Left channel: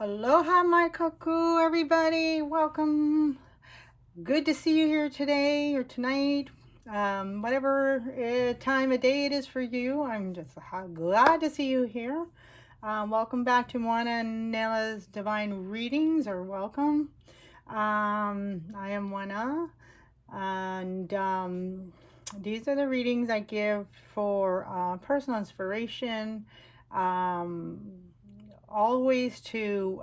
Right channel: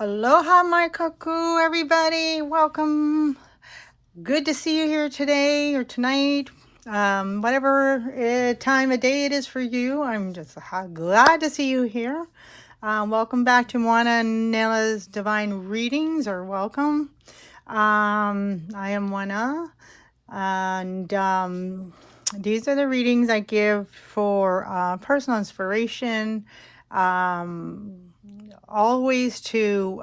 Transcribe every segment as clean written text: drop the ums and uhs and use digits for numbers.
Aloha Mai Kākou, everybody. Welcome. Good to see you here today or tonight. Whatever time of day it is for you, I'm just glad to see you here. Welcome back to Moana and Nela's Divine Readings, or welcome. I am Moana, and these are the readings I give for personal inspiration, always to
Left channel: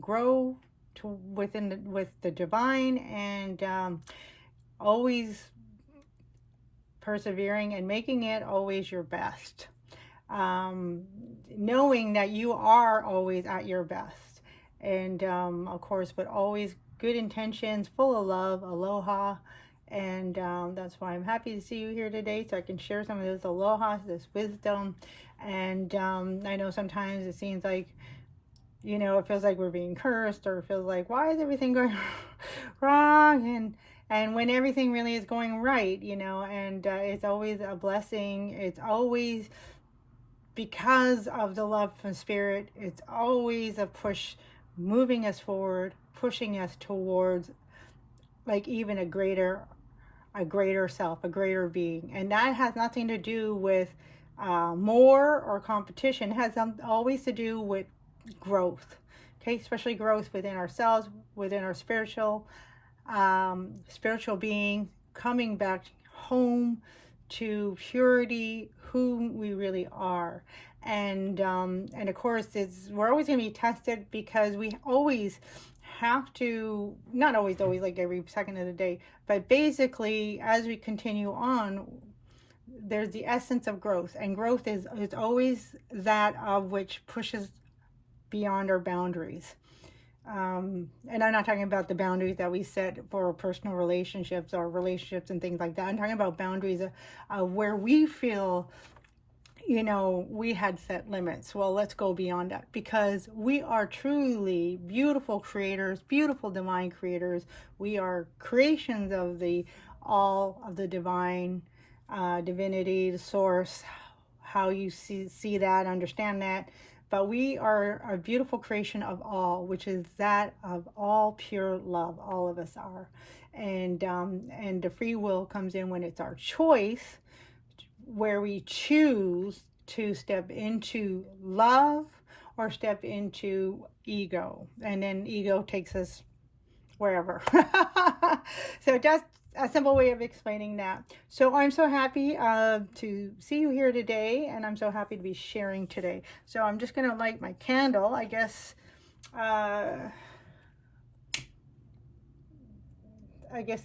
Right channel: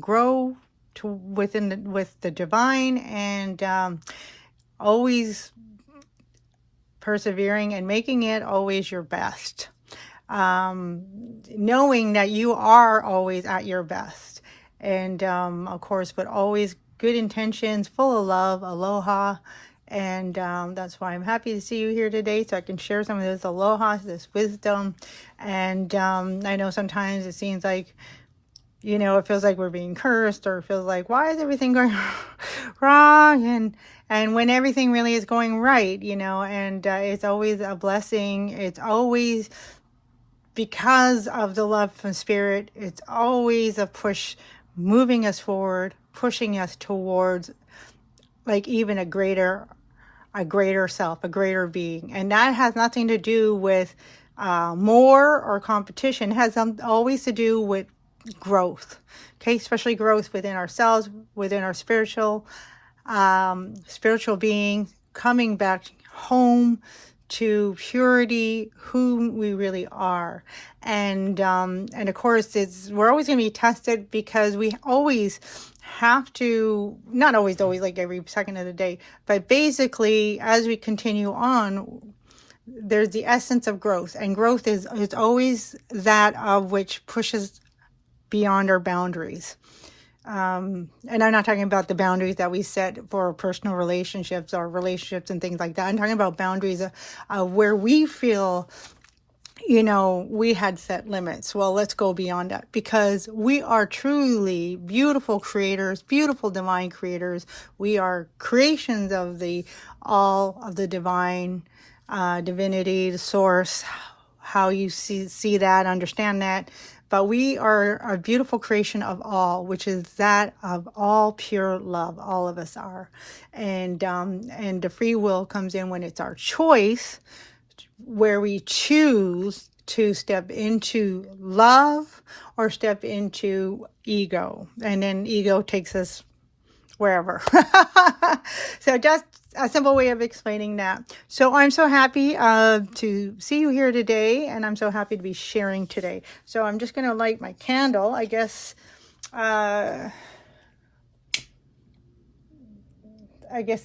grow with the divine, and always persevering and making it always your best, knowing that you are always at your best, and of course, but always good intentions, full of love, aloha. And that's why I'm happy to see you here today, so I can share some of this aloha, this wisdom. And I know sometimes it seems like, it feels like we're being cursed, or it feels like, why is everything going wrong? And when everything really is going right, and it's always a blessing. It's always because of the love from spirit. It's always a push, moving us forward, pushing us towards like even a greater self, a greater being. And that has nothing to do with more or competition. It has always to do with growth, okay? Especially growth within ourselves, within our spiritual being, coming back home to purity, who we really are. And of course, we're always going to be tested, because we always have to, not always like every second of the day, but basically as we continue on, there's the essence of growth, and growth is always that of which pushes beyond our boundaries. And I'm not talking about the boundaries that we set for personal relationships or relationships and things like that. I'm talking about boundaries of where we feel, we had set limits. Well, let's go beyond that, because we are truly beautiful creators, beautiful divine creators. We are creations of the all of the divine, divinity, the source, how you see that, understand that. But we are a beautiful creation of all, which is that of all pure love. All of us are. And the free will comes in when it's our choice, where we choose to step into love or step into ego. And then ego takes us wherever. So just a simple way of explaining that. So I'm so happy to see you here today, and I'm so happy to be sharing today. So I'm just going to light my candle. I guess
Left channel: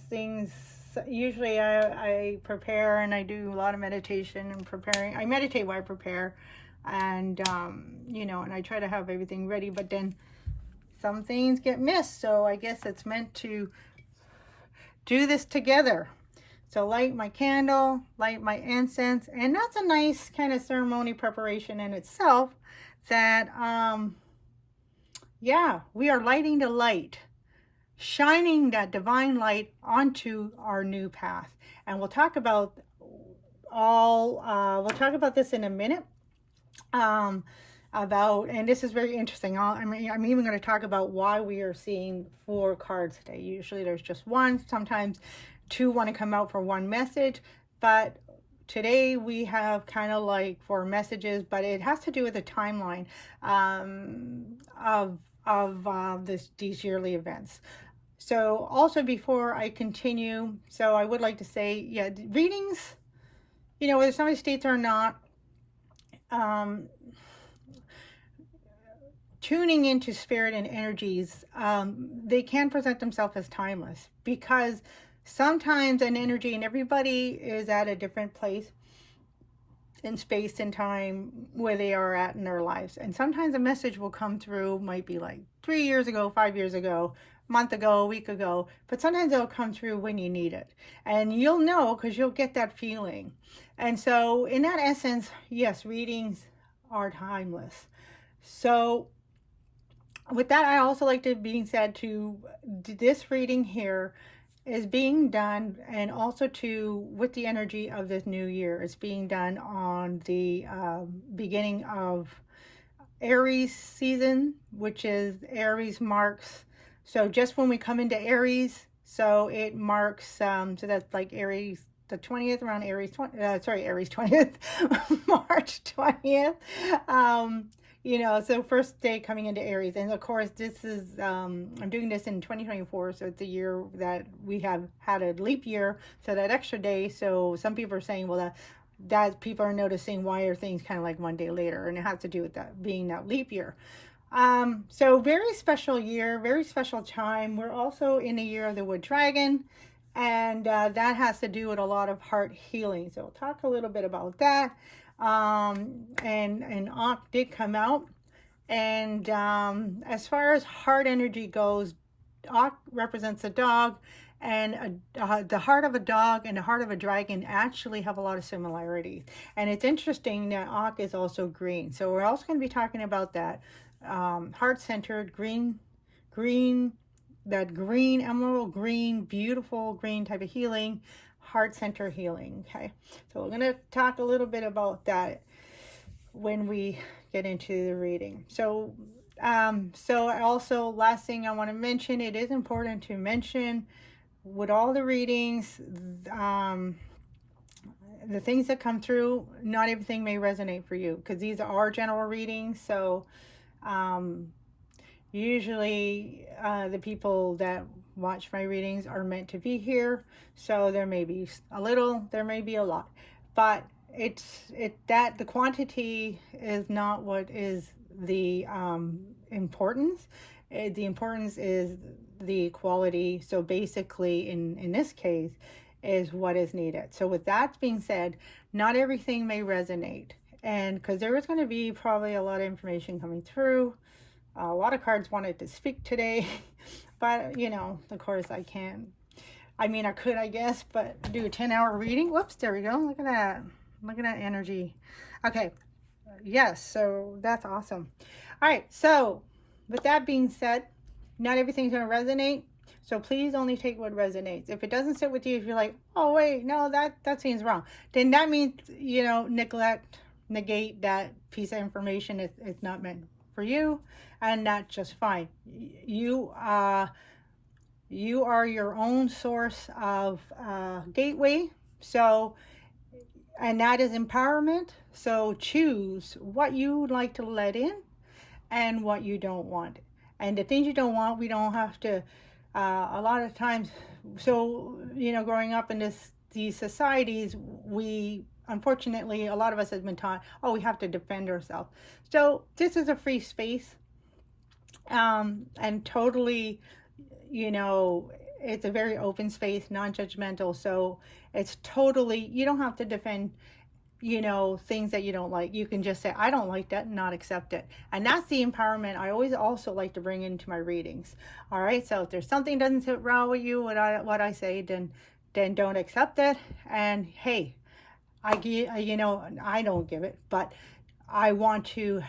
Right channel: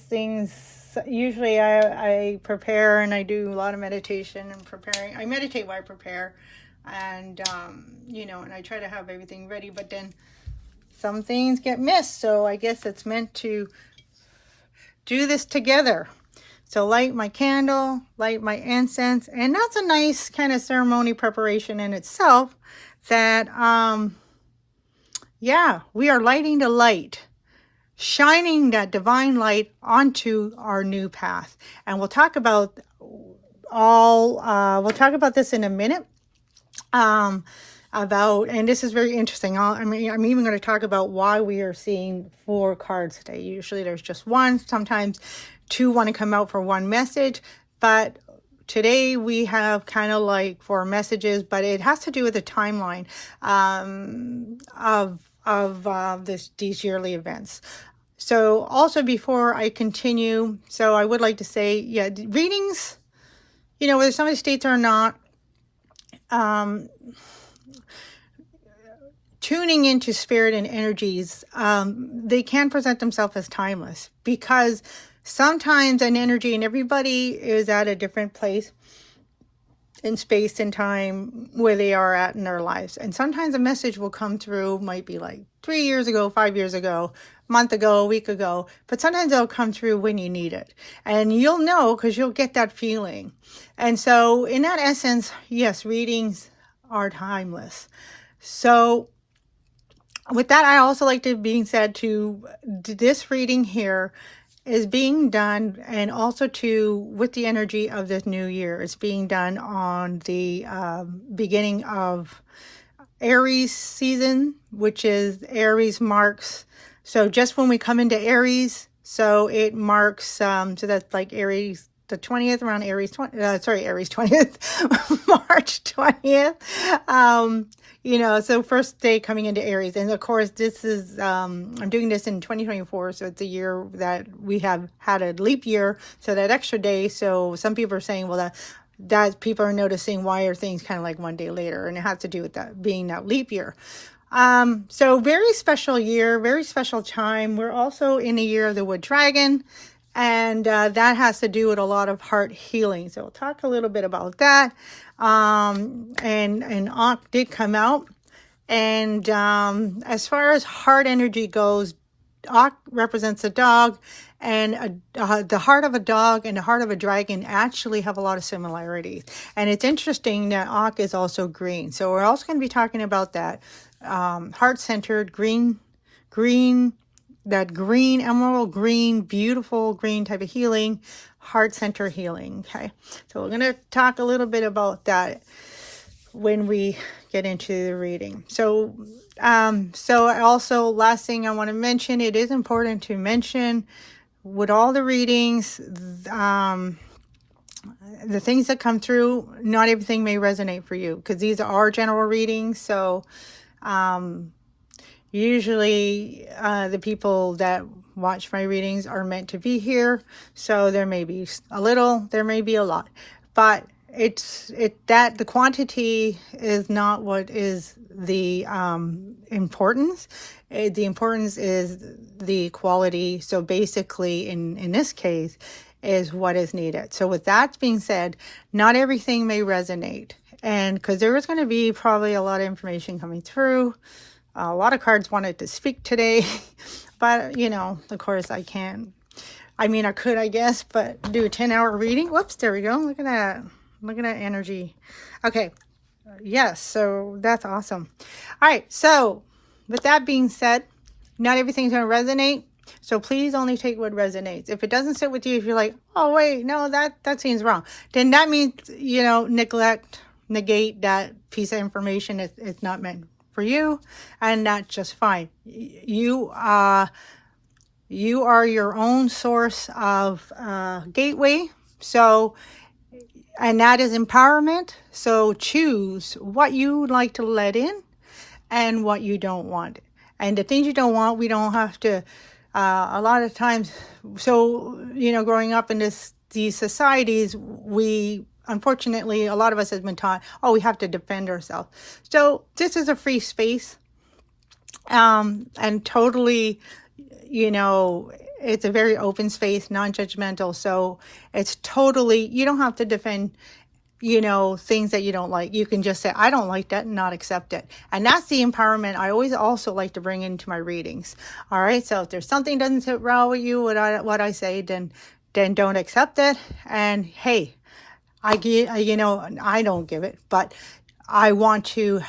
things, usually I prepare, and I do a lot of meditation and preparing. I meditate while I prepare, and and I try to have everything ready, but then some things get missed. So I guess it's meant to do this together. So light my candle, light my incense, and that's a nice kind of ceremony preparation in itself, that we are lighting the light, shining that divine light onto our new path. And we'll talk about this in a minute. And this is very interesting. I'm even going to talk about why we are seeing 4 cards today. Usually there's just one, sometimes 2 want to come out for one message, but today we have kind of like 4 messages, but it has to do with the timeline of these yearly events. So also, before I continue, so I would like to say, readings, whether somebody states or not, tuning into spirit and energies, they can present themselves as timeless, because sometimes an energy, and everybody is at a different place in space and time where they are at in their lives. And sometimes a message will come through, might be like 3 years ago, 5 years ago, month ago, a week ago, but sometimes it'll come through when you need it. And you'll know, because you'll get that feeling. And so in that essence, yes, readings are timeless. So with that, I also like to being said to this reading here is being done, and also with the energy of this new year. It's being done on the beginning of Aries season, which is Aries marks. So just when we come into Aries, so it marks, so that's like Aries, the 20th, around Aries 20, Aries 20th, March 20th. So first day coming into Aries. And of course, this is, I'm doing this in 2024. So it's a year that we have had a leap year. So that extra day. So some people are saying, well, that people are noticing why are things kind of like one day later, and it has to do with that being that leap year. So very special year, very special time. We're also in the year of the wood dragon, and that has to do with a lot of heart healing. So we'll talk a little bit about that. And Ankh did come out, and as far as heart energy goes, Ankh represents a dog, and the heart of a dog and the heart of a dragon actually have a lot of similarities. And it's interesting that Ankh is also green. So we're also going to be talking about that heart-centered green, that green, emerald green, beautiful green type of healing, heart center healing. Okay, so we're going to talk a little bit about that when we get into the reading. So also, last thing I want to mention, it is important to mention with all the readings, the things that come through, not everything may resonate for you, because these are general readings. So usually the people that watch my readings are meant to be here. So there may be a little, there may be a lot, but the quantity is not what is the importance. The importance is the quality. So basically, in this case, is what is needed. So with that being said, not everything may resonate, and because there is going to be probably a lot of information coming through. A lot of cards wanted to speak today, but of course I can't. I mean, I could, I guess, but do a 10-hour reading. Whoops, there we go. Look at that. Look at that energy. Okay. Yes, so that's awesome. All right, so with that being said, not everything's going to resonate. So please only take what resonates. If it doesn't sit with you, if you're like, oh, wait, no, that seems wrong, then that means, negate that piece of information. It's not meant for you, and that's just fine. You are your own source of gateway. So, and that is empowerment. So choose what you would like to let in and what you don't want. And the things you don't want, we don't have to, a lot of times, so, growing up in these societies, unfortunately, a lot of us has been taught, oh, we have to defend ourselves. So this is a free space, and totally, it's a very open space, non-judgmental. So it's totally, you don't have to defend, things that you don't like. You can just say, I don't like that, and not accept it. And that's the empowerment I always also like to bring into my readings. All right. So if there's something doesn't sit well with you, what I say, then don't accept it. And hey, I don't give it, but I want to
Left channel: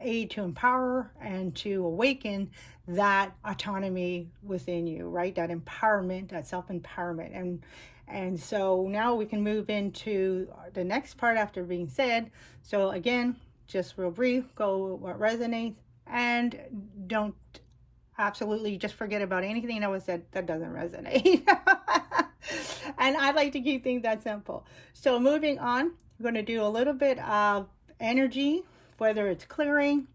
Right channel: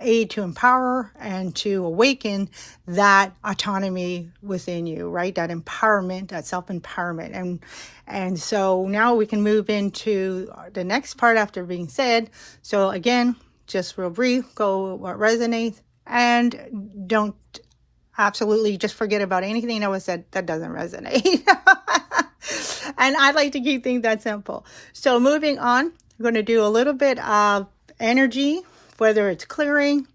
aid to empower and to awaken that autonomy within you, right? That empowerment, that self-empowerment. And so now we can move into the next part after being said. So again, just real brief, go what resonates, and don't absolutely just forget about anything that was said that doesn't resonate. And I like to keep things that simple. So moving on, I'm going to do a little bit of energy, whether it's clearing,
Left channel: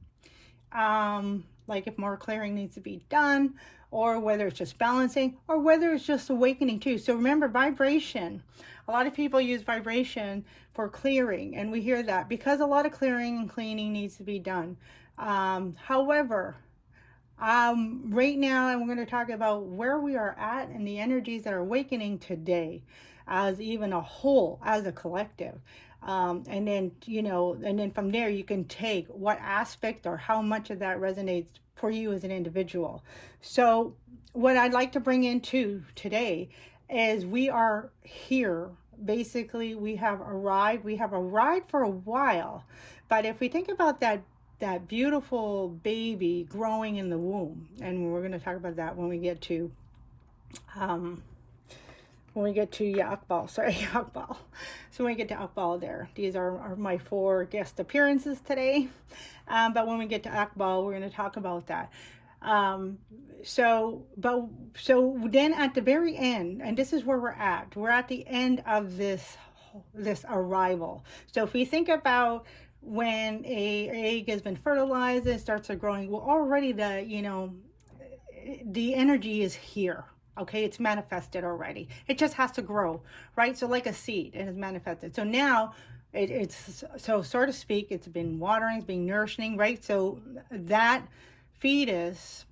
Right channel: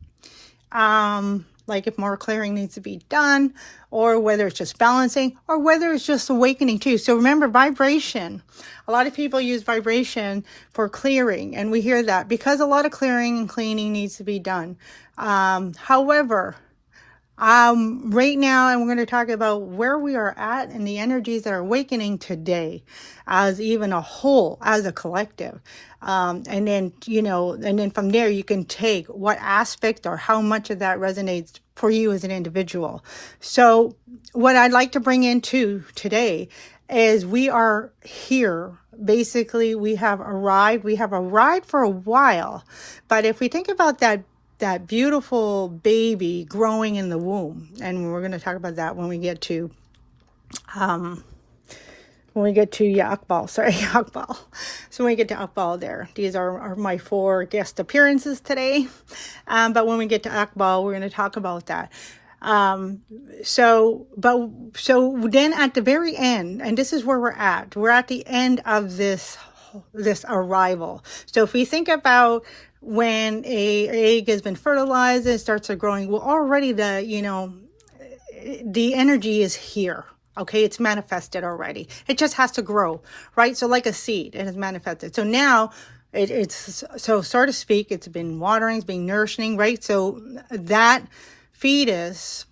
like if more clearing needs to be done, or whether it's just balancing, or whether it's just awakening too. So remember, vibration. A lot of people use vibration for clearing, and we hear that because a lot of clearing and cleaning needs to be done. However, right now, I'm going to talk about where we are at and the energies that are awakening today as even a whole, as a collective. And then from there, you can take what aspect or how much of that resonates for you as an individual. So what I'd like to bring into today is we are here. Basically, we have arrived for a while. But if we think about that beautiful baby growing in the womb, and we're going to talk about that when we get to when we get to Akbal, sorry, Akbal. So when we get to Akbal there, these are my 4 guest appearances today. But when we get to Akbal, we're going to talk about that. So then at the very end, and this is where we're at the end of this arrival. So if we think about when a egg has been fertilized, it starts growing, well, already the energy is here. Okay, it's manifested already. It just has to grow, right? So like a seed, it has manifested. So now it's so to speak, it's been watering, it's been nourishing, right? So that fetus,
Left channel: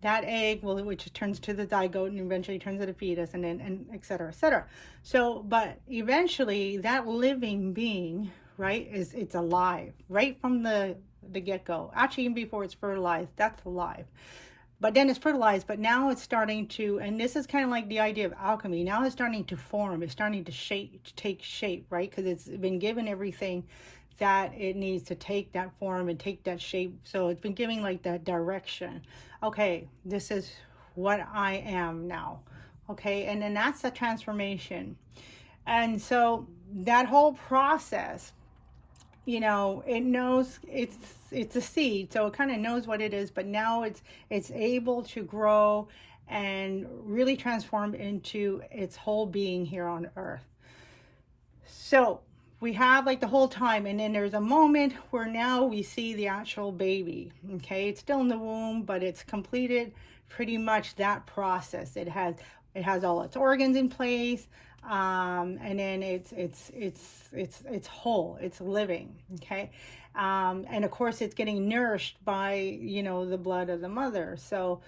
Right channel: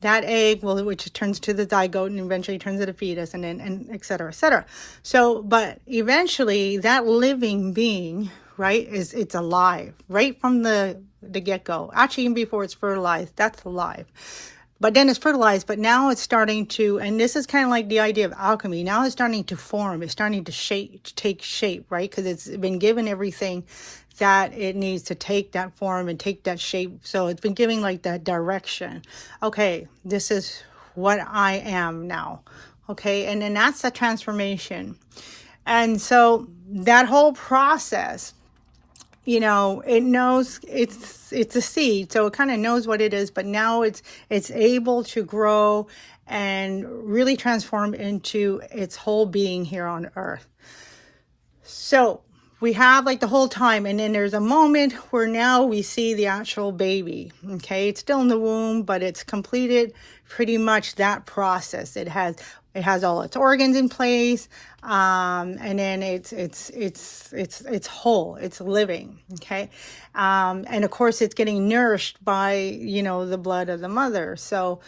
that egg, which turns to the zygote and eventually turns into a fetus, and et cetera, et cetera. So, but eventually that living being, right, it's alive right from the get-go. Actually, even before it's fertilized, that's alive. But then it's fertilized, but now it's starting to, and this is kind of like the idea of alchemy. Now it's starting to form, it's starting to take shape, right? Because it's been given everything that it needs to take that form and take that shape. So it's been giving like that direction. Okay, this is what I am now. Okay, and then that's the transformation. And so that whole process, it knows it's a seed, so it kind of knows what it is, but now it's able to grow and really transform into its whole being here on earth. So we have like the whole time, and then there's a moment where now we see the actual baby. Okay, it's still in the womb, but it's completed pretty much that process. It has all its organs in place, and then it's whole, it's living. Okay, and of course it's getting nourished by the blood of the mother. So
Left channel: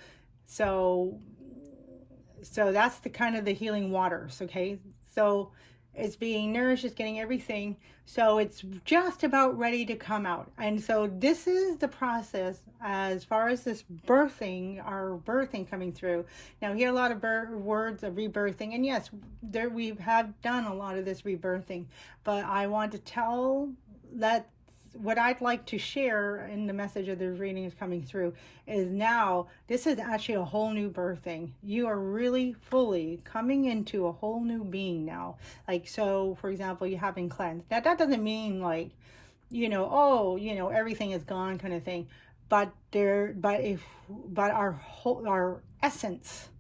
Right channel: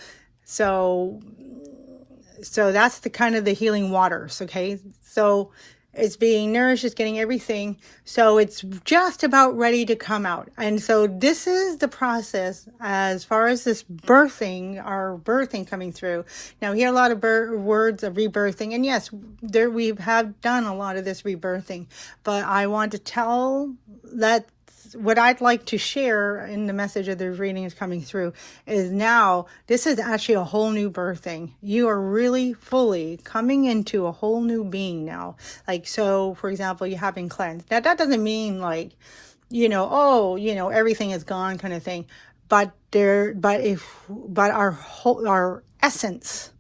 that's the kind of the healing waters. Okay, so it's being nourished, it's getting everything. So it's just about ready to come out. And so this is the process as far as this our birthing coming through. Now we hear a lot of words of rebirthing. And yes, we have done a lot of this rebirthing. But I want to tell that what I'd like to share in the message of the reading is coming through is now this is actually a whole new birthing. You are really fully coming into a whole new being now. Like, so for example, you have been cleansed. Now that doesn't mean like, everything is gone kind of thing. But our essence,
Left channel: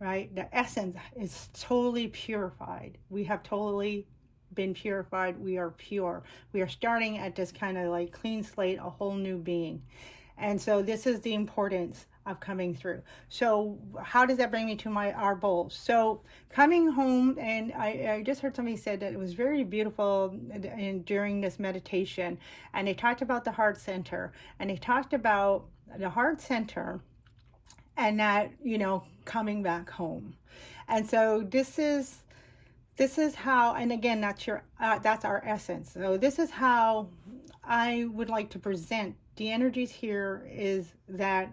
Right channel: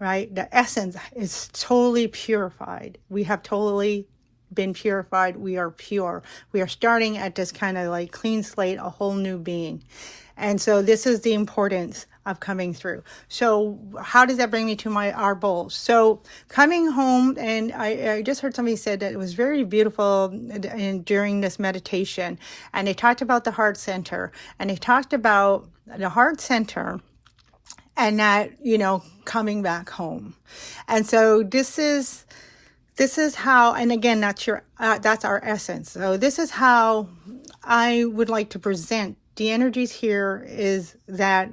right? The essence is totally purified. We have totally been purified. We are pure. We are starting at this kind of like clean slate, a whole new being. And so this is the importance of coming through. So how does that bring me to our bowls? So coming home, and I just heard somebody said that it was very beautiful during this meditation, and they talked about the heart center, and they talked about the heart center and that, coming back home. And so this is how, and again, that's our essence. So this is how I would like to present the energies here, is that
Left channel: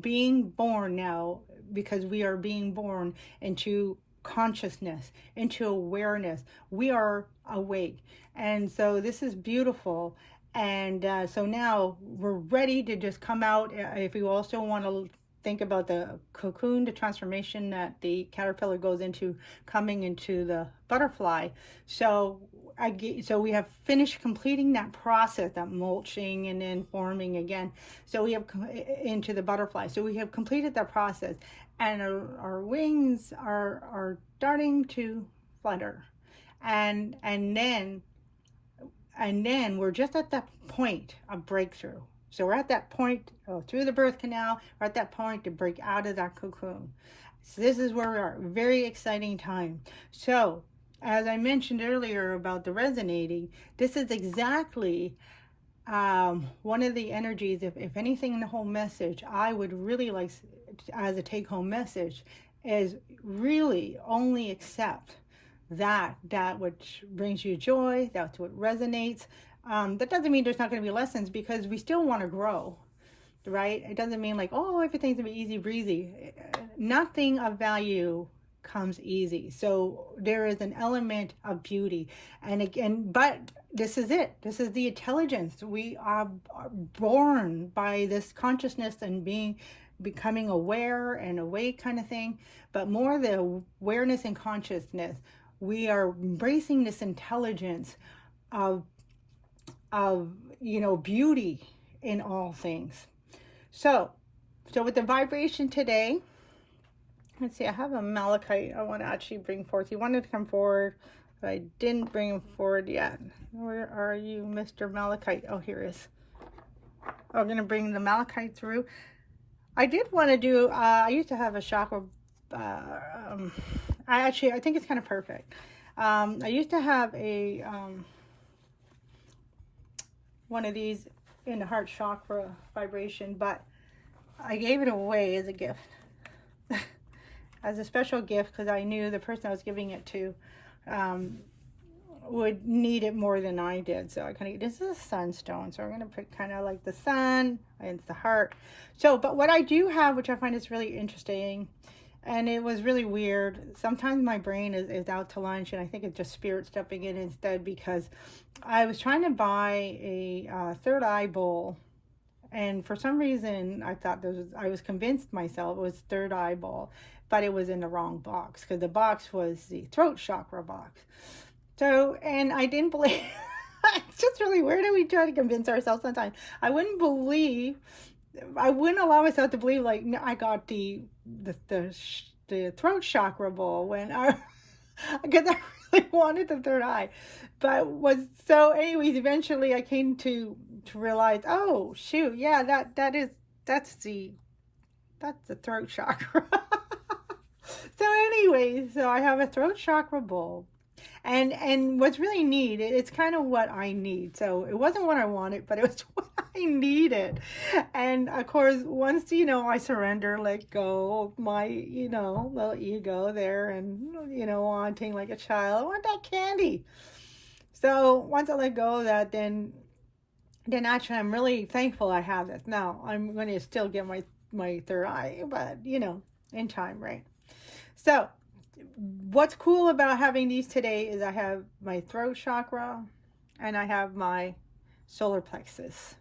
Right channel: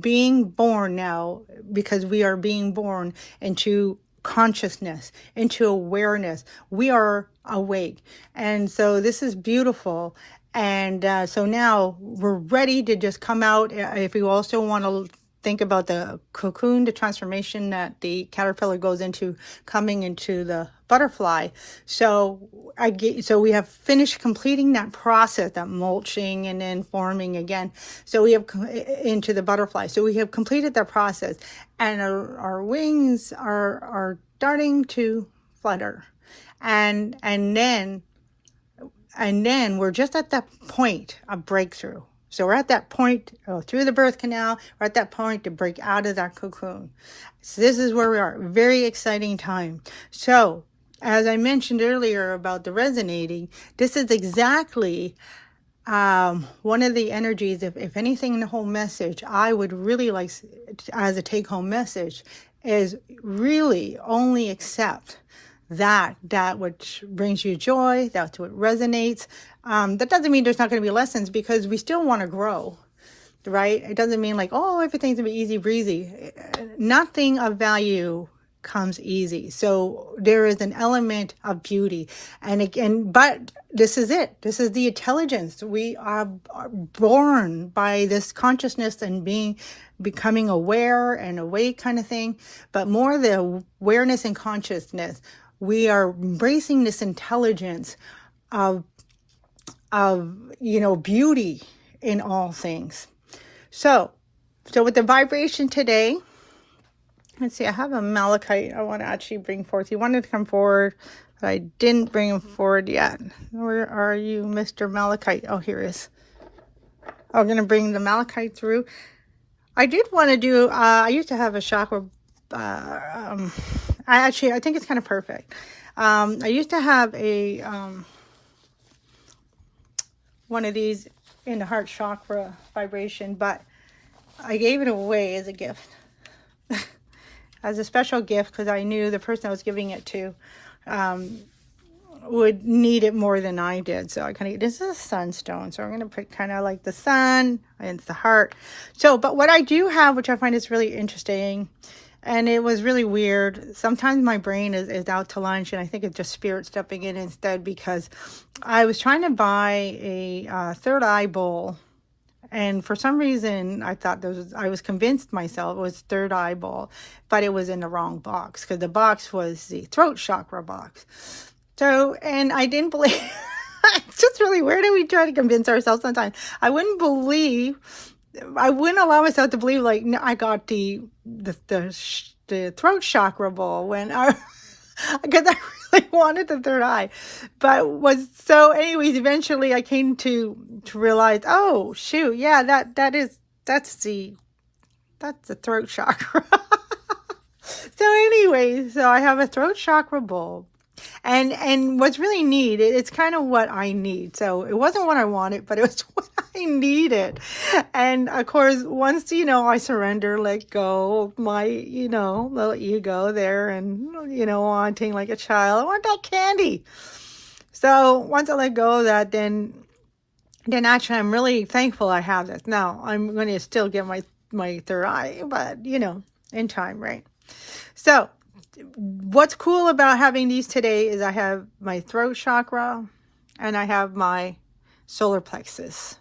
being born now, because we are being born into consciousness, into awareness. We are awake. And so this is beautiful. And so now we're ready to just come out. If you also want to think about the cocoon, the transformation that the caterpillar goes into, coming into the butterfly. So we have finished completing that process, that mulching and then forming again. So we have into the butterfly. So we have completed that process, and our wings are starting to flutter, and then we're just at that point of breakthrough. So we're at that point through the birth canal. We're at that point to break out of that cocoon. So this is where we are. Very exciting time. So as I mentioned earlier about the resonating, this is exactly one of the energies. If anything in the whole message, I would really like as a take-home message is really only accept that which brings you joy, that's what resonates. That doesn't mean there's not going to be lessons, because we still want to grow, right? It doesn't mean like, oh, everything's going to be easy breezy. Nothing of value comes easy. So there is an element of beauty. And again, but this is it. This is the intelligence. We are born by this consciousness and becoming aware and awake kind of thing. But more the awareness and consciousness, we are embracing this intelligence of beauty in all things. So with the vibration today, let's see, I have a malachite I want to actually bring forth. He wanted to come forward, but I didn't bring him forward yet. Where are you, Mr. Malachite? Oh, here he is. I'm going to bring the malachite through. I did want to do, I used to have a chakra, I think it's kind of perfect. I used to have a, one of these in the heart chakra vibration, but I gave it away as a gift. As a special gift, because I knew the person I was giving it to would need it more than I did. So I kind of, this is a sunstone, so I'm going to put kind of like the sun and the heart. So, but what I do have, which I find is really interesting, and it was really weird. Sometimes my brain is out to lunch, and I think it's just spirit stepping in instead, because I was trying to buy a third eye bowl. And for some reason, I thought I was convinced myself it was third eye bowl, but it was in the wrong box, because the box was the throat chakra box. So, and I didn't believe, it's just really weird how we try to convince ourselves sometimes. I wouldn't allow myself to believe, like, no, I got the throat chakra bowl when because I really wanted the third eye. But anyways, eventually I came to realize, oh shoot, yeah, that's the throat chakra. So anyways, so I have a throat chakra bowl. And what's really neat, it's kind of what I need. So it wasn't what I wanted, but it was what I needed. And of course, once, I surrender, let go of my, little ego there, and, wanting like a child, I want that candy. So once I let go of that, then actually I'm really thankful I have this. Now I'm going to still get my third eye, but, in time, right? So what's cool about having these today is I have my throat chakra and I have my solar plexus.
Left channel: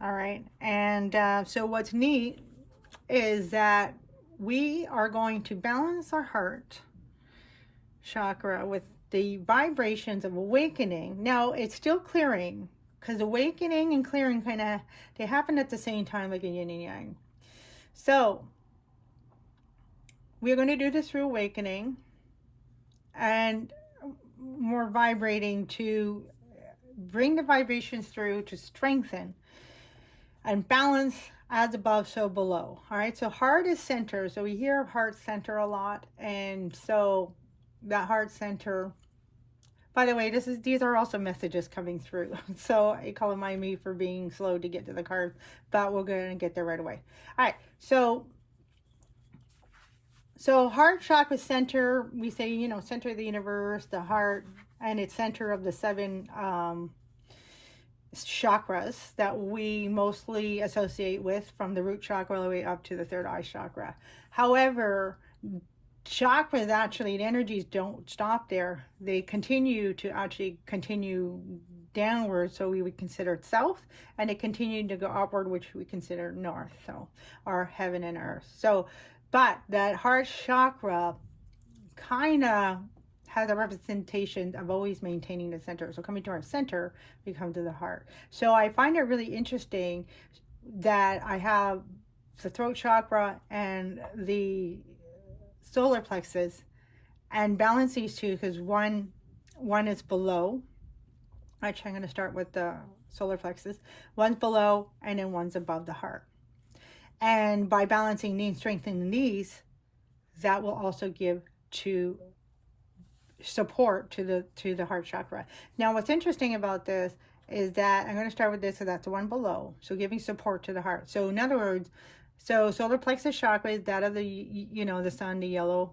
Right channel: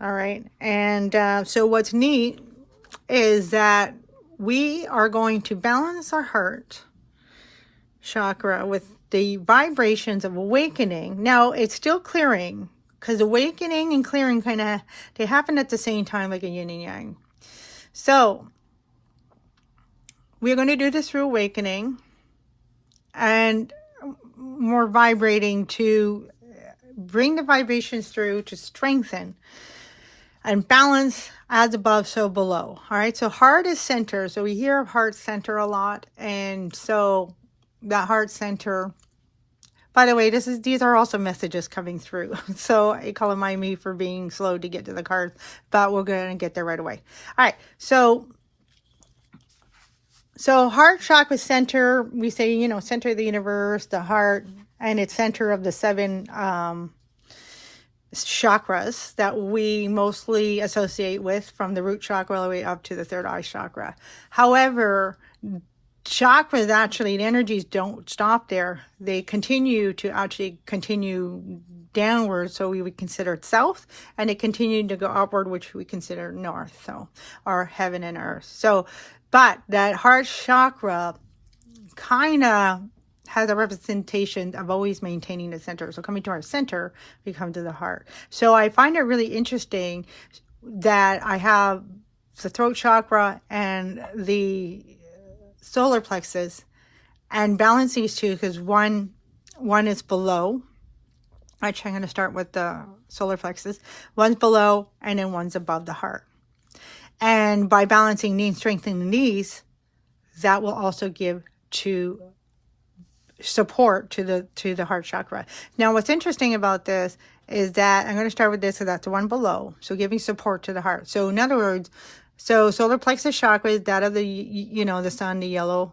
All right. And so what's neat is that we are going to balance our heart chakra with the vibrations of awakening. Now it's still clearing, because awakening and clearing they happen at the same time, like a yin and yang. So we're going to do this through awakening and more vibrating to bring the vibrations through to strengthen and balance, as above, so below. All right. So heart is center. So we hear of heart center a lot. And so that heart center, by the way, these are also messages coming through. So I call me for being slow to get to the cards, but we're going to get there right away. All right. So heart chakra center, we say, center of the universe, the heart, and it's center of the 7 chakras that we mostly associate with, from the root chakra all the way up to the third eye chakra. However, chakras, actually, the energies don't stop there. They continue downward, so we would consider it south, and it continued to go upward, which we consider north, so, or heaven and earth. So, but that heart chakra kind of has a representation of always maintaining the center. So coming to our center, we come to the heart. So I find it really interesting that I have the throat chakra and the solar plexus, and balance these two, because one is below. Actually, I'm going to start with the solar plexus. One's below, and then one's above the heart. And by balancing these, strengthening these, that will also give to support to the heart chakra. Now, what's interesting about this is that I'm going to start with this, so that's the one below. So giving support to the heart. So in other words, so solar plexus chakra is that of the, the sun, the yellow.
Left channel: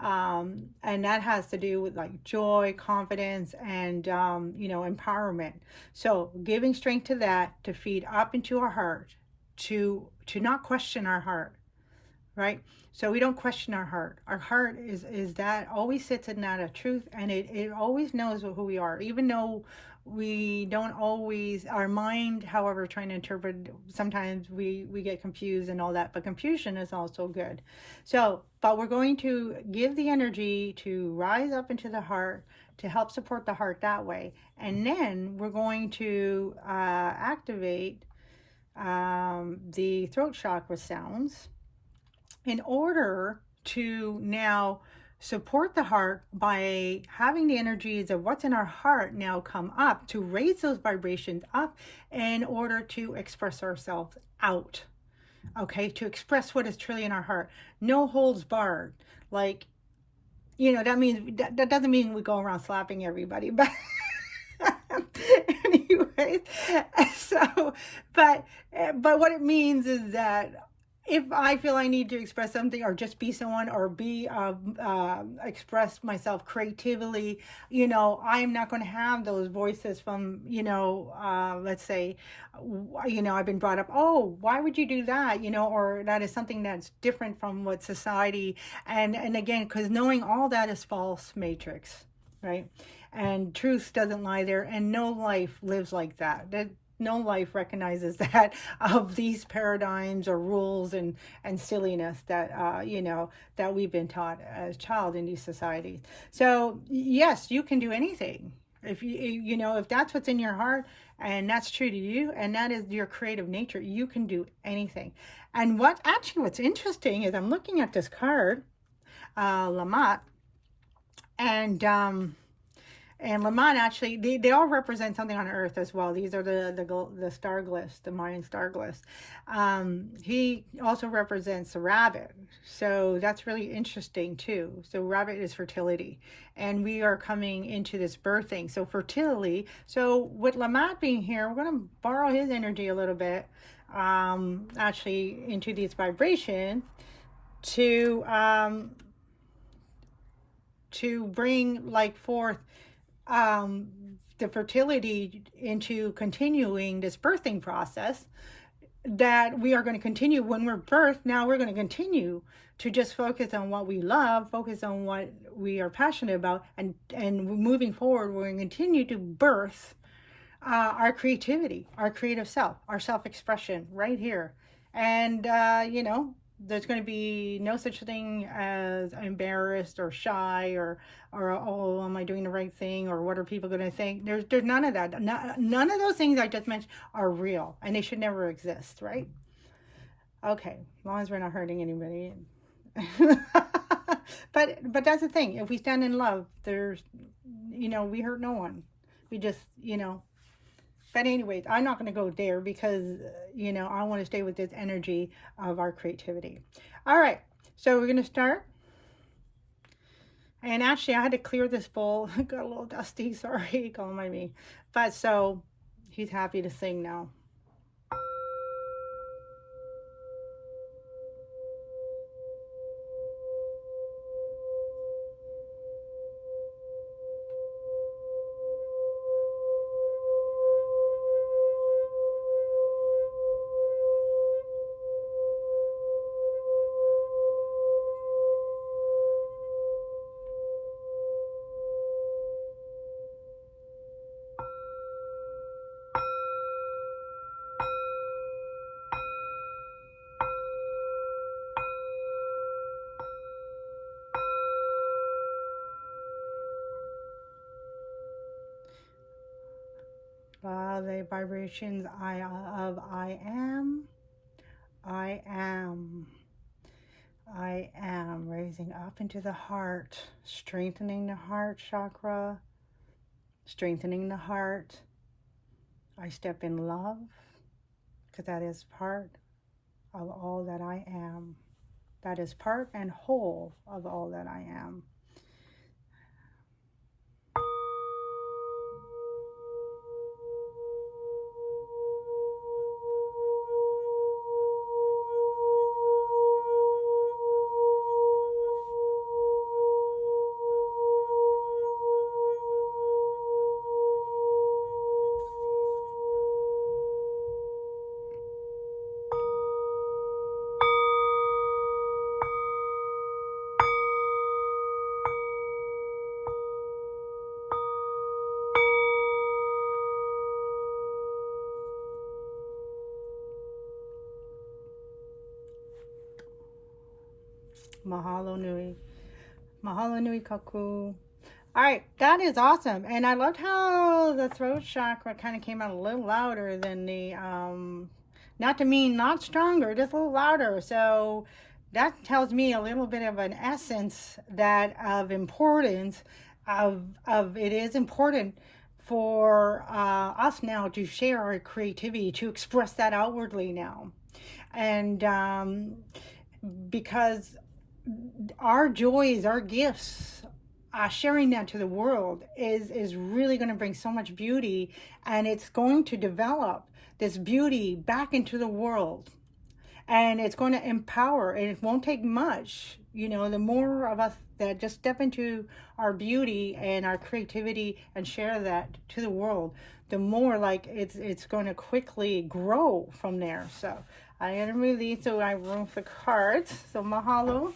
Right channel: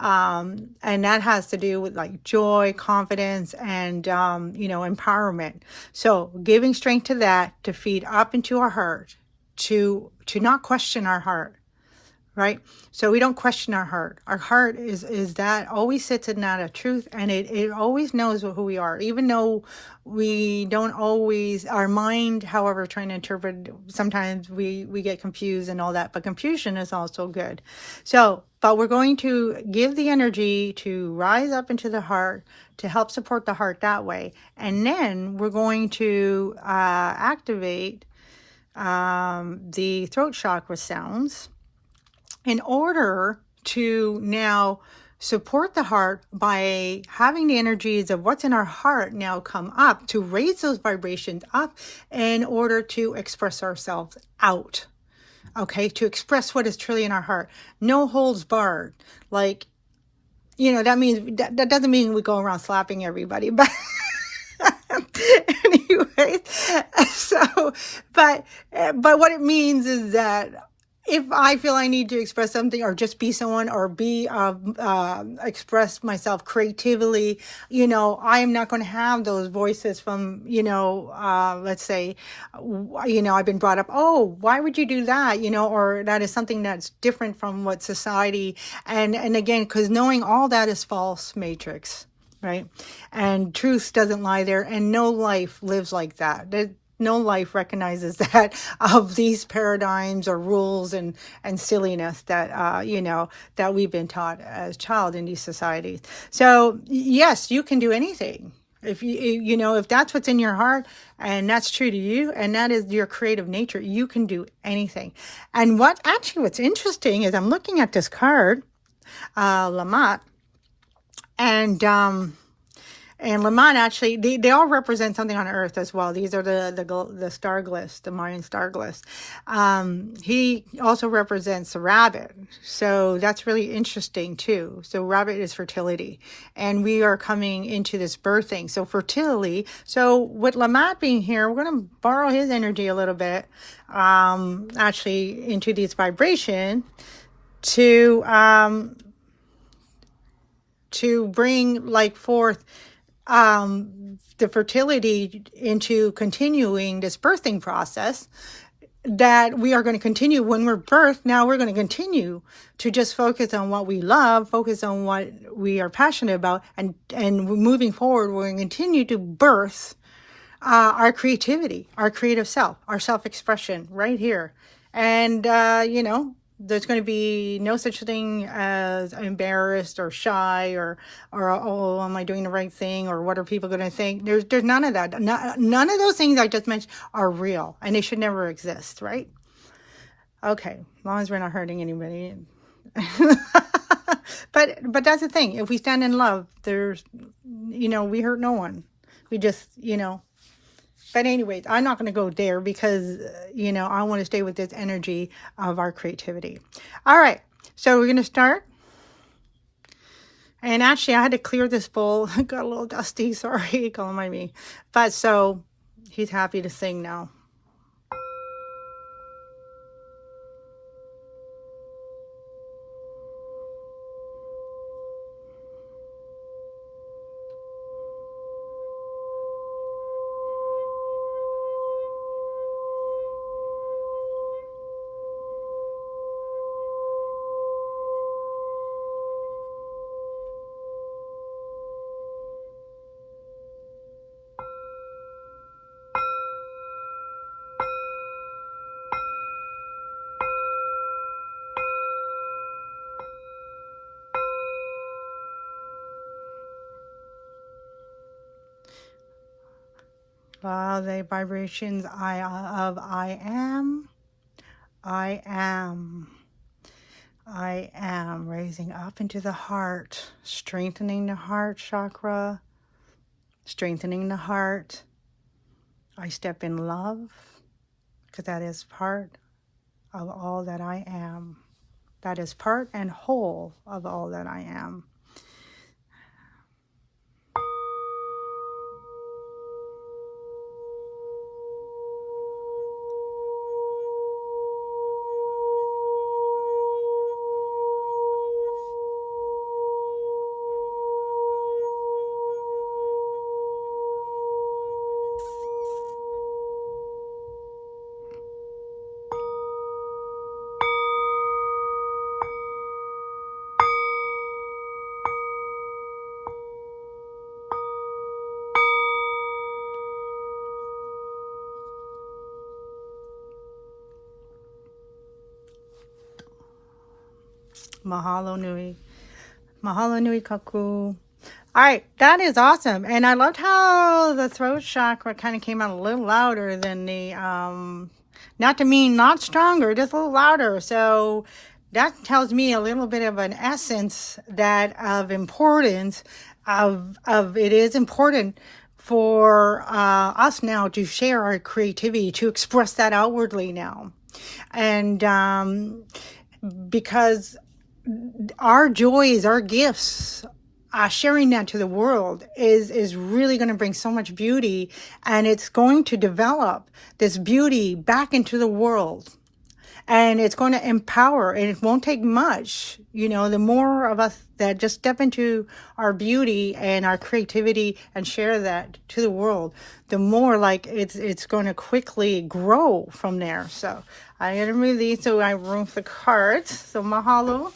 And that has to do with like joy, confidence, and, empowerment. So giving strength to that, to feed up into our heart, to not question our heart, right? So we don't question our heart. Our heart is that always sits in that of truth, and it always knows who we are, even though we don't always, our mind, however, trying to interpret, sometimes we get confused and all that, but confusion is also good. So, but we're going to give the energy to rise up into the heart to help support the heart that way. And then we're going to activate the throat chakra sounds in order to now support the heart by having the energies of what's in our heart now come up to raise those vibrations up in order to express ourselves out. Okay, to express what is truly in our heart. No holds barred. Like, that means that doesn't mean we go around slapping everybody, but anyway, so but what it means is that if I feel I need to express something or just be someone or be express myself creatively, I'm not going to have those voices from, let's say, I've been brought up, oh, why would you do that? Or that is something that's different from what society, and again, because knowing all that is false matrix, right? And truth doesn't lie there, and no life lives like that. No life recognizes that of these paradigms or rules and silliness that that we've been taught as child in these societies. So yes, you can do anything if if that's what's in your heart and that's true to you and that is your creative nature. You can do anything. And what's interesting is I'm looking at this card, Lamat, and Lamont, actually, they all represent something on Earth as well. These are the star glyphs, the Mayan star glyphs. He also represents the rabbit. So that's really interesting too. So rabbit is fertility. And we are coming into this birthing. So fertility. So with Lamont being here, we're going to borrow his energy a little bit, actually into these vibration to bring forth the fertility into continuing this birthing process that we are going to continue when we're birthed. Now we're going to continue to just focus on what we love, focus on what we are passionate about, and moving forward, we're going to continue to birth our creativity, our creative self, our self-expression right here. And, there's going to be no such thing as embarrassed or shy or oh, am I doing the right thing, or what are people going to think? There's none of that. None of those things I just mentioned are real, and they should never exist, right? Okay, as long as we're not hurting anybody. But that's the thing. If we stand in love, there's, we hurt no one. We just, But anyways, I'm not going to go there because, I want to stay with this energy of our creativity. All right. So we're going to start. And actually, I had to clear this bowl. It got a little dusty. Sorry. Don't mind me. But so he's happy to sing now. The vibrations of I am, raising up into the heart, strengthening the heart chakra, strengthening the heart. I step in love because that is part of all that I am. That is part and whole of all that I am. Mahalo nui. Mahalo nui Kākou. All right, that is awesome. And I loved how the throat chakra kind of came out a little louder than the, not to mean not stronger, just a little louder. So that tells me a little bit of an essence that of importance of it is important for us now to share our creativity, to express that outwardly now. And because our joys, our gifts, sharing that to the world is really going to bring so much beauty, and it's going to develop this beauty back into the world, and it's going to empower, and it won't take much. You know, the more of us that just step into our beauty and our creativity and share that to the world, the more like it's going to quickly grow from there. So I'm going to remove these so I have room for the cards. So mahalo.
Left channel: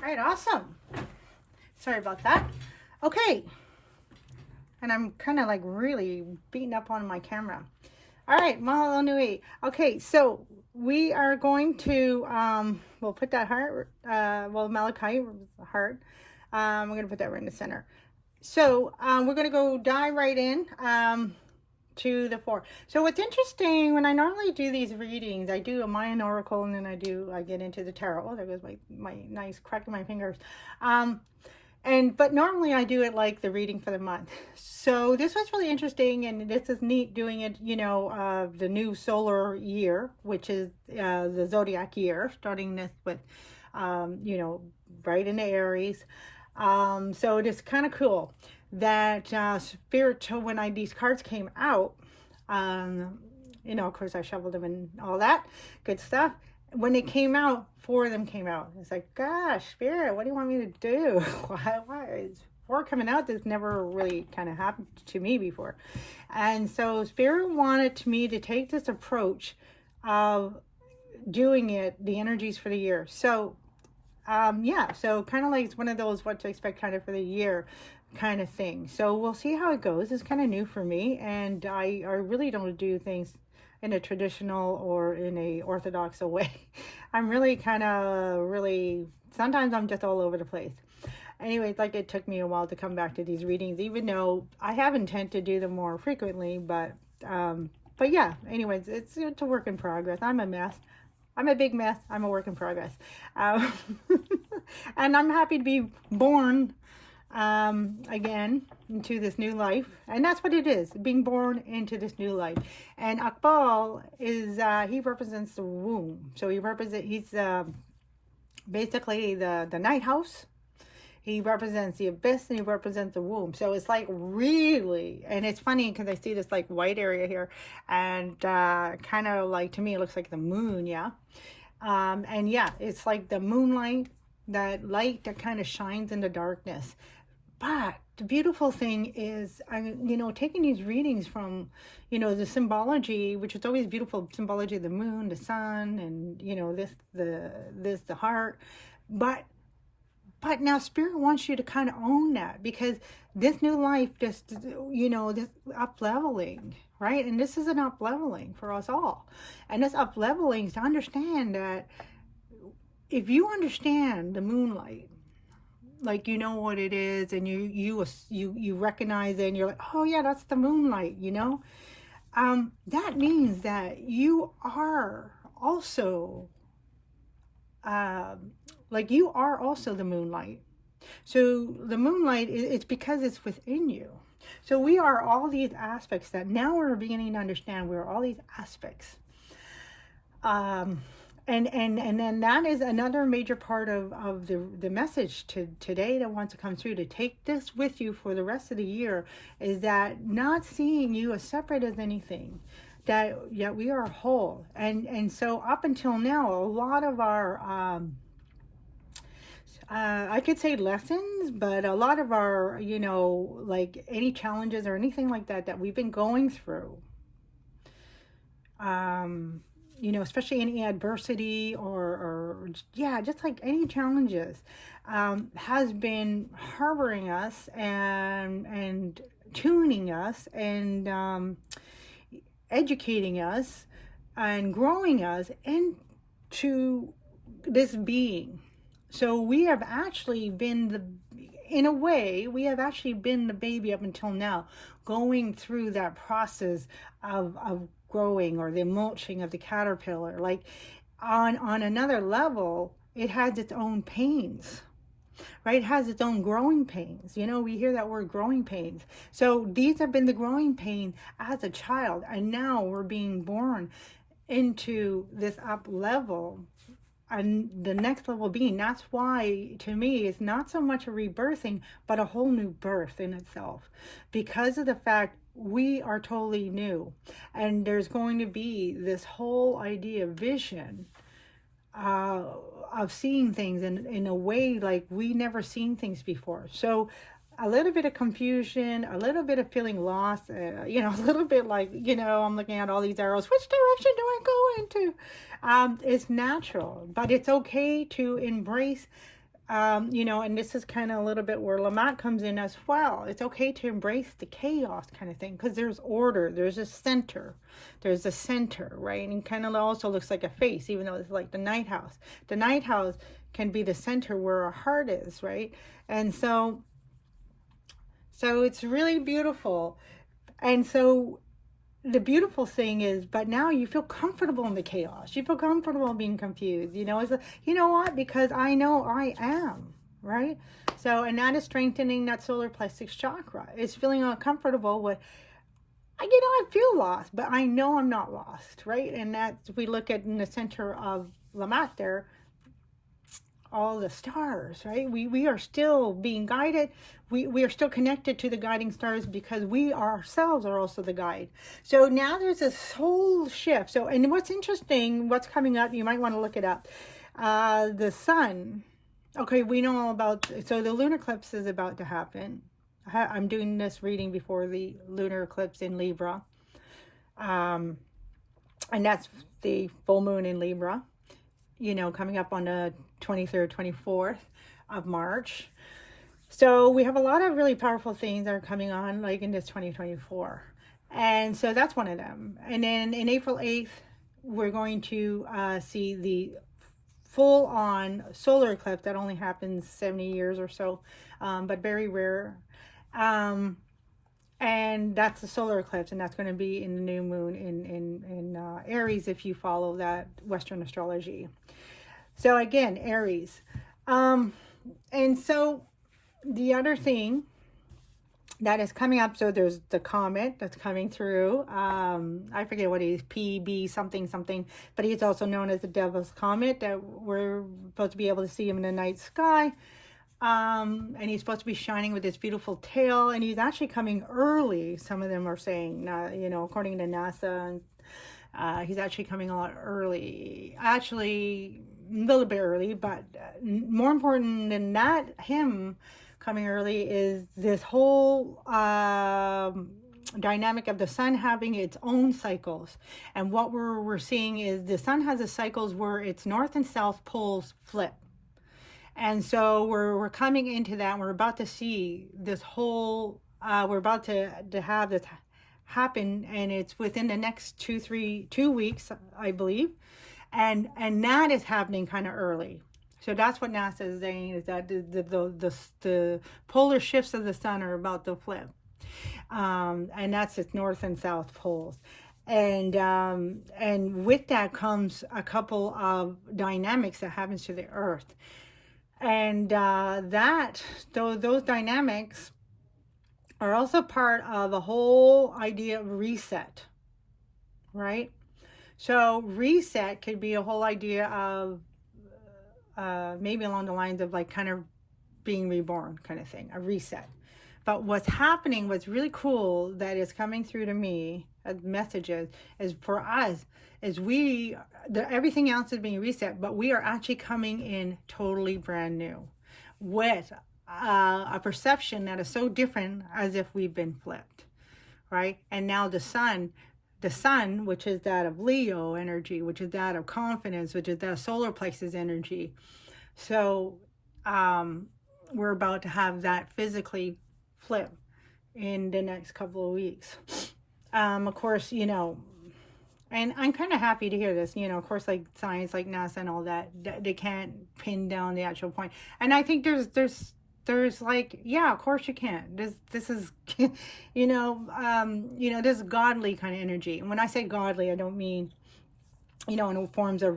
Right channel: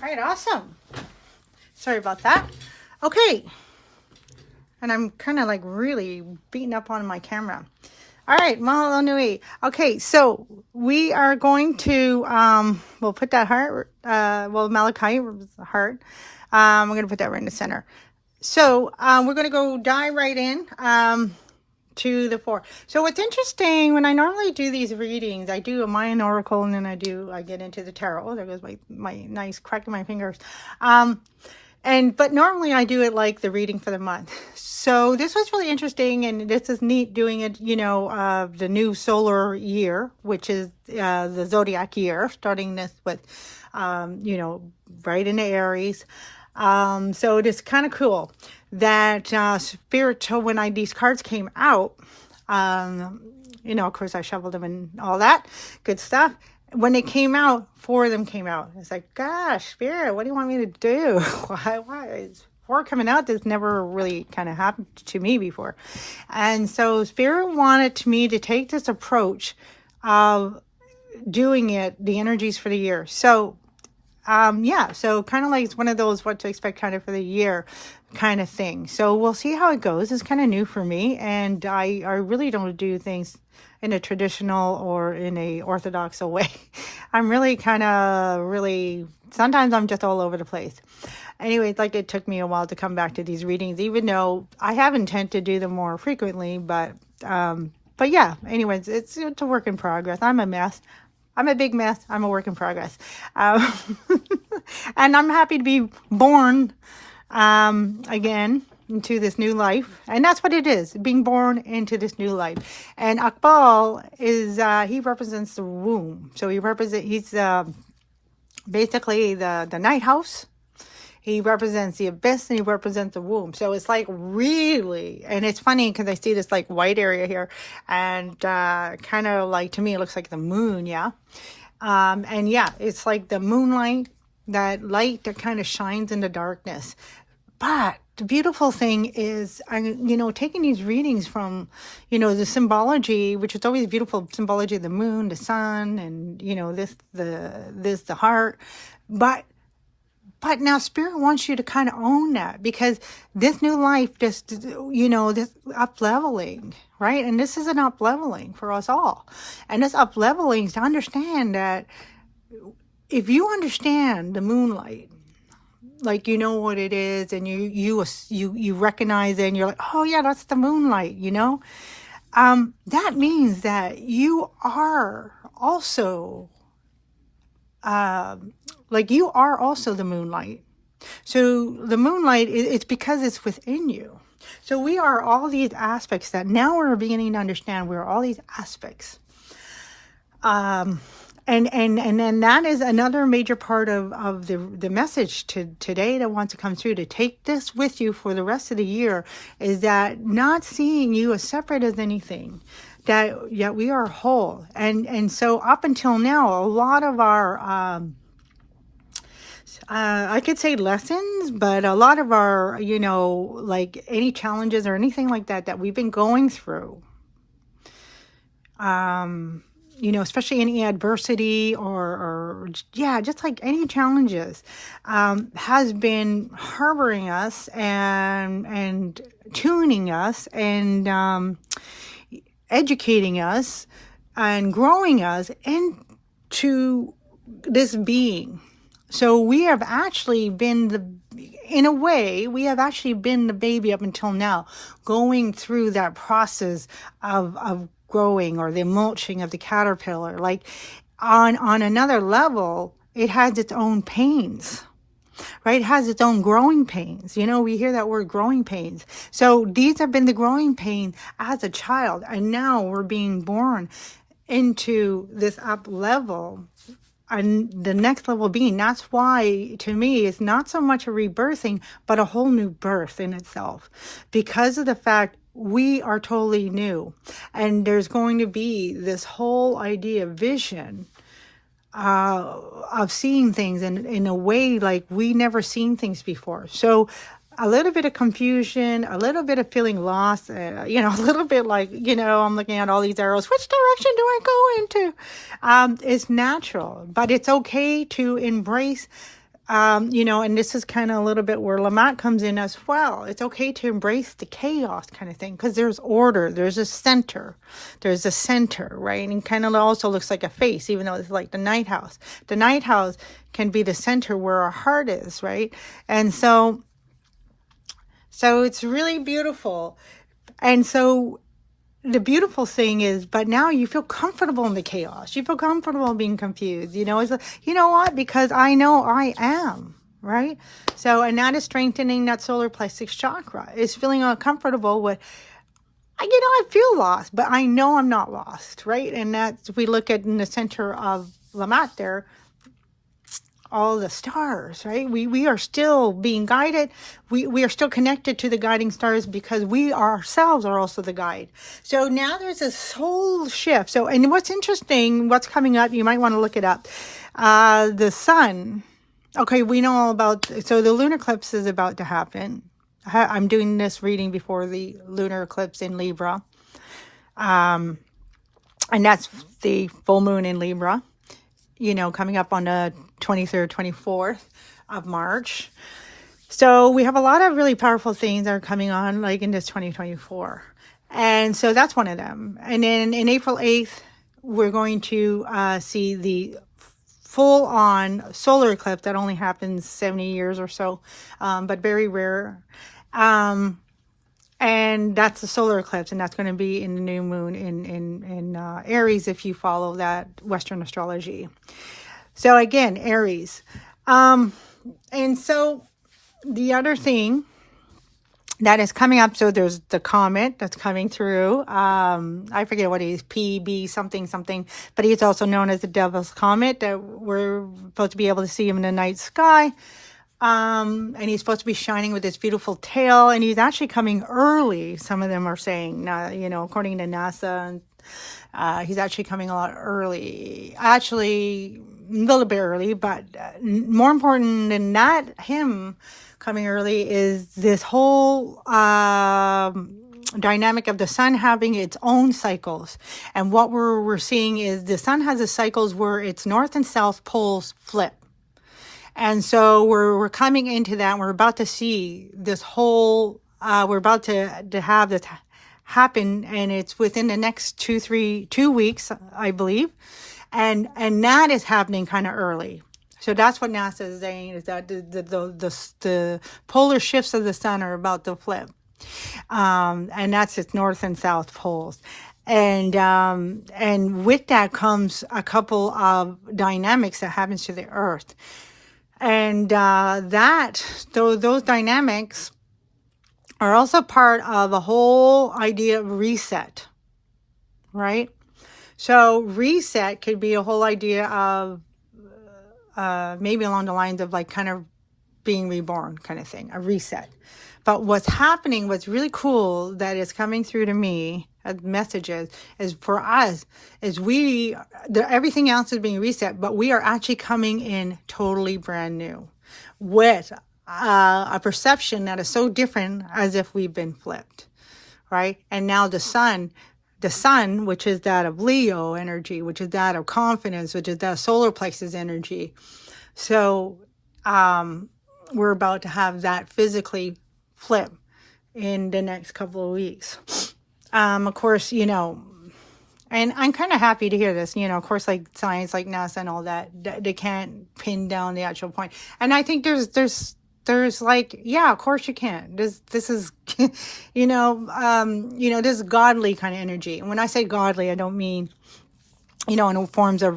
All right, awesome. Sorry about that. Okay. And I'm kind of like really beating up on my camera. All right, mahalo nui. Okay, so we are going to, we'll put that heart, Malachi heart. We're going to put that right in the center. So we're going to go dive right in to the 4. So what's interesting, when I normally do these readings, I do a Mayan Oracle, and then I get into the tarot. Oh, there goes my nice cracking my fingers. But normally I do it like the reading for the month. So this was really interesting, and this is neat doing it, you know, the new solar year, which is the zodiac year, starting this with, you know, right into Aries. So it is kind of cool that spiritual, when these cards came out, you know, of course I shuffled them and all that good stuff. When they came out, 4 of them came out. It's like, gosh, Spirit, what do you want me to do? Why is 4 coming out? This never really kind of happened to me before. And so Spirit wanted me to take this approach of doing it, the energies for the year. So yeah, so kind of like it's one of those what to expect kind of for the year kind of thing. So we'll see how it goes. It's kind of new for me, and I really don't do things in a traditional or in a orthodox way. I'm really sometimes I'm just all over the place. Anyway, like it took me a while to come back to these readings, even though I have intent to do them more frequently, but yeah, anyways, it's a work in progress. I'm a mess. I'm a big mess. I'm a work in progress. And I'm happy to be born again into this new life. And that's what it is, being born into this new life. And Akbal is, he represents the womb. So he's basically the night house. He represents the abyss, and he represents the womb. So it's like really, and it's funny because I see this like white area here, and kind of like, to me it looks like the moon, yeah. And yeah, it's like the moonlight, that light that kind of shines in the darkness. But the beautiful thing is, you know, taking these readings from, you know, the symbology, which is always beautiful symbology of the moon, the sun, and, you know, the heart. But now Spirit wants you to kind of own that, because this new life just, you know, this up-leveling, right? And this is an up-leveling for us all. And this up-leveling is to understand that if you understand the moonlight, like, you know what it is, and you recognize it, and you're like, oh yeah, that's the moonlight, you know? That means that you are also you are also the moonlight. So the moonlight, it's because it's within you. So we are all these aspects that now we're beginning to understand. We're all these aspects. And then that is another major part of the message today that wants to come through, to take this with you for the rest of the year, is that not seeing you as separate as anything, that yeah, we are whole. And so up until now, a lot of our I could say lessons, but a lot of our, you know, like any challenges or anything like that that we've been going through, you know, especially any adversity or yeah, just like any challenges, has been harboring us and tuning us and educating us and growing us into this being. So we have actually been in a way, we have actually been the baby up until now, going through that process of growing, or the mulching of the caterpillar. Like on another level, it has its own pains, right? It has its own growing pains. You know, we hear that word, growing pains. So these have been the growing pains as a child, and now we're being born into this up level, and the next level being. That's why, to me, it's not so much a rebirthing, but a whole new birth in itself, because of the fact we are totally new, and there's going to be this whole idea of vision, of seeing things in a way like we never seen things before. So a little bit of confusion, a little bit of feeling lost, you know, a little bit like, you know, I'm looking at all these arrows. Which direction do I go into? It's natural, but it's okay to embrace, you know, and this is kind of a little bit where Lamont comes in as well. It's okay to embrace the chaos kind of thing, because there's order, there's a center, right? And kind of also looks like a face, even though it's like the night house. The night house can be the center where our heart is, right? And so it's really beautiful. And so the beautiful thing is, but now you feel comfortable in the chaos. You feel comfortable being confused. You know, it's like, you know what? Because I know I am, right? So, and that is strengthening that solar plexus chakra. It's feeling uncomfortable with, you know, I feel lost, but I know I'm not lost, right? And that's, if we look at in the center of Lamont there, all the stars, right? We are still being guided. We are still connected to the guiding stars, because we ourselves are also the guide. So now there's this whole shift. So, and what's interesting, what's coming up, you might want to look it up. The sun. Okay, we know all about, so the lunar eclipse is about to happen. I'm doing this reading before the lunar eclipse in Libra. And that's the full moon in Libra, you know, coming up on the 23rd, 24th of March. So we have a lot of really powerful things that are coming on, like in this 2024. And so that's one of them. And then in April 8th, we're going to see the full-on solar eclipse that only happens 70 years or so, but very rare. And that's the solar eclipse, and that's going to be in the new moon in Aries, if you follow that Western astrology. So again, Aries. And so the other thing that is coming up, so there's the comet that's coming through. I forget what it is, PB something, but he's also known as the Devil's Comet, that we're supposed to be able to see him in the night sky. And he's supposed to be shining with this beautiful tail, and he's actually coming early. Some of them are saying, you know, according to NASA, he's actually coming a lot early. Actually, a little bit early, but more important than that, him coming early, is this whole dynamic of the sun having its own cycles. And what we're seeing is the sun has the cycles where its north and south poles flip. And so we're coming into that. We're about to see this whole, we're about to have this happen, and it's within the next 2 weeks, I believe. And that is happening kind of early. So that's what NASA is saying, is that the polar shifts of the sun are about to flip. And that's its north and south poles. And with that comes a couple of dynamics that happens to the earth. And those dynamics are also part of a whole idea of reset, right? So reset could be a whole idea of maybe along the lines of like kind of being reborn kind of thing, a reset. But what's happening, what's really cool that is coming through to me as messages is for us, is everything else is being reset, but we are actually coming in totally brand new with a perception that is so different as if we've been flipped, right? And now the sun, which is that of Leo energy, which is that of confidence, which is that of solar plexus energy. So we're about to have that physically flip in the next couple of weeks. Of course, you know, and I'm kind of happy to hear this, you know, of course, like science, like NASA and all that, they can't pin down the actual point. And I think there's like, yeah, of course you can. This is, you know, this godly kind of energy. And when I say godly, I don't mean, you know, in forms of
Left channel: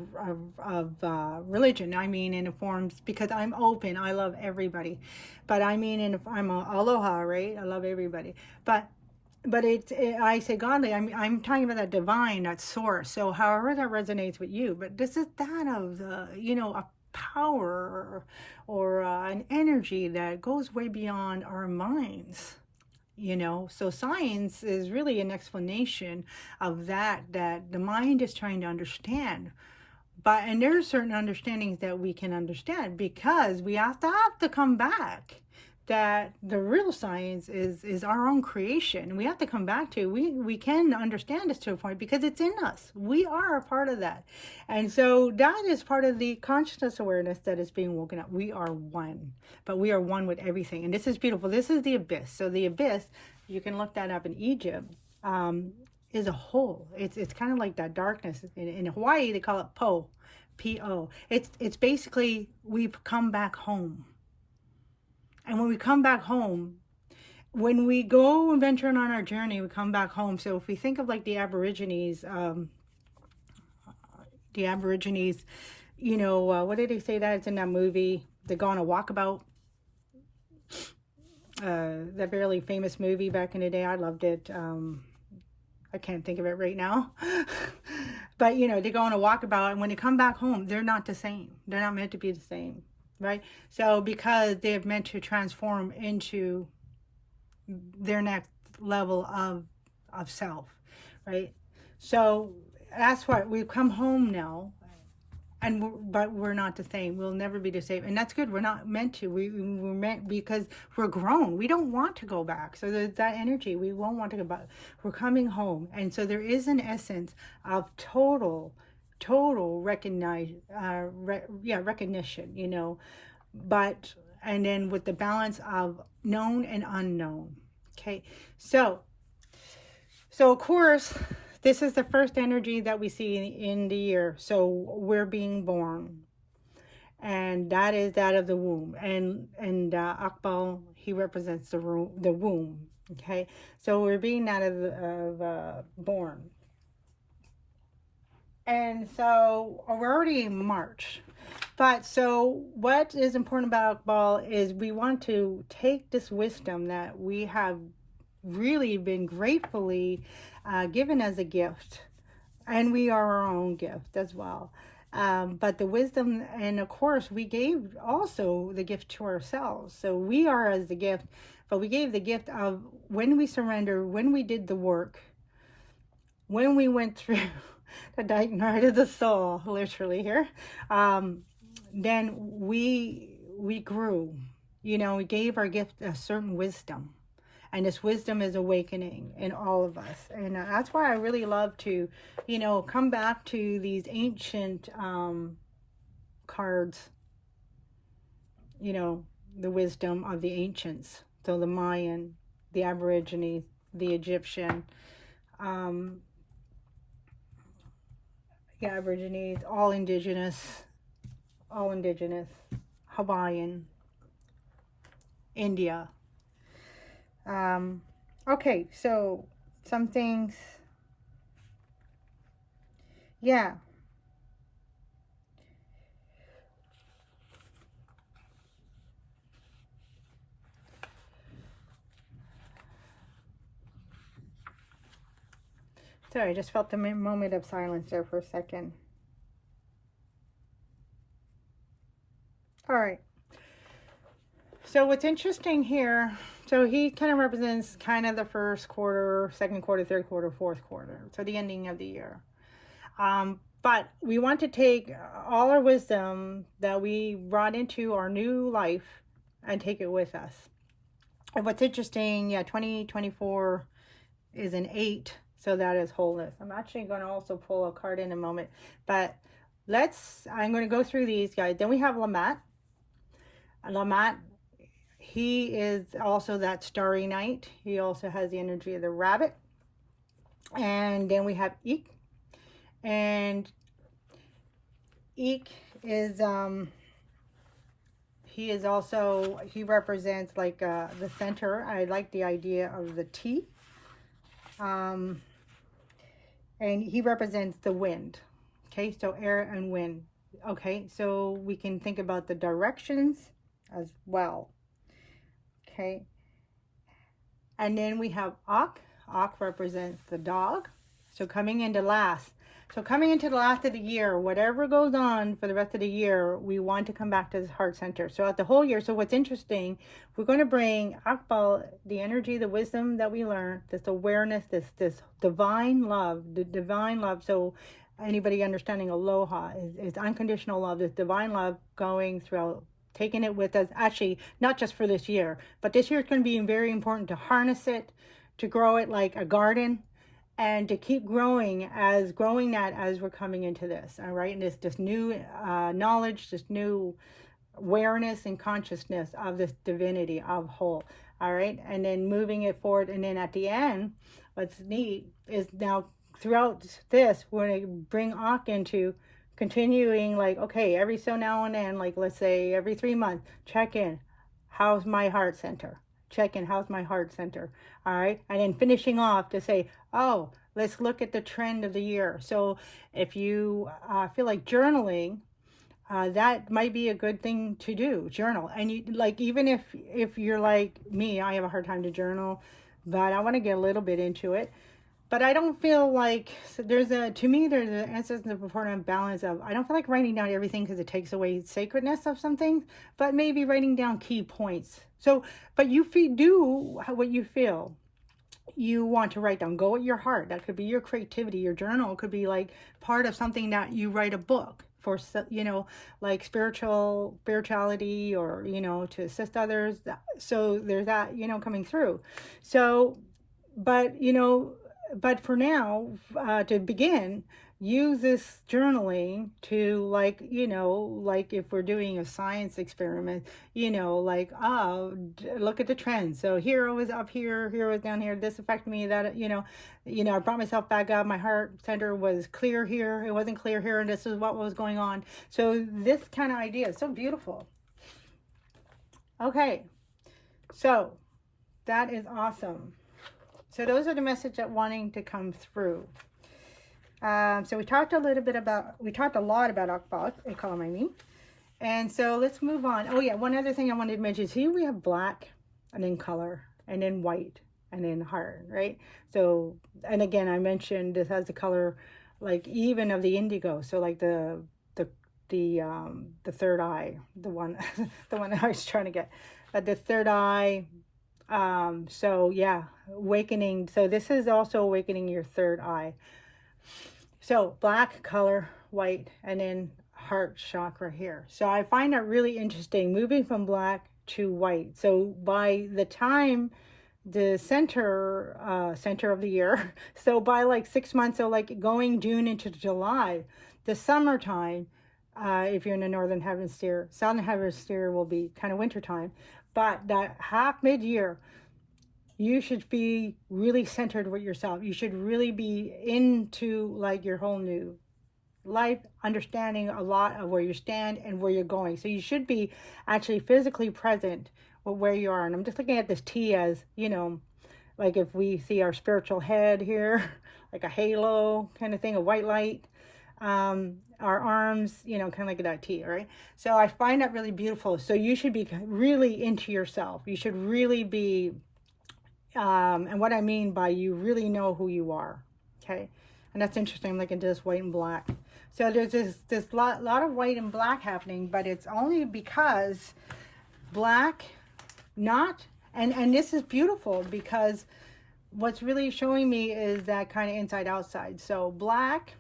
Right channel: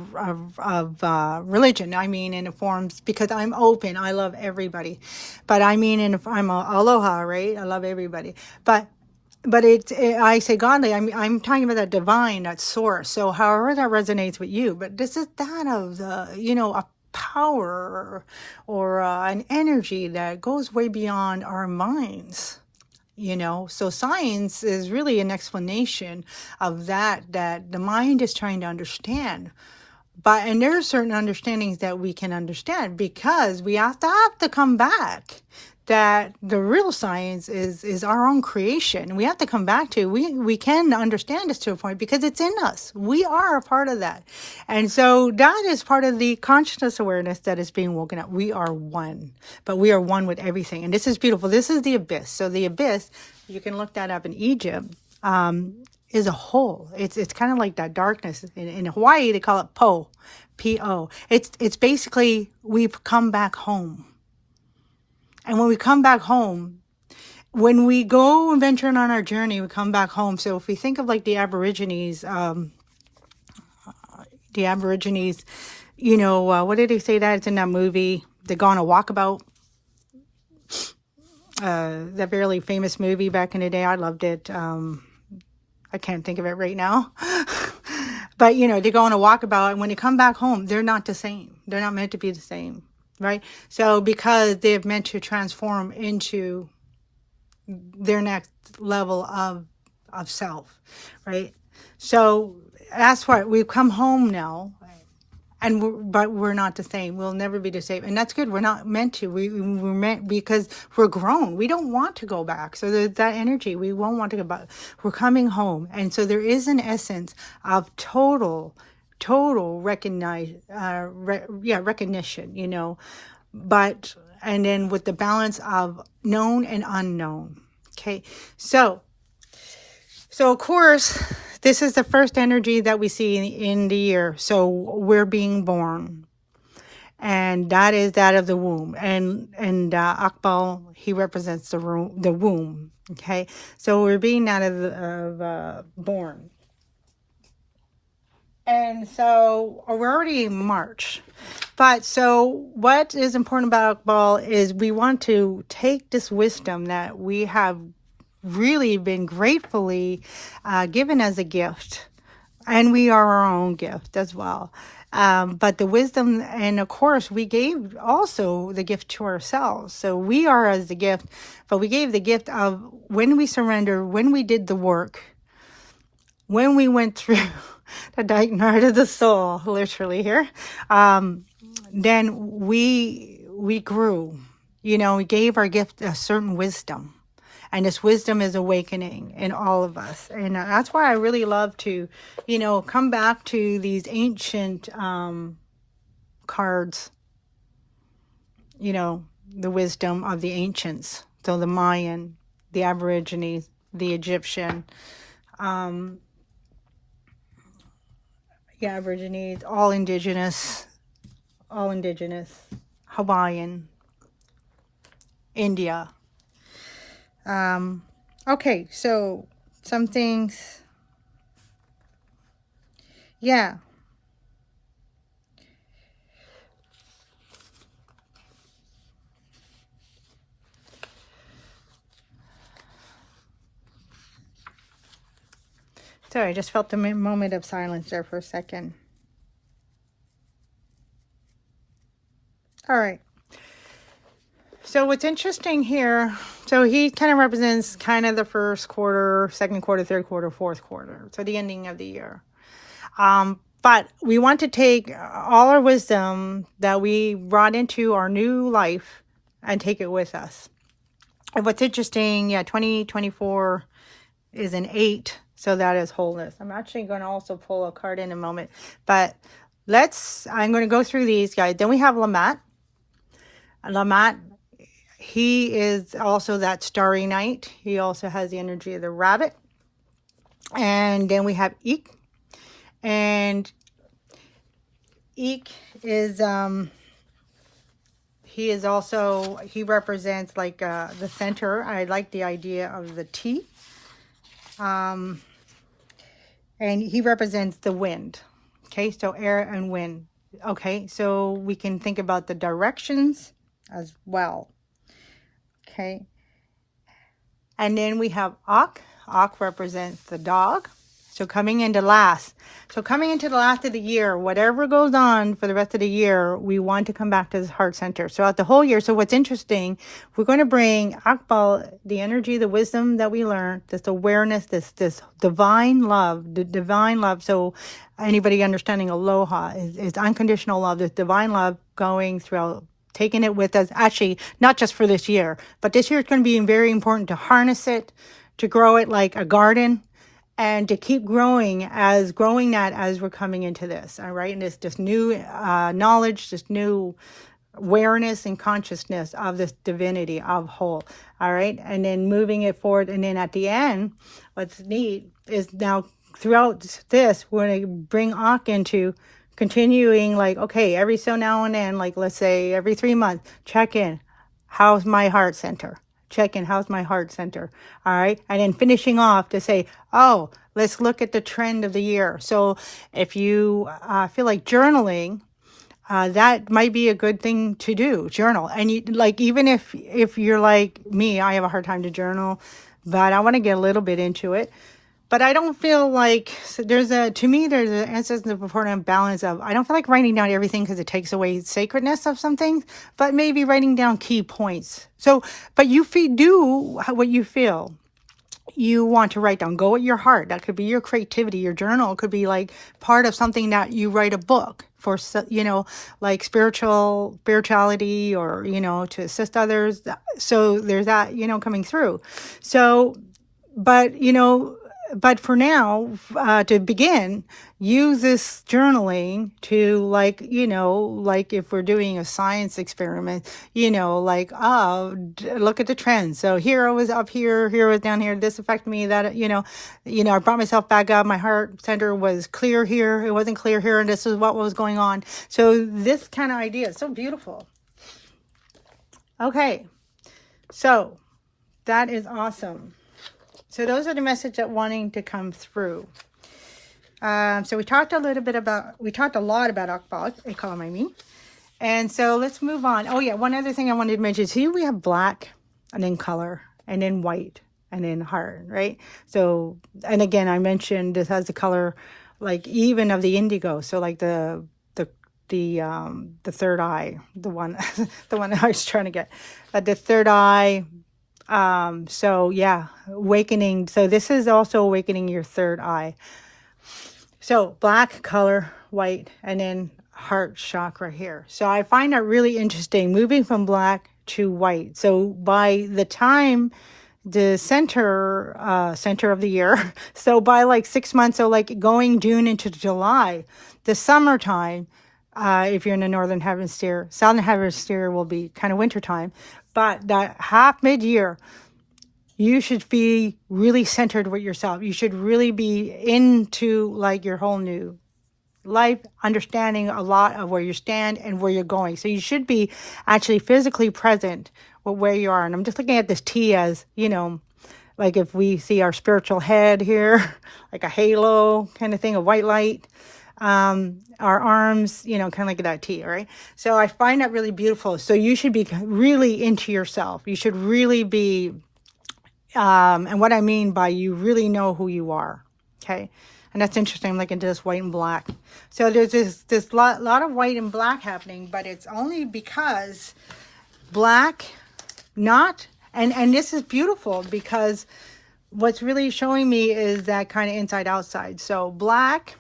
religion. I mean in the forms, because I'm open, I love everybody. But I mean, I'm a aloha, right? I love everybody. But I say godly, I'm talking about that divine, that source. So however that resonates with you, but this is that of the, you know, a power or an energy that goes way beyond our minds. You know, so science is really an explanation of that the mind is trying to understand. And there are certain understandings that we can understand, because we have to come back that the real science is our own creation. We have to come back to, we can understand this to a point because it's in us. We are a part of that. And so that is part of the consciousness awareness that is being woken up. We are one, but we are one with everything. And this is beautiful. This is the abyss. So the abyss, you can look that up in Egypt, is a hole. It's kind of like that darkness. In Hawaii, they call it Po, P-O. It's basically, we've come back home. And when we come back home, when we go and venture on our journey, we come back home. So if we think of like the Aborigines, you know, what did they say that? It's in that movie, they go on a walkabout. That very famous movie back in the day. I loved it. I can't think of it right now. But, you know, they go on a walkabout, and when they come back home, they're not the same. They're not meant to be the same. Right? So because they're meant to transform into their next level of self, right? So that's what we've come home now, but we're not the same. We'll never be the same, and that's good. We're not meant to. We're meant, because we're grown. We don't want to go back. So there's that energy. We won't want to go back. We're coming home, and so there is an essence of total recognition, you know, and then with the balance of known and unknown. Okay, so of course, this is the first energy that we see in the year. So we're being born, and that is that of the womb, and Akbal, he represents the womb. Okay, so we're being that of born. And so we're already in March. But so what is important about Akbal is we want to take this wisdom that we have really been gratefully given as a gift. And we are our own gift as well. But the wisdom, and of course, we gave also the gift to ourselves. So we are as the gift, but we gave the gift of when we surrender, when we did the work, when we went through the dark night of the soul, literally here, then we grew. You know, we gave our gift a certain wisdom, and this wisdom is awakening in all of us. And that's why I really love to, you know, come back to these ancient cards, you know, the wisdom of the ancients. So the Mayan, the Aborigines, the Egyptian, Aborigines, all indigenous, Hawaiian, India. Okay, so some things, yeah. Sorry, I just felt a moment of silence there for a second. All right. So So what's interesting here, so he kind of represents kind of the first quarter, second quarter, third quarter, fourth quarter. So the ending of the year. But we want to take all our wisdom that we brought into our new life and take it with us. And what's interesting, 2024 is an 8, so that is wholeness. I'm actually going to also pull a card in a moment, but I'm going to go through these guys. Then we have Lamont. Lamont, he is also that starry night. He also has the energy of the rabbit. And then we have Eek. And Eek is he represents like the center. I like the idea of the T. And he represents the wind. Okay, so air and wind. Okay, so we can think about the directions as well. Okay, and then we have Ak. Ak represents the dog. So coming into the last of the year, whatever goes on for the rest of the year, we want to come back to this heart center. So throughout the whole year. So what's interesting, we're going to bring Akbal, the energy, the wisdom that we learned, this awareness, this divine love, the divine love. So anybody understanding Aloha is unconditional love, this divine love going throughout, taking it with us. Actually, not just for this year, but this year it's going to be very important to harness it, to grow it like a garden, and to keep growing that as we're coming into this, all right? And this new knowledge, this new awareness and consciousness of this divinity of whole, all right? And then moving it forward. And then at the end, what's neat is now throughout this, we're going to bring Ak into continuing, like, okay, every so now and then, like let's say every 3 months, check in. How's my heart center? Check in, how's my heart center? All right. And then finishing off to say, oh, let's look at the trend of the year. So if you feel like journaling, that might be a good thing to do, journal. And you, like, even if you're like me, I have a hard time to journal, but I want to get a little bit into it. But I don't feel like there's an essence of important balance of, I don't feel like writing down everything because it takes away sacredness of some things, but maybe writing down key points. So, but you do what you feel you want to write down. Go at your heart. That could be your creativity. Your journal could be like part of something that you write a book for, like spirituality, or, to assist others. So there's that, coming through. So, but for now, to begin, use this journaling to, like if we're doing a science experiment, look at the trends. So here I was up here I was down here, this affected me, that, I brought myself back up. My heart center was clear here. It wasn't clear here. And this is what was going on. So this kind of idea is so beautiful. Okay. So that is awesome. So those are the messages that wanting to come through. So we talked a lot about Akbal, Acompanied. And so let's move on. Oh yeah, one other thing I wanted to mention. See, we have black, and then color, and then white, and then heart, right? So, and again, I mentioned this has the color, like even of the indigo. So like the third eye, the one I was trying to get, the third eye. So yeah, awakening. So this is also awakening your third eye. So black, color, white, and then heart chakra here. So I find that really interesting, moving from black to white. So by the time the center of the year, so by like 6 months, so like going June into July, the summertime, if you're in the northern hemisphere, southern hemisphere will be kind of wintertime. But that half mid-year, you should be really centered with yourself. You should really be into like your whole new life, understanding a lot of where you stand and where you're going. So you should be actually physically present with where you are. And I'm just looking at this T as, like if we see our spiritual head here, like a halo kind of thing, a white light. Our arms, kind of like that T, right? So I find that really beautiful. So you should be really into yourself. You should really be, and what I mean by you really know who you are, okay? And that's interesting. I'm looking into this white and black. So there's this lot of white and black happening, but it's only because black not, and this is beautiful because what's really showing me is that kind of inside outside. So black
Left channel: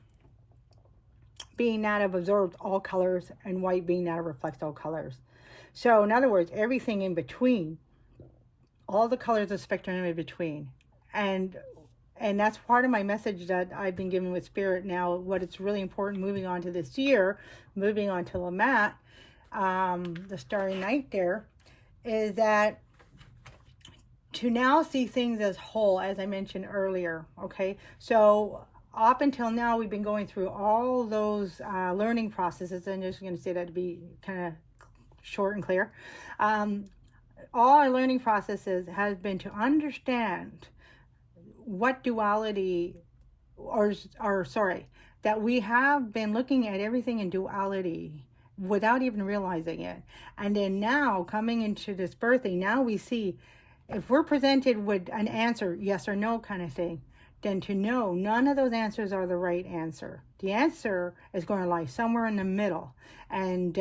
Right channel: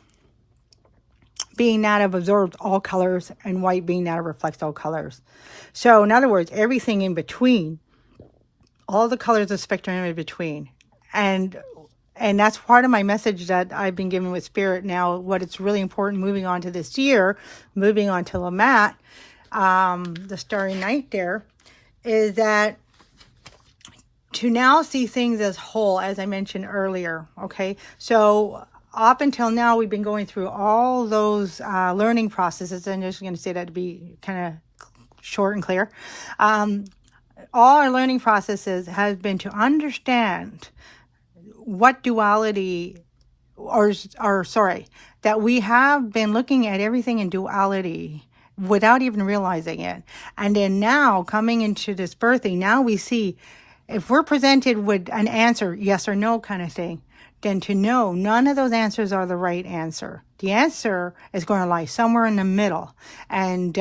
being that of absorbs all colors, and white being that of reflects all colors. So in other words, everything in between, all the colors of the spectrum in between. And that's part of my message that I've been given with Spirit now. What it's really important moving on to this year, moving on to Lamont, the Starry Night there, is that to now see things as whole, as I mentioned earlier. Okay, so up until now, we've been going through all those learning processes. I'm just going to say that to be kind of short and clear. All our learning processes have been to understand what duality, or sorry, that we have been looking at everything in duality without even realizing it. And then now, coming into this birthing, now we see, if we're presented with an answer, yes or no kind of thing, then to know none of those answers are the right answer. The answer is going to lie somewhere in the middle. And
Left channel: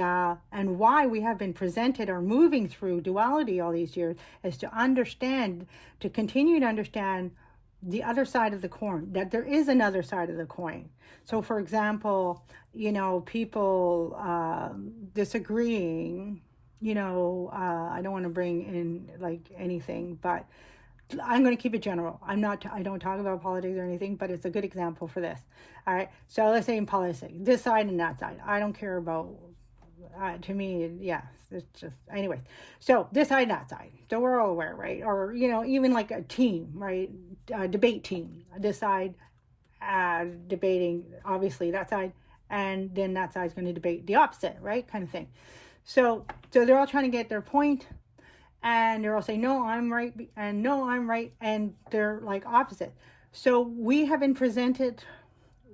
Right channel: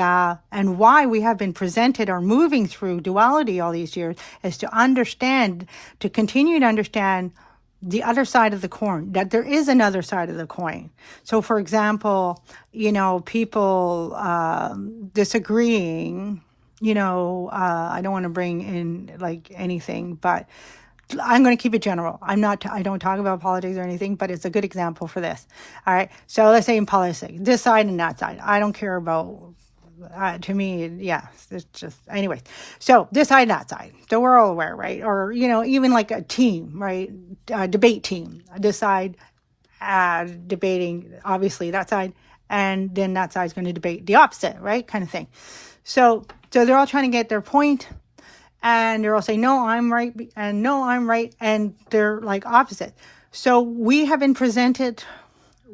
why we have been presented or moving through duality all these years is to understand, to continue to understand the other side of the coin, that there is another side of the coin. So for example, people disagreeing, I don't want to bring in like anything, but I'm going to keep it general. I don't talk about politics or anything, but it's a good example for this. All right. So let's say in politics, this side and that side. I don't care about, to me, yeah, it's just, anyways. So this side and that side. So we're all aware, right? Or, even like a team, right? Debate team. This side debating, obviously, that side. And then that side's going to debate the opposite, right? Kind of thing. So they're all trying to get their point. And they're all saying, no, I'm right, and no, I'm right, and they're like opposite. So we have been presented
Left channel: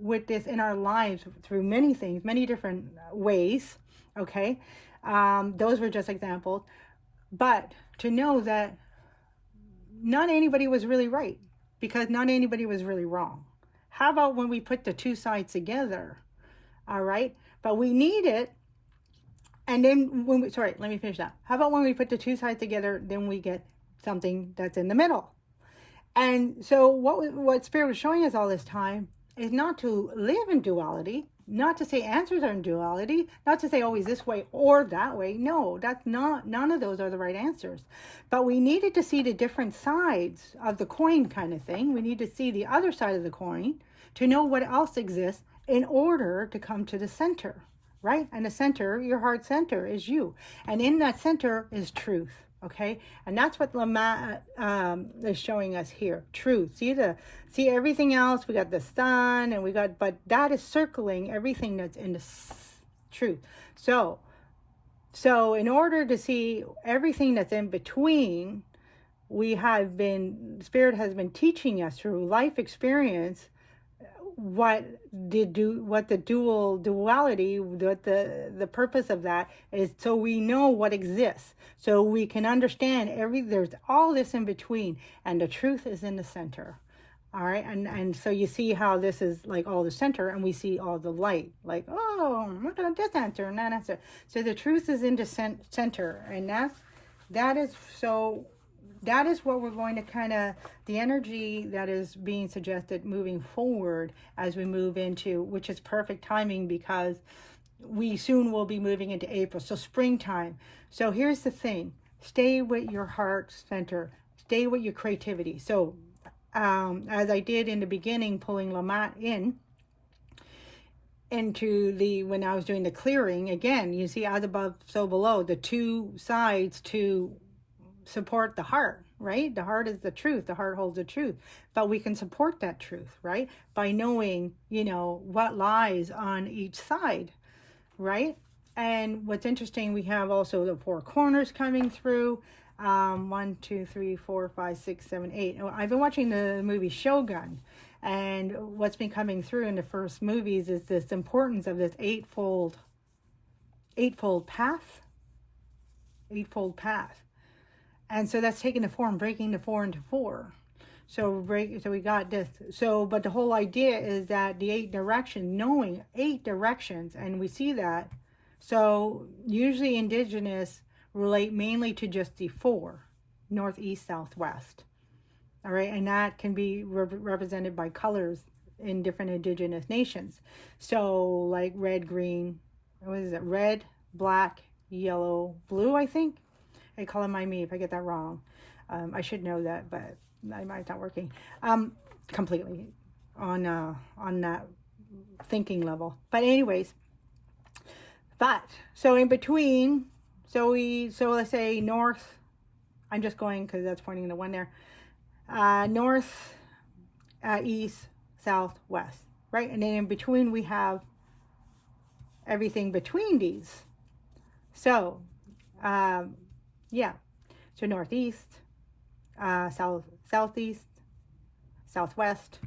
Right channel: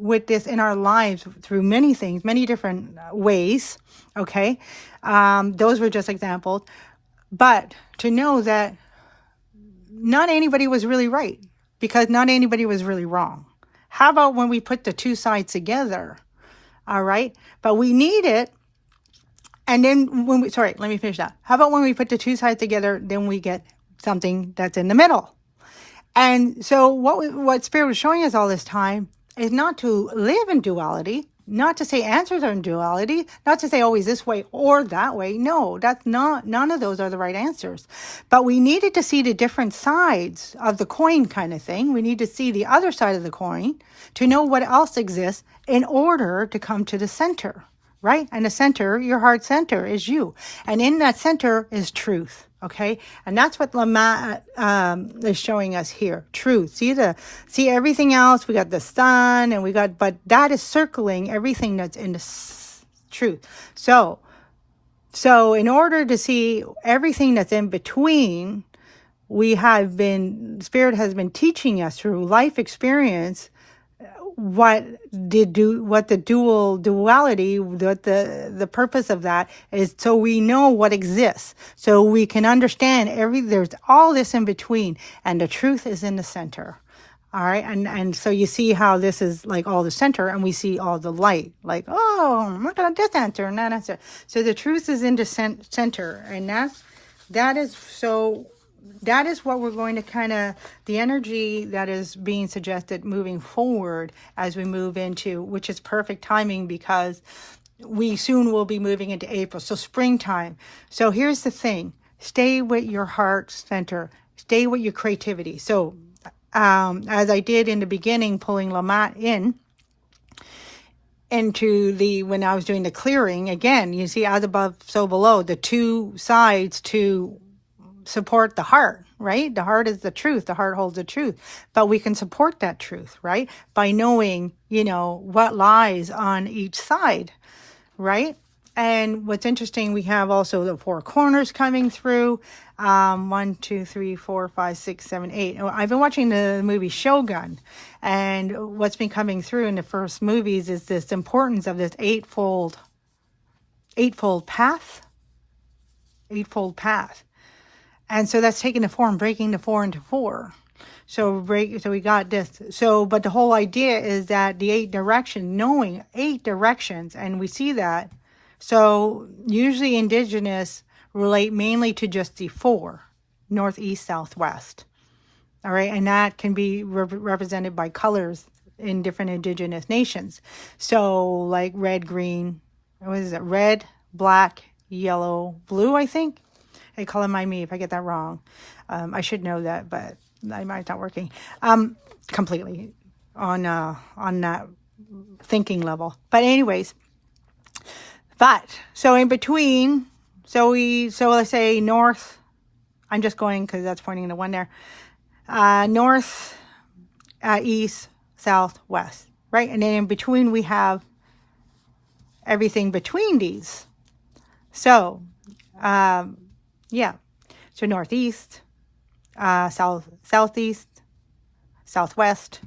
with this in our lives through many things, many different ways, okay? Those were just examples. But to know that not anybody was really right, because not anybody was really wrong. How about when we put the two sides together, all right? But we need it. And then let me finish that. How about when we put the two sides together, then we get something that's in the middle. And so what Spirit was showing us all this time is not to live in duality, not to say answers are in duality, not to say always this way or that way. No, none of those are the right answers. But we needed to see the different sides of the coin kind of thing. We need to see the other side of the coin to know what else exists in order to come to the center. Right? And the center, your heart center, is you. And in that center is truth. Okay? And that's what Lamont is showing us here. Truth. See everything else. We got the sun, but that is circling everything that's in the truth. So in order to see everything that's in between, Spirit has been teaching us through life experience what the duality, what the purpose of that is, so we know what exists, so we can understand there's all this in between, and the truth is in the center. All right, and so you see how this is like all the center, and we see all the light, like, oh, look at this answer and that answer. So the truth is in the center, and that is what we're going to the energy that is being suggested moving forward as we move into, which is perfect timing because we soon will be moving into April. So springtime. So here's the thing. Stay with your heart center. Stay with your creativity. So as I did in the beginning, pulling Lamont into when I was doing the clearing, again, you see as above, so below, the two sides to support the heart, right? The heart is the truth. The heart holds the truth. But we can support that truth, right? By knowing, what lies on each side, right? And what's interesting, we have also the four corners coming through. 1, 2, 3, 4, 5, 6, 7, 8. I've been watching the movie Shogun, and what's been coming through in the first movies is this importance of this eightfold path. And so that's taking the form, breaking the 4 into 4. So we got this. But the whole idea is that the 8 directions, knowing 8 directions, and we see that. So usually indigenous relate mainly to just the 4. northeast, southwest. All right, and that can be represented by colors in different indigenous nations. So like red, green, what is it? Red, black, yellow, blue, I think. Hey, color mind me if I get that wrong. I should know that, but it's not working completely on that thinking level. But anyways, so in between, so let's say north. I'm just going because that's pointing to one there. North, east, south, west, right? And then in between we have everything between these. So, yeah. So northeast, southeast, southwest,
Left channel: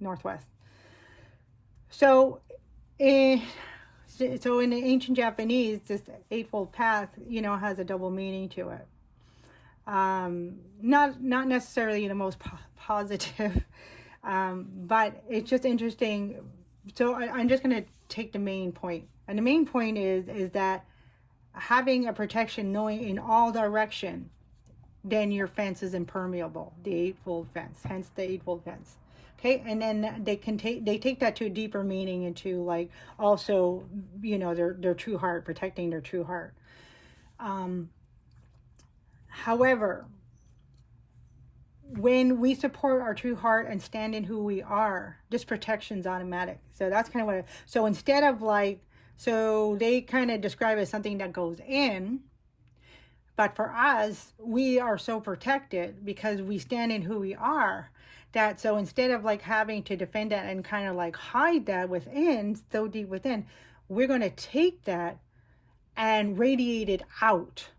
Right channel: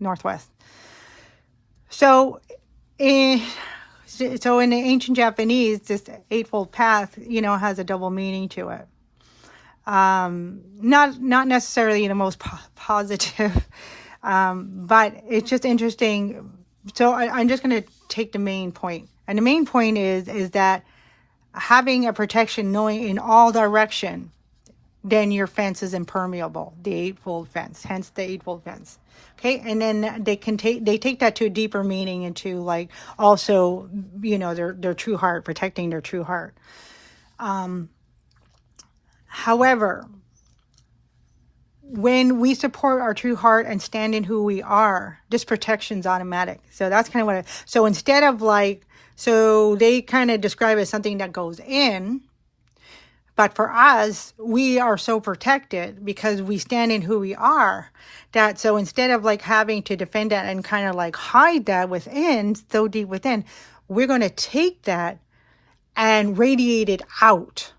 northwest. So in the ancient Japanese, this eightfold path, has a double meaning to it. Not necessarily the most positive, but it's just interesting. So I'm just going to take the main point. And the main point is that having a protection, knowing in all direction, then your fence is impermeable, the eightfold fence, hence the eightfold fence. Okay, and then they take that to a deeper meaning into like also, their true heart, protecting their true heart. However, when we support our true heart and stand in who we are, this protection's automatic. So that's kind of so instead of so they kind of describe it as something that goes in, but for us, we are so protected because we stand in who we are, that so instead of having to defend that and kind of hide that within, so deep within, we're going to take that and radiate it out.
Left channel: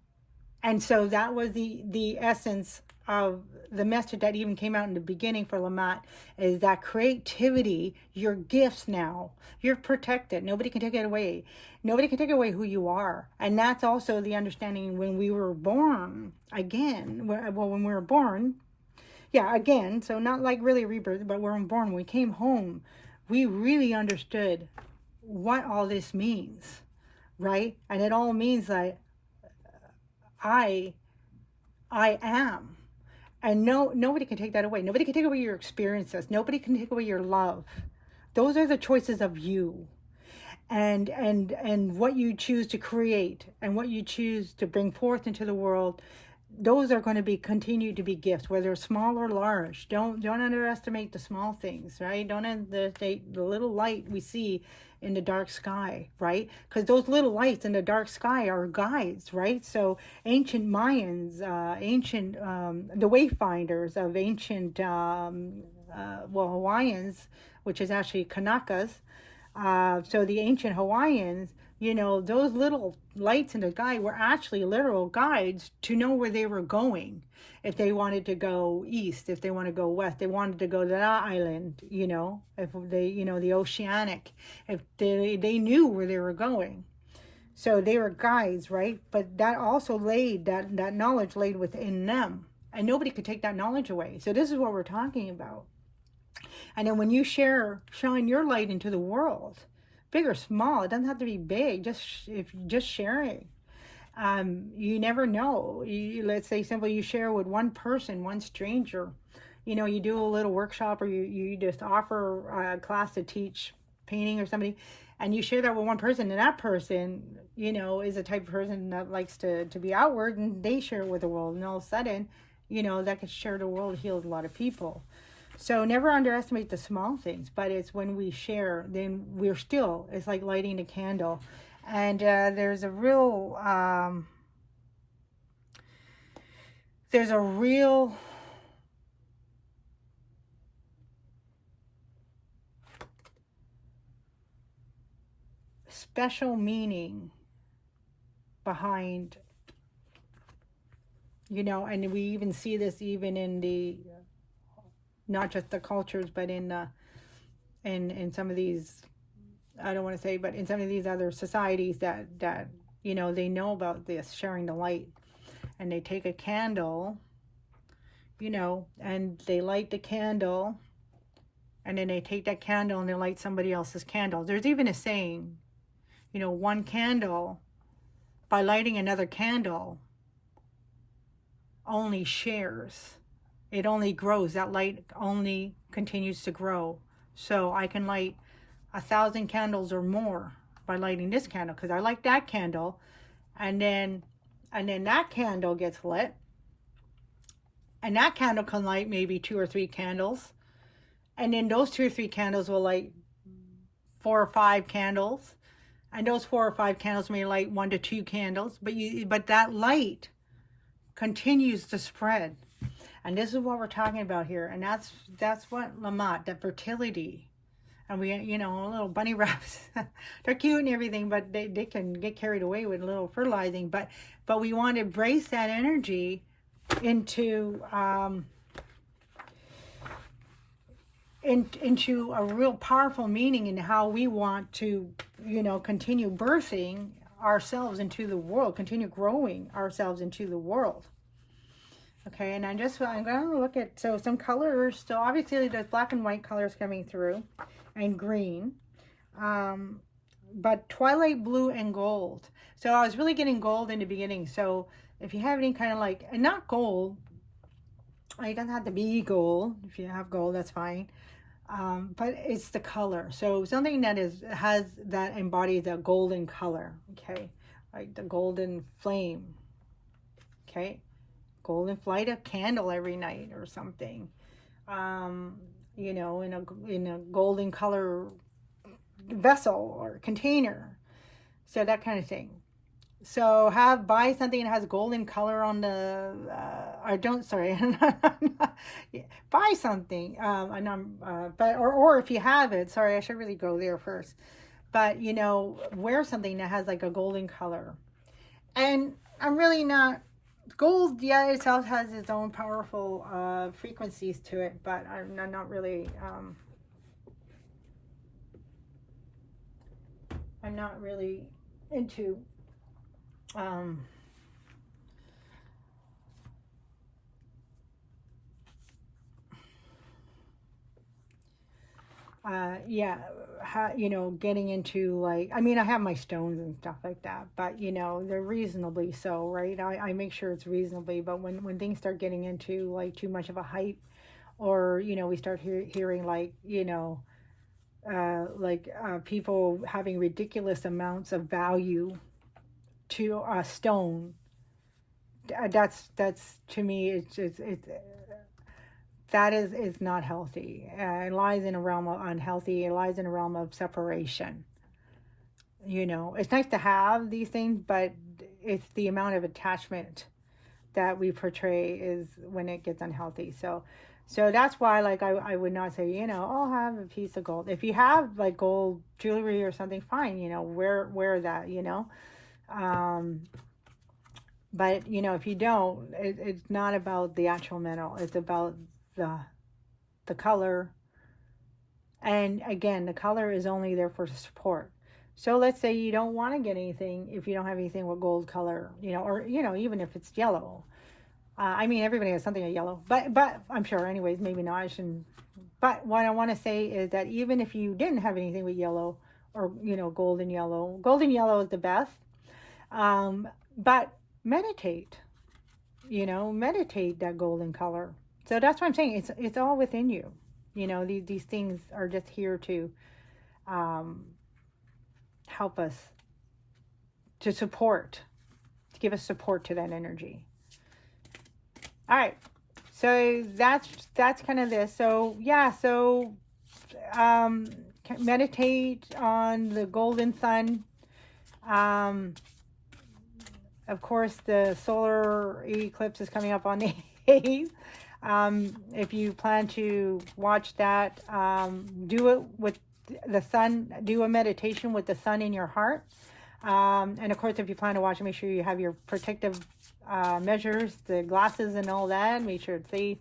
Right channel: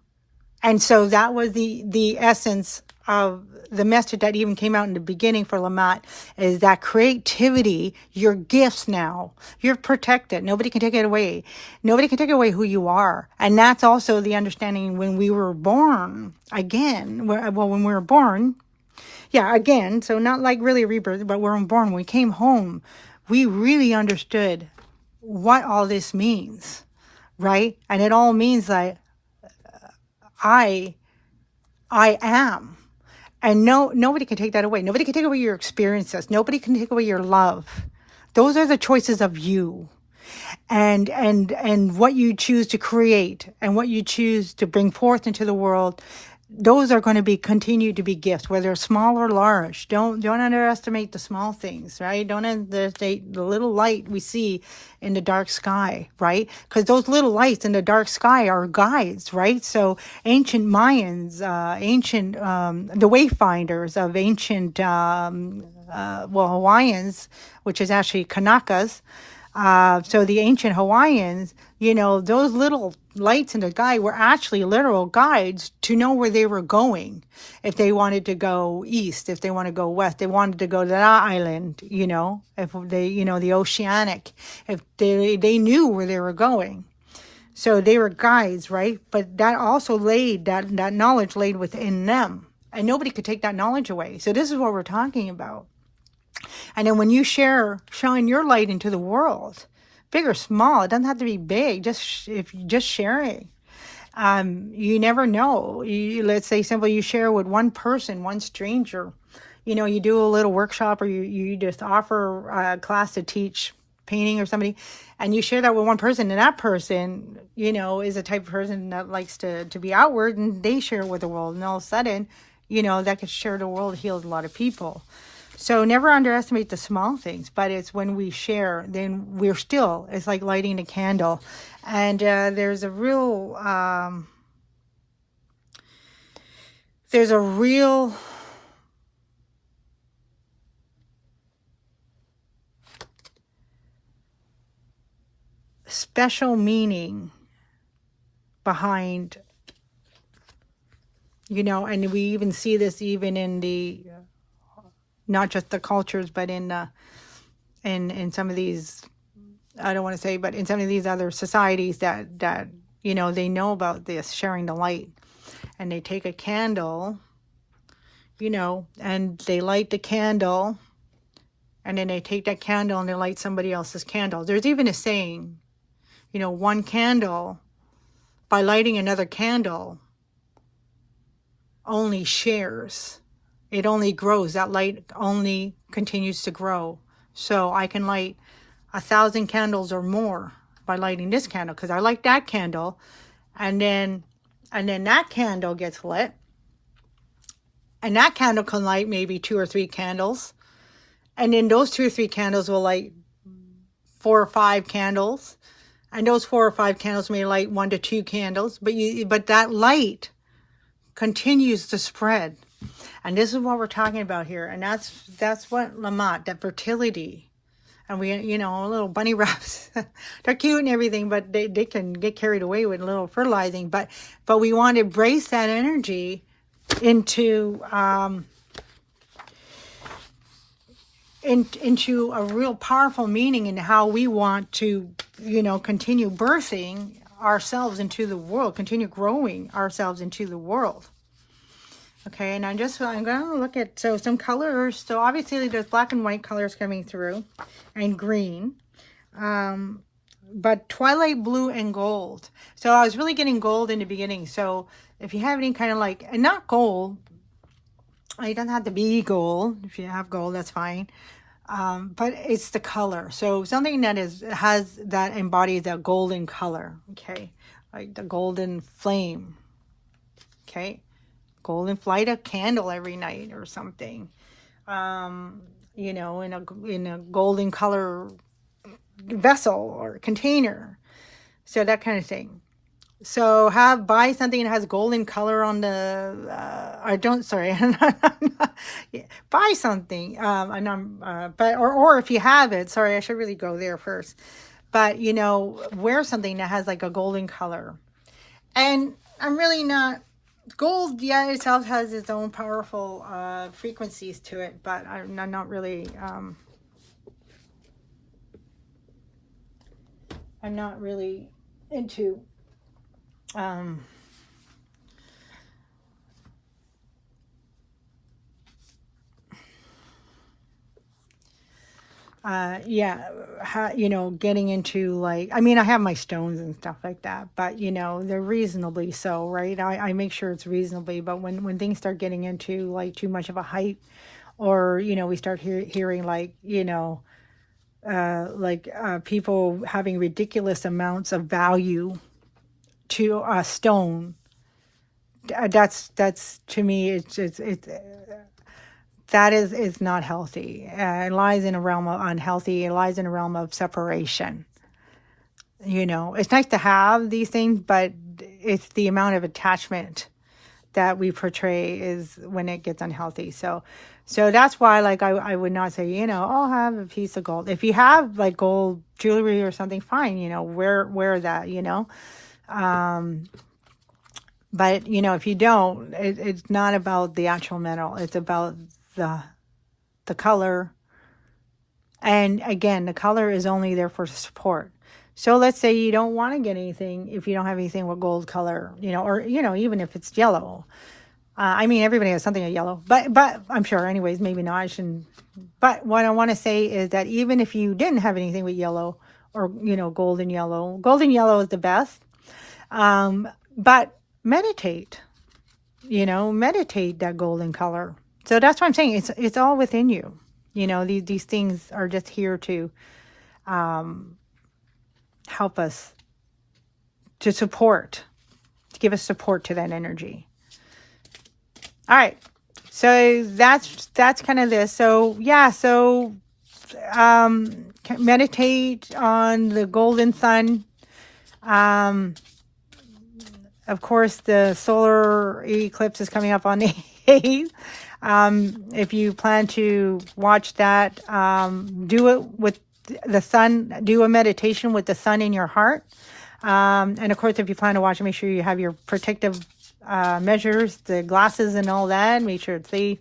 And so that was the essence of the message that even came out in the beginning for Lamont, is that creativity, your gifts now, you're protected. Nobody can take it away. Nobody can take away who you are. And that's also the understanding when we were born again. When we were born, again, so not really rebirth, but when we were born, when we came home, we really understood what all this means, right? And it all means that I am. And nobody can take that away. Nobody can take away your experiences. Nobody can take away your love. Those are the choices of you. And what you choose to create and what you choose to bring forth into the world, those are going to continue to be gifts, whether small or large. Don't underestimate the small things, right? Don't underestimate the little light we see in the dark sky, right? Because those little lights in the dark sky are guides, right? So ancient Mayans, the wayfinders of ancient, Hawaiians, which is actually Kanakas. So the ancient Hawaiians, those little lights in the sky were actually literal guides to know where they were going. If they wanted to go east, if they want to go west, they wanted to go to that island, if they, the oceanic, if they knew where they were going. So they were guides, right? But that also that knowledge laid within them, and nobody could take that knowledge away. So this is what we're talking about. And then when you shine your light into the world, big or small, it doesn't have to be big, just sharing. You never know. Let's say simply you share with one person, one stranger. You do a little workshop, or you just offer a class to teach painting or somebody, and you share that with one person, and that person, is a type of person that likes to be outward, and they share it with the world, and all of a sudden, that could share the world, heals a lot of people. So never underestimate the small things, but it's when we share, then it's like lighting a candle. And there's a real special meaning behind, and we even see this even in the, not just the cultures, but in some of these, I don't want to say, but in some of these other societies that they know about this, sharing the light. And they take a candle, and they light the candle, and then they take that candle and they light somebody else's candle. There's even a saying, one candle, by lighting another candle, only shares. It only grows. That light only continues to grow. So I can light 1,000 candles or more by lighting this candle, because I like that candle, and then that candle gets lit, and that candle can light maybe 2 or 3 candles, and then those 2 or 3 candles will light 4 or 5 candles, and those 4 or 5 candles may light 1 to 2 candles, but that light continues to spread. And this is what we're talking about here, and that's what Lamat, that fertility. And we, little bunny rabbits, they're cute and everything, but they can get carried away with a little fertilizing. But we want to embrace that energy into into a real powerful meaning in how we want to, continue birthing ourselves into the world, continue growing ourselves into the world. Okay, and I'm going to look at, some colors. So obviously there's black and white colors coming through, and green, but twilight blue and gold. So I was really getting gold in the beginning. So if you have any kind of and not gold, it doesn't have to be gold. If you have gold, that's fine. But it's the color. So something that embodies that golden color. Okay, like the golden flame. Okay, golden, light a candle every night or something. In a golden color vessel or container. So that kind of thing. So buy something that has golden color on the, buy something, or if you have it, sorry, I should really go there first. But, wear something that has like a golden color. And I'm really not, gold, yeah, itself has its own powerful frequencies to it, but I'm not really, I'm not really into getting into I have my stones and stuff like that, but they're reasonably so, right? I make sure it's reasonably, but when things start getting into too much of a hype, or we start hearing people having ridiculous amounts of value to a stone, that's to me, it's that is not healthy. It lies in a realm of unhealthy. It lies in a realm of separation. It's nice to have these things, but it's the amount of attachment that we portray is when it gets unhealthy. So that's why, I would not say, I'll have a piece of gold. If you have gold jewelry or something, fine, wear that, but if you don't, it's not about the actual metal. It's about the color. And again, the color is only there for support. So let's say you don't want to get anything if you don't have anything with gold color, or even if it's yellow. Everybody has something of yellow, but I'm sure, anyways, maybe not. I shouldn't. But what I want to say is that even if you didn't have anything with yellow, or golden yellow is the best. But meditate, meditate that golden color. So that's what I'm saying. It's all within you. These things are just here to help us, to give us support to that energy. All right. So that's kind of this. So yeah. So meditate on the golden sun. Of course, the solar eclipse is coming up on the 8th. If you plan to watch that, do it with the sun. Do a meditation with the sun in your heart. And of course, if you plan to watch it, make sure you have your protective measures, the glasses and all that. Make sure it's safe.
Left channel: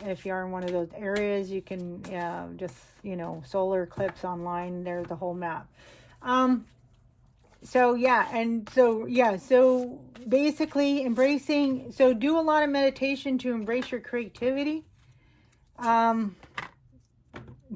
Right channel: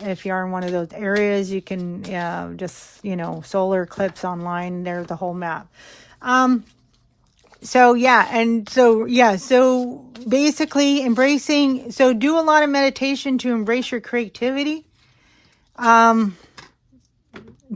If you are in one of those areas, you can just, solar eclipse online. There's the whole map. So basically embracing, so do a lot of meditation to embrace your creativity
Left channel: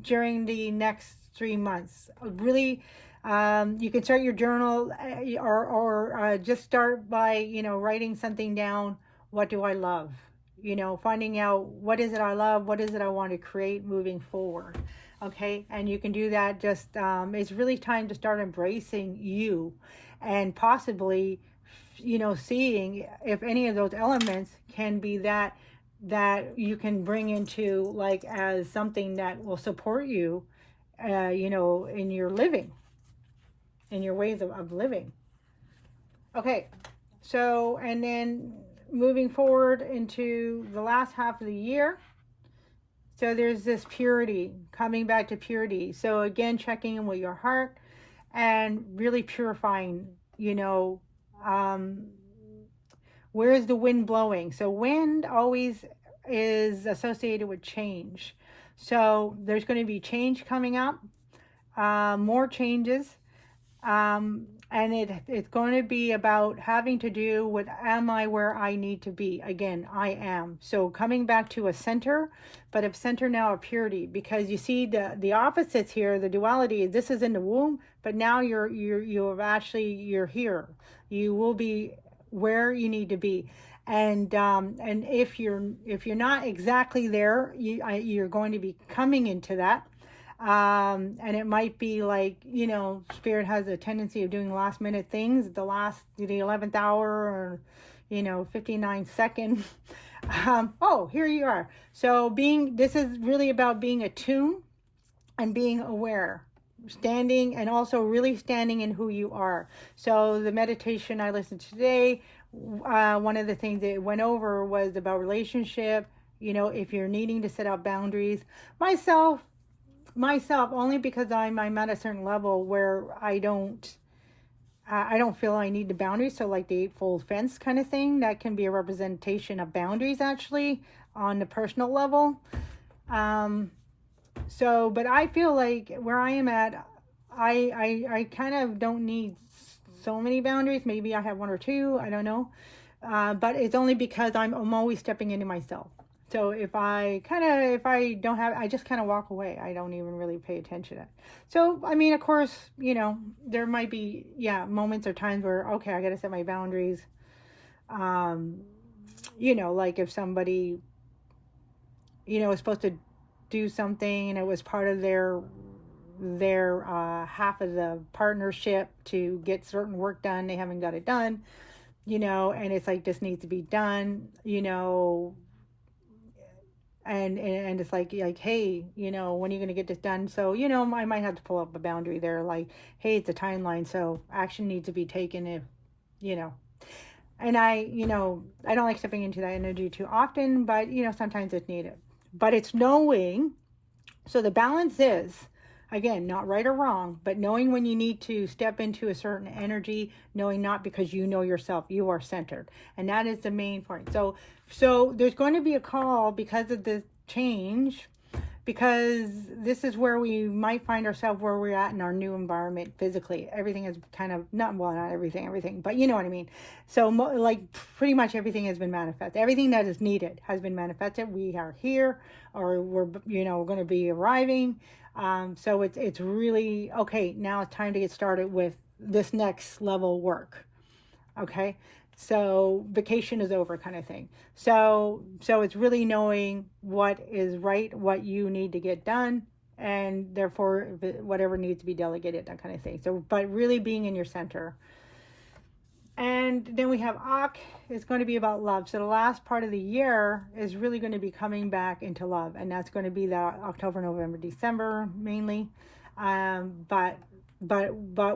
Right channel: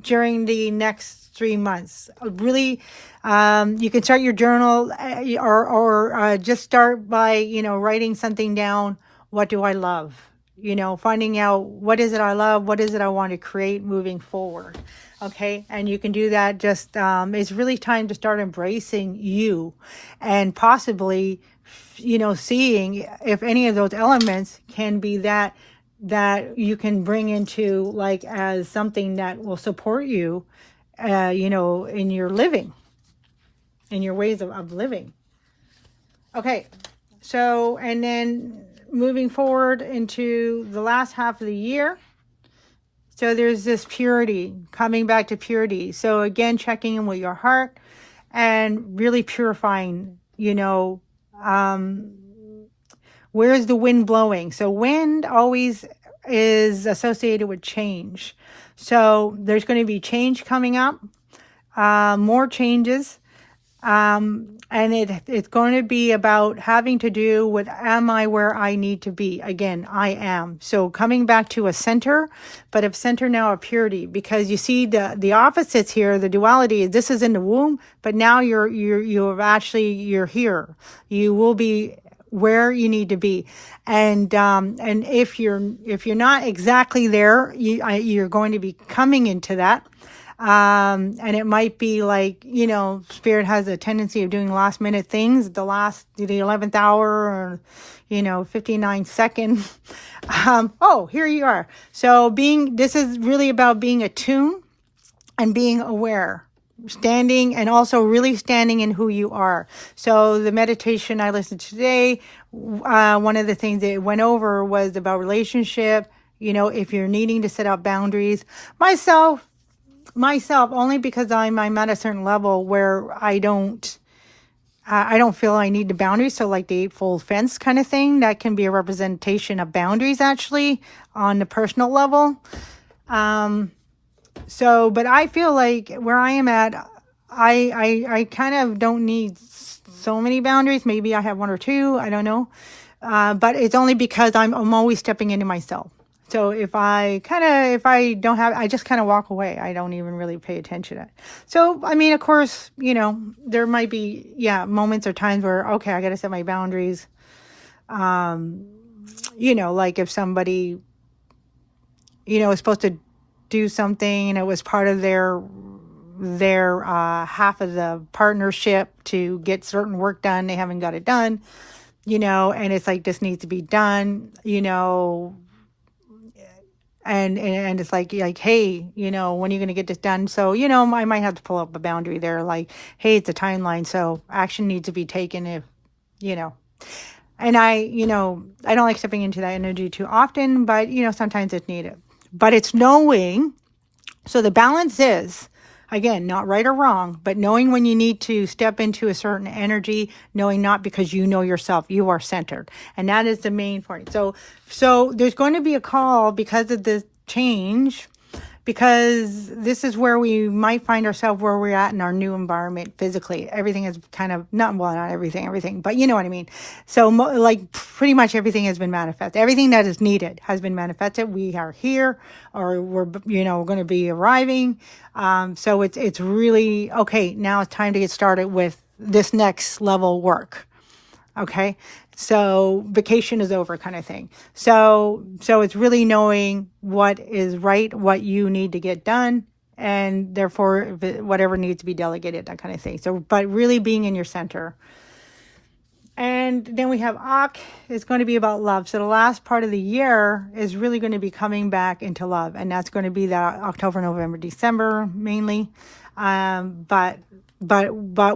during the next 3 months. Really, you can start your journal, or just start by, writing something down, what do I love? You know, finding out what is it I love, what is it I want to create moving forward. Okay, and you can do that. Just it's really time to start embracing you, and possibly, you know, seeing if any of those elements can be that you can bring into, like, as something that will support you, you know, in your living, in your ways of living. Okay, so, and then moving forward into the last half of the year. So there's this purity, coming back to purity. So again, checking in with your heart and really purifying, you know, where's the wind blowing? So wind always is associated with change. So there's going to be change coming up, more changes. And it's going to be about having to do with, am I where I need to be? Again, I am. So coming back to a center, but of center now of purity, because you see the opposites here, the duality. This is in the womb, but now you're here. You will be where you need to be, and if you're not exactly there, you're going to be coming into that. And it might be like, you know, spirit has a tendency of doing last minute things, the 11th hour, or, you know, 59 second. Oh, here you are. So this is really about being attuned and being aware, standing, and also really standing in who you are. So the meditation I listened to today, one of the things that it went over was about relationship. You know, if you're needing to set up boundaries, myself only because I'm at a certain level where I don't feel I need the boundaries. So like the eightfold fence kind of thing, that can be a representation of boundaries actually on the personal level. So, but I feel like where I am at, I kind of don't need so many boundaries. Maybe I have one or two, I don't know. But it's only because I'm always stepping into myself. So if I don't have, I just kind of walk away. I don't even really pay attention to it. So, I mean, of course, you know, there might be, moments or times where, okay, I got to set my boundaries. You know, like if somebody, you know, is supposed to do something and it was part of their half of the partnership to get certain work done, they haven't got it done, you know, and it's like, this needs to be done, you know. And it's like, hey, you know, when are you going to get this done? So, you know, I might have to pull up a boundary there, like, hey, it's a timeline, so action needs to be taken if, you know. And I don't like stepping into that energy too often, but, you know, sometimes it's needed. But it's knowing, so the balance is, again, not right or wrong, but knowing when you need to step into a certain energy, knowing not because you know yourself, you are centered. And that is the main point. So there's going to be a call because of this change, because this is where we might find ourselves, where we're at in our new environment physically. Everything is kind of, not everything, but you know what I mean. So like pretty much everything has been manifested. Everything that is needed has been manifested. We are here, or we're going to be arriving. So it's really, okay, now it's time to get started with this next level work. Okay. So vacation is over, kind of thing. So it's really knowing what is right, what you need to get done, and therefore whatever needs to be delegated, that kind of thing. So, but really being in your center. And then we have Ak is going to be about love. So the last part of the year is really going to be coming back into love. And that's going to be that October, November, December mainly. But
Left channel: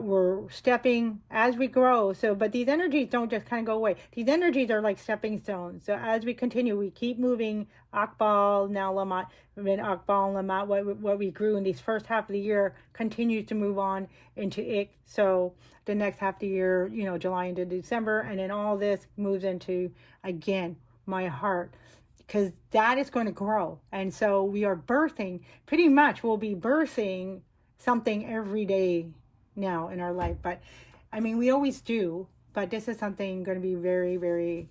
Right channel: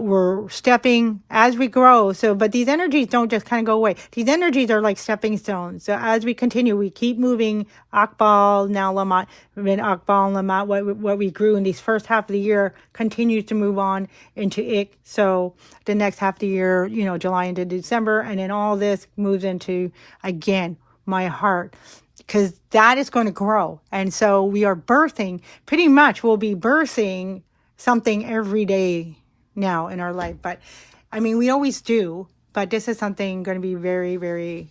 we're stepping as we grow. So, but these energies don't just kind of go away. These energies are like stepping stones. So as we continue, we keep moving Akbal, now Lamat, then Akbal and Lamat, what we grew in these first half of the year continues to move on into Ik. So the next half of the year, you know, July into December, and then all this moves into, again, my heart, because that is going to grow. And so we are birthing, pretty much we'll be birthing something every day now in our life. But I mean, we always do, but this is something going to be very, very,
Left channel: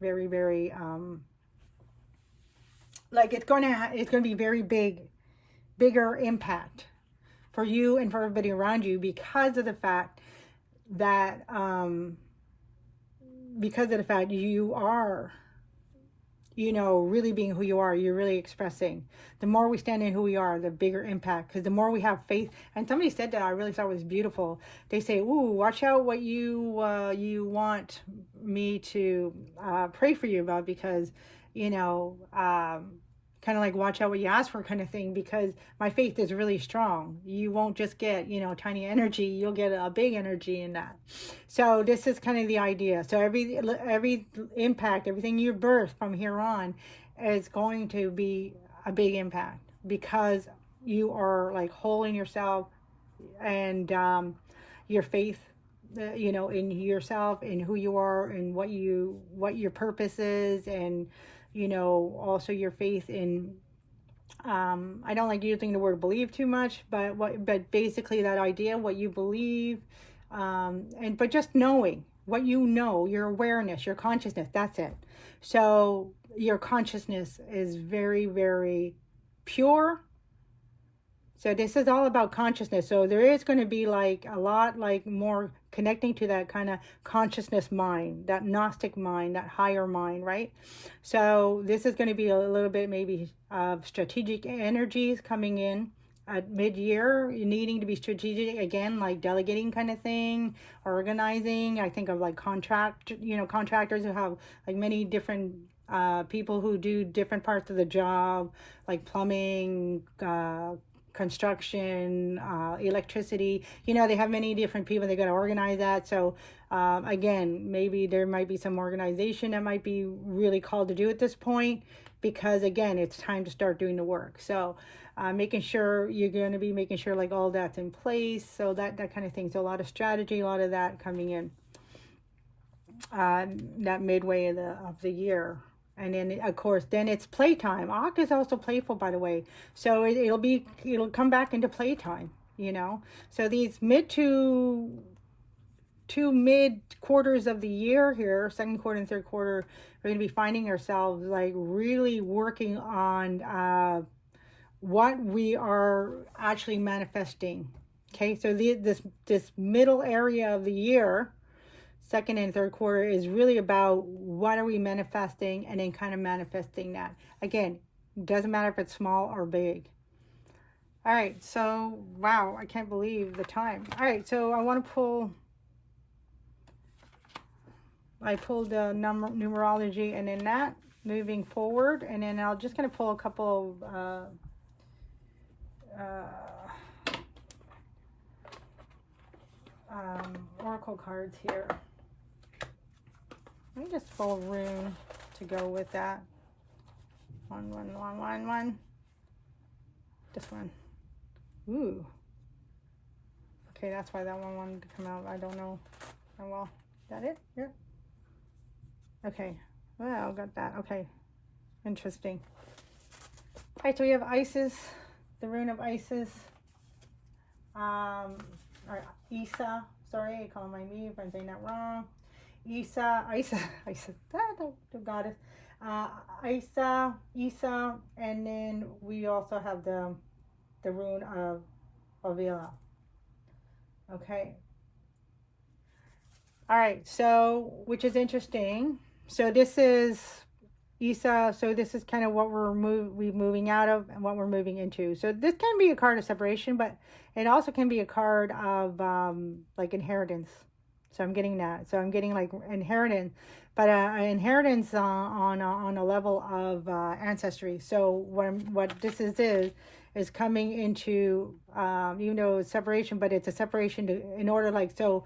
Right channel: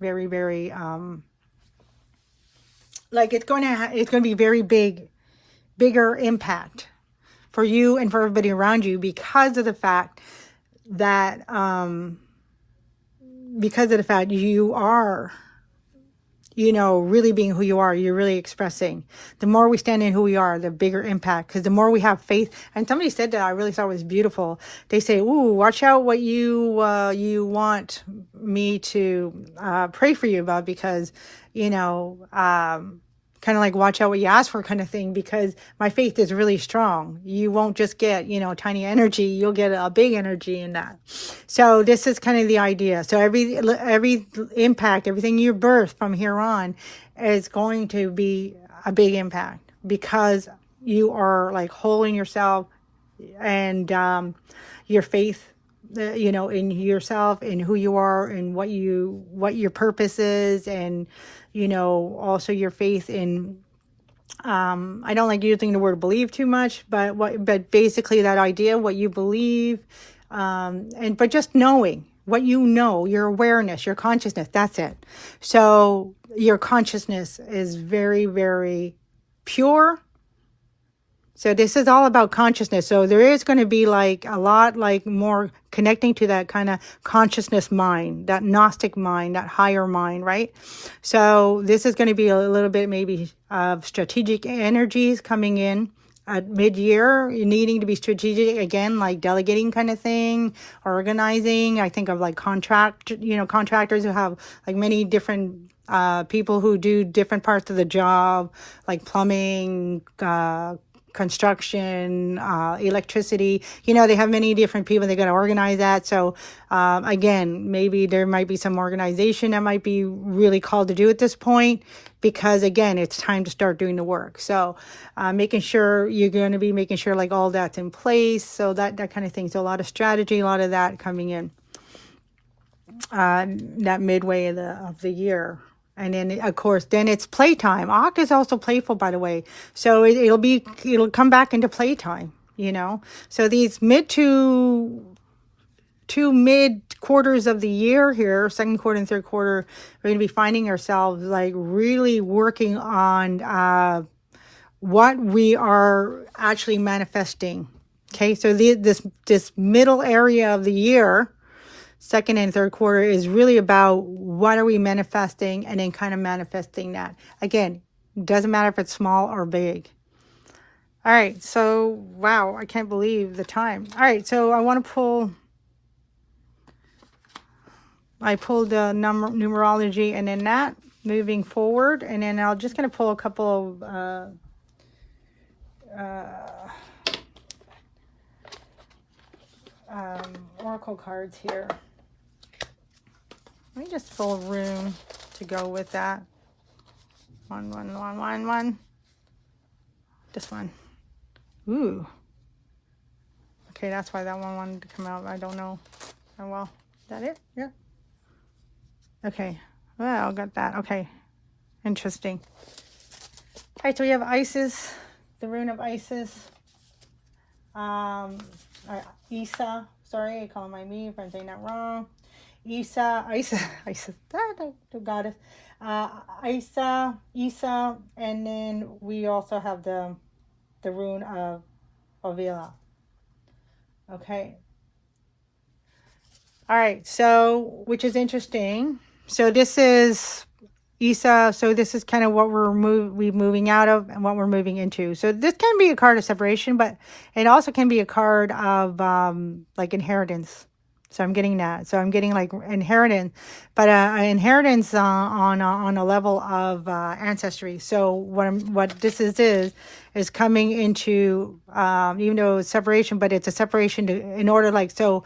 very, very, like it's going to be very bigger impact for you and for everybody around you, because of the fact that, because of the fact you are, you know, really being who you are, you're really expressing. The more we stand in who we are, the bigger impact. Because the more we have faith, and somebody said that I really thought was beautiful. They say, "Ooh, watch out what you want me to pray for you about," because, you know, kind of like watch out what you ask for kind of thing, because my faith is really strong. You won't just get, you know, tiny energy, you'll get a big energy in that. So this is kind of the idea. So every impact, everything you birth from here on is going to be a big impact, because you are like holding yourself and your faith, you know, in yourself and who you are and what your purpose is, and, you know, also your faith in, I don't like using the word believe too much, but basically that idea, what you believe, but just knowing what you know, your awareness, your consciousness, that's it. So your consciousness is very, very pure. So this is all about consciousness. So there is going to be like a lot like more connecting to that kind of consciousness mind, that Gnostic mind, that higher mind, right? So this is going to be a little bit maybe of strategic energies coming in at mid-year, needing to be strategic again, like delegating kind of thing, organizing. I think of like contractors who have like many different people who do different parts of the job, like plumbing, construction, electricity, you know, they have many different people, they got to organize that. So again, maybe there might be some organization that might be really called to do at this point, because again, it's time to start doing the work. So making sure you're going to be making sure like all that's in place, so that kind of thing. So a lot of strategy, a lot of that coming in that midway of the year. And then, of course, then it's playtime. Ak is also playful, by the way. So it'll come back into playtime, you know. So these two mid quarters of the year here, second quarter and third quarter, we're going to be finding ourselves like really working on what we are actually manifesting. Okay, so this middle area of the year, second and third quarter, is really about what are we manifesting, and then kind of manifesting that. Again, doesn't matter if it's small or big. All right, so wow, I can't believe the time. All right, so I pulled the numerology, and then that moving forward, and then I'm just going to pull a couple of oracle cards here. Let me just fill room to go with that. One. This one. Ooh. Okay, that's why that one wanted to come out. I don't know. Oh well. Is that it? Yeah. Okay. Well, I got that. Okay. Interesting. All right, so we have Isis, the rune of Isis. Isa. Sorry, I call my me if I'm saying that wrong. Isa, the goddess. Isa, and then we also have the rune of Ovila. Okay. All right, so, which is interesting. So this is Isa, so this is kind of what we're moving out of and what we're moving into. So this can be a card of separation, but it also can be a card of like inheritance. So I'm getting that. So I'm getting like inheritance, but inheritance on a level of ancestry. So what this is coming into, even though it's separation, but it's a separation in order, like, so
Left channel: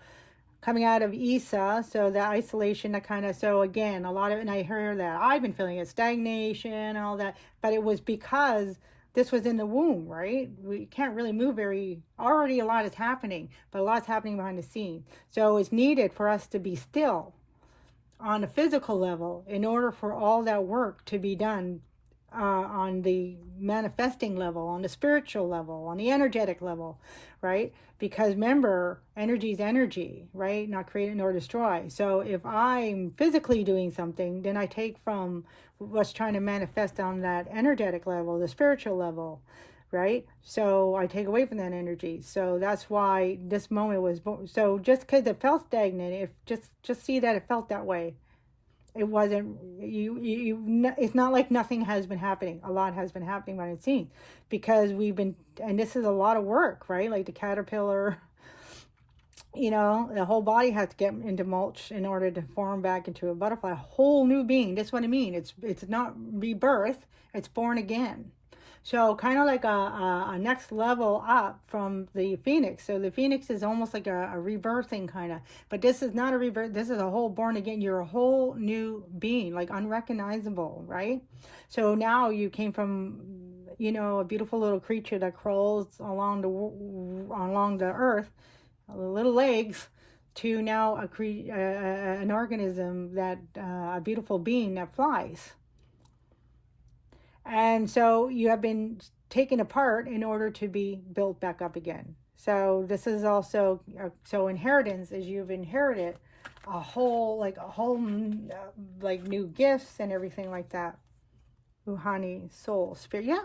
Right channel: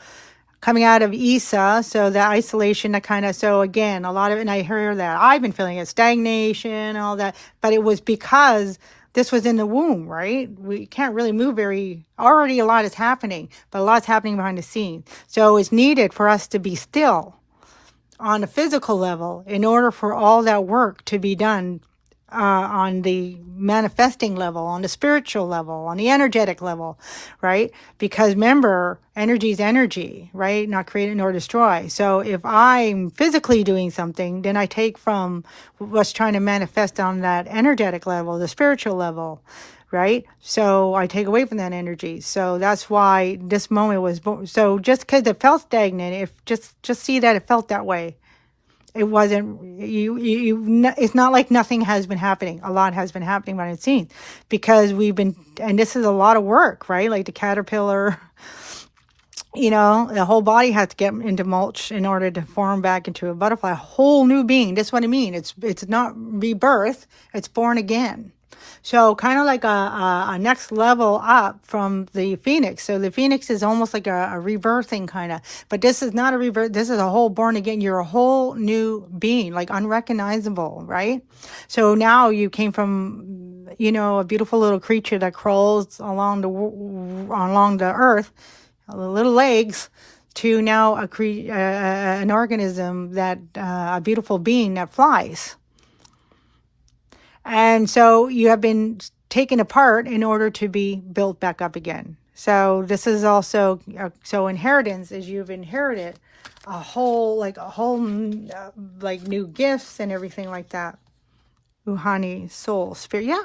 coming out of Isa, so the isolation, that kind of, so again, a lot of, and I hear that I've been feeling it, stagnation, all that, but it was because this was in the womb, right? We can't really move already a lot is happening, but a lot's happening behind the scenes. So it's needed for us to be still on a physical level in order for all that work to be done on the manifesting level, on the spiritual level, on the energetic level, right? Because remember, energy is energy, right? Not created nor destroy. So if I'm physically doing something, then I take from what's trying to manifest on that energetic level, the spiritual level, right? So I take away from that energy. So that's why this moment was so just because it felt stagnant, if just see that it felt that way. It wasn't it's not like nothing has been happening. A lot has been happening behind the scenes, because we've been, and this is a lot of work, right? Like the caterpillar, the whole body has to get into mulch in order to form back into a butterfly, a whole new being. That's what I mean. It's not rebirth, it's born again. So kind of like a next level up from the phoenix. So the phoenix is almost like a rebirthing kind of, but this is not a rebirth. This is a whole born again. You're a whole new being, like unrecognizable, right? So now you came from, a beautiful little creature that crawls along the earth, little legs, to now an organism that a beautiful being that flies. And so you have been taken apart in order to be built back up again. So this is also, so inheritance is you've inherited a whole new gifts and everything like that. Uhani, soul, spirit, yeah.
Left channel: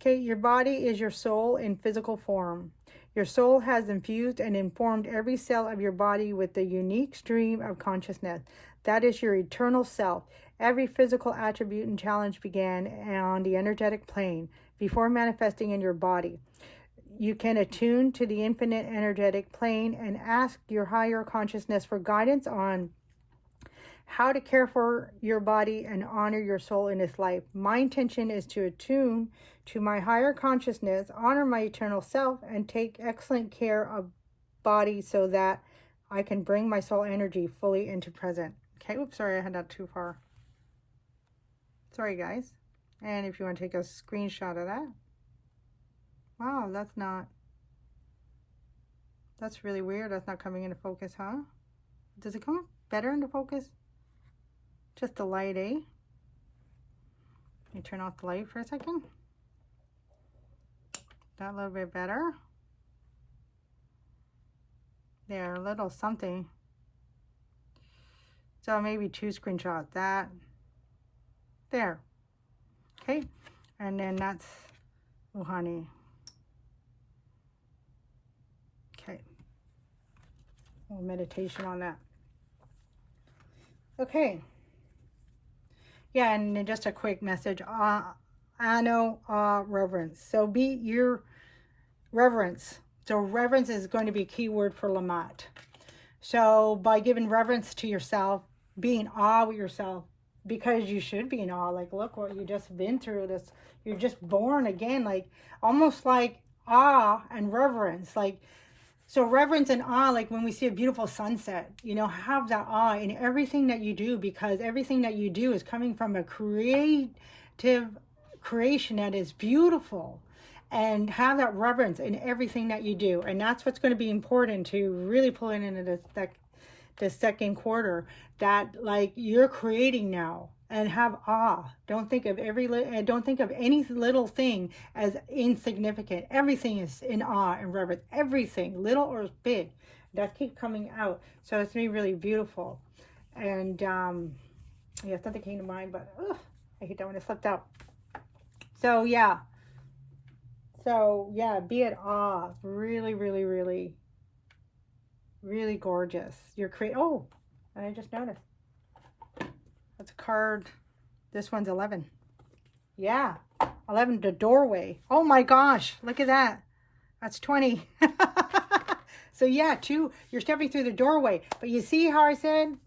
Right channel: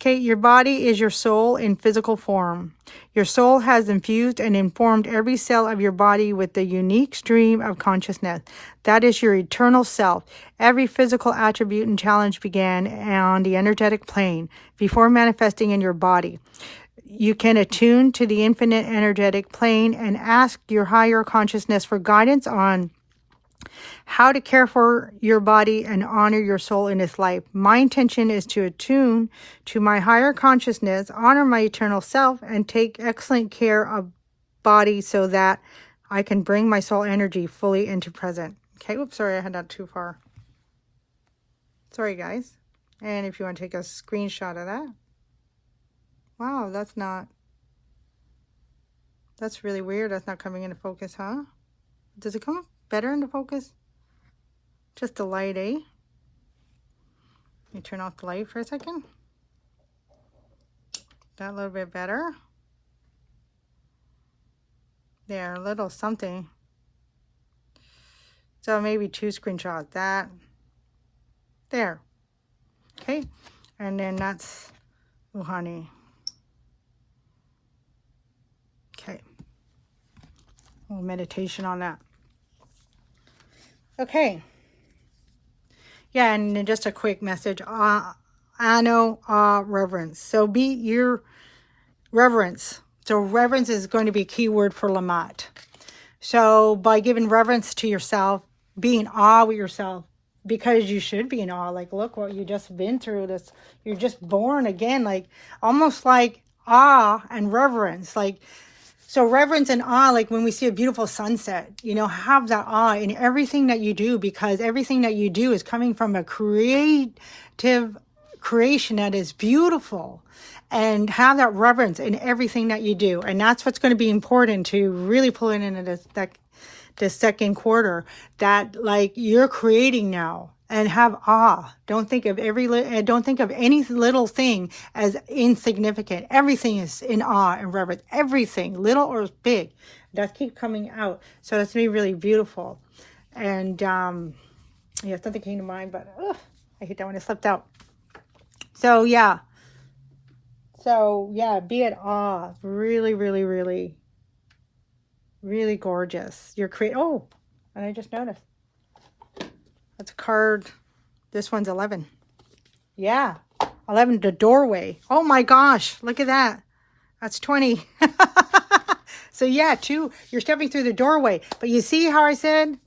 Okay, your body is your soul in physical form. Your soul has infused and informed every cell of your body with the unique stream of consciousness. That is your eternal self. Every physical attribute and challenge began on the energetic plane before manifesting in your body. You can attune to the infinite energetic plane and ask your higher consciousness for guidance on how to care for your body and honor your soul in this life. My intention is to attune to my higher consciousness, honor my eternal self, and take excellent care of body so that I can bring my soul energy fully into present. Okay, oops, sorry, I had that too far. Sorry, guys. And if you want to take a screenshot of that. Wow, that's really weird. That's not coming into focus, huh? Does it come better into focus? Just the light, eh? Let me turn off the light for a second. That a little bit better. There, a little something. So maybe 2 screenshots. That. There. Okay. And then that's Uhani. Okay. A little meditation on that. Okay. Yeah, and then just a quick message. Reverence. So be your reverence. So reverence is going to be a key word for Lamat. So by giving reverence to yourself, be in awe with yourself, because you should be in awe. Like, look what you just been through. This, you're just born again. Like, almost like awe and reverence. Like, so reverence and awe, like when we see a beautiful sunset, have that awe in everything that you do, because everything that you do is coming from a creative creation that is beautiful, and have that reverence in everything that you do. And that's what's going to be important to really pull it into this second quarter, that like you're creating now. And have awe. Don't think of any little thing as insignificant. Everything is in awe and reverence. Everything, little or big, that keep coming out. So it's gonna be really beautiful. And something came to mind, but I hate that when it slipped out. So yeah, be at awe. Really, really, really, really gorgeous. Oh, and I just noticed. That's a card. This one's 11. Yeah. 11, the doorway. Oh my gosh. Look at that. That's 20. So yeah, 2, you're stepping through the doorway. But you see how I said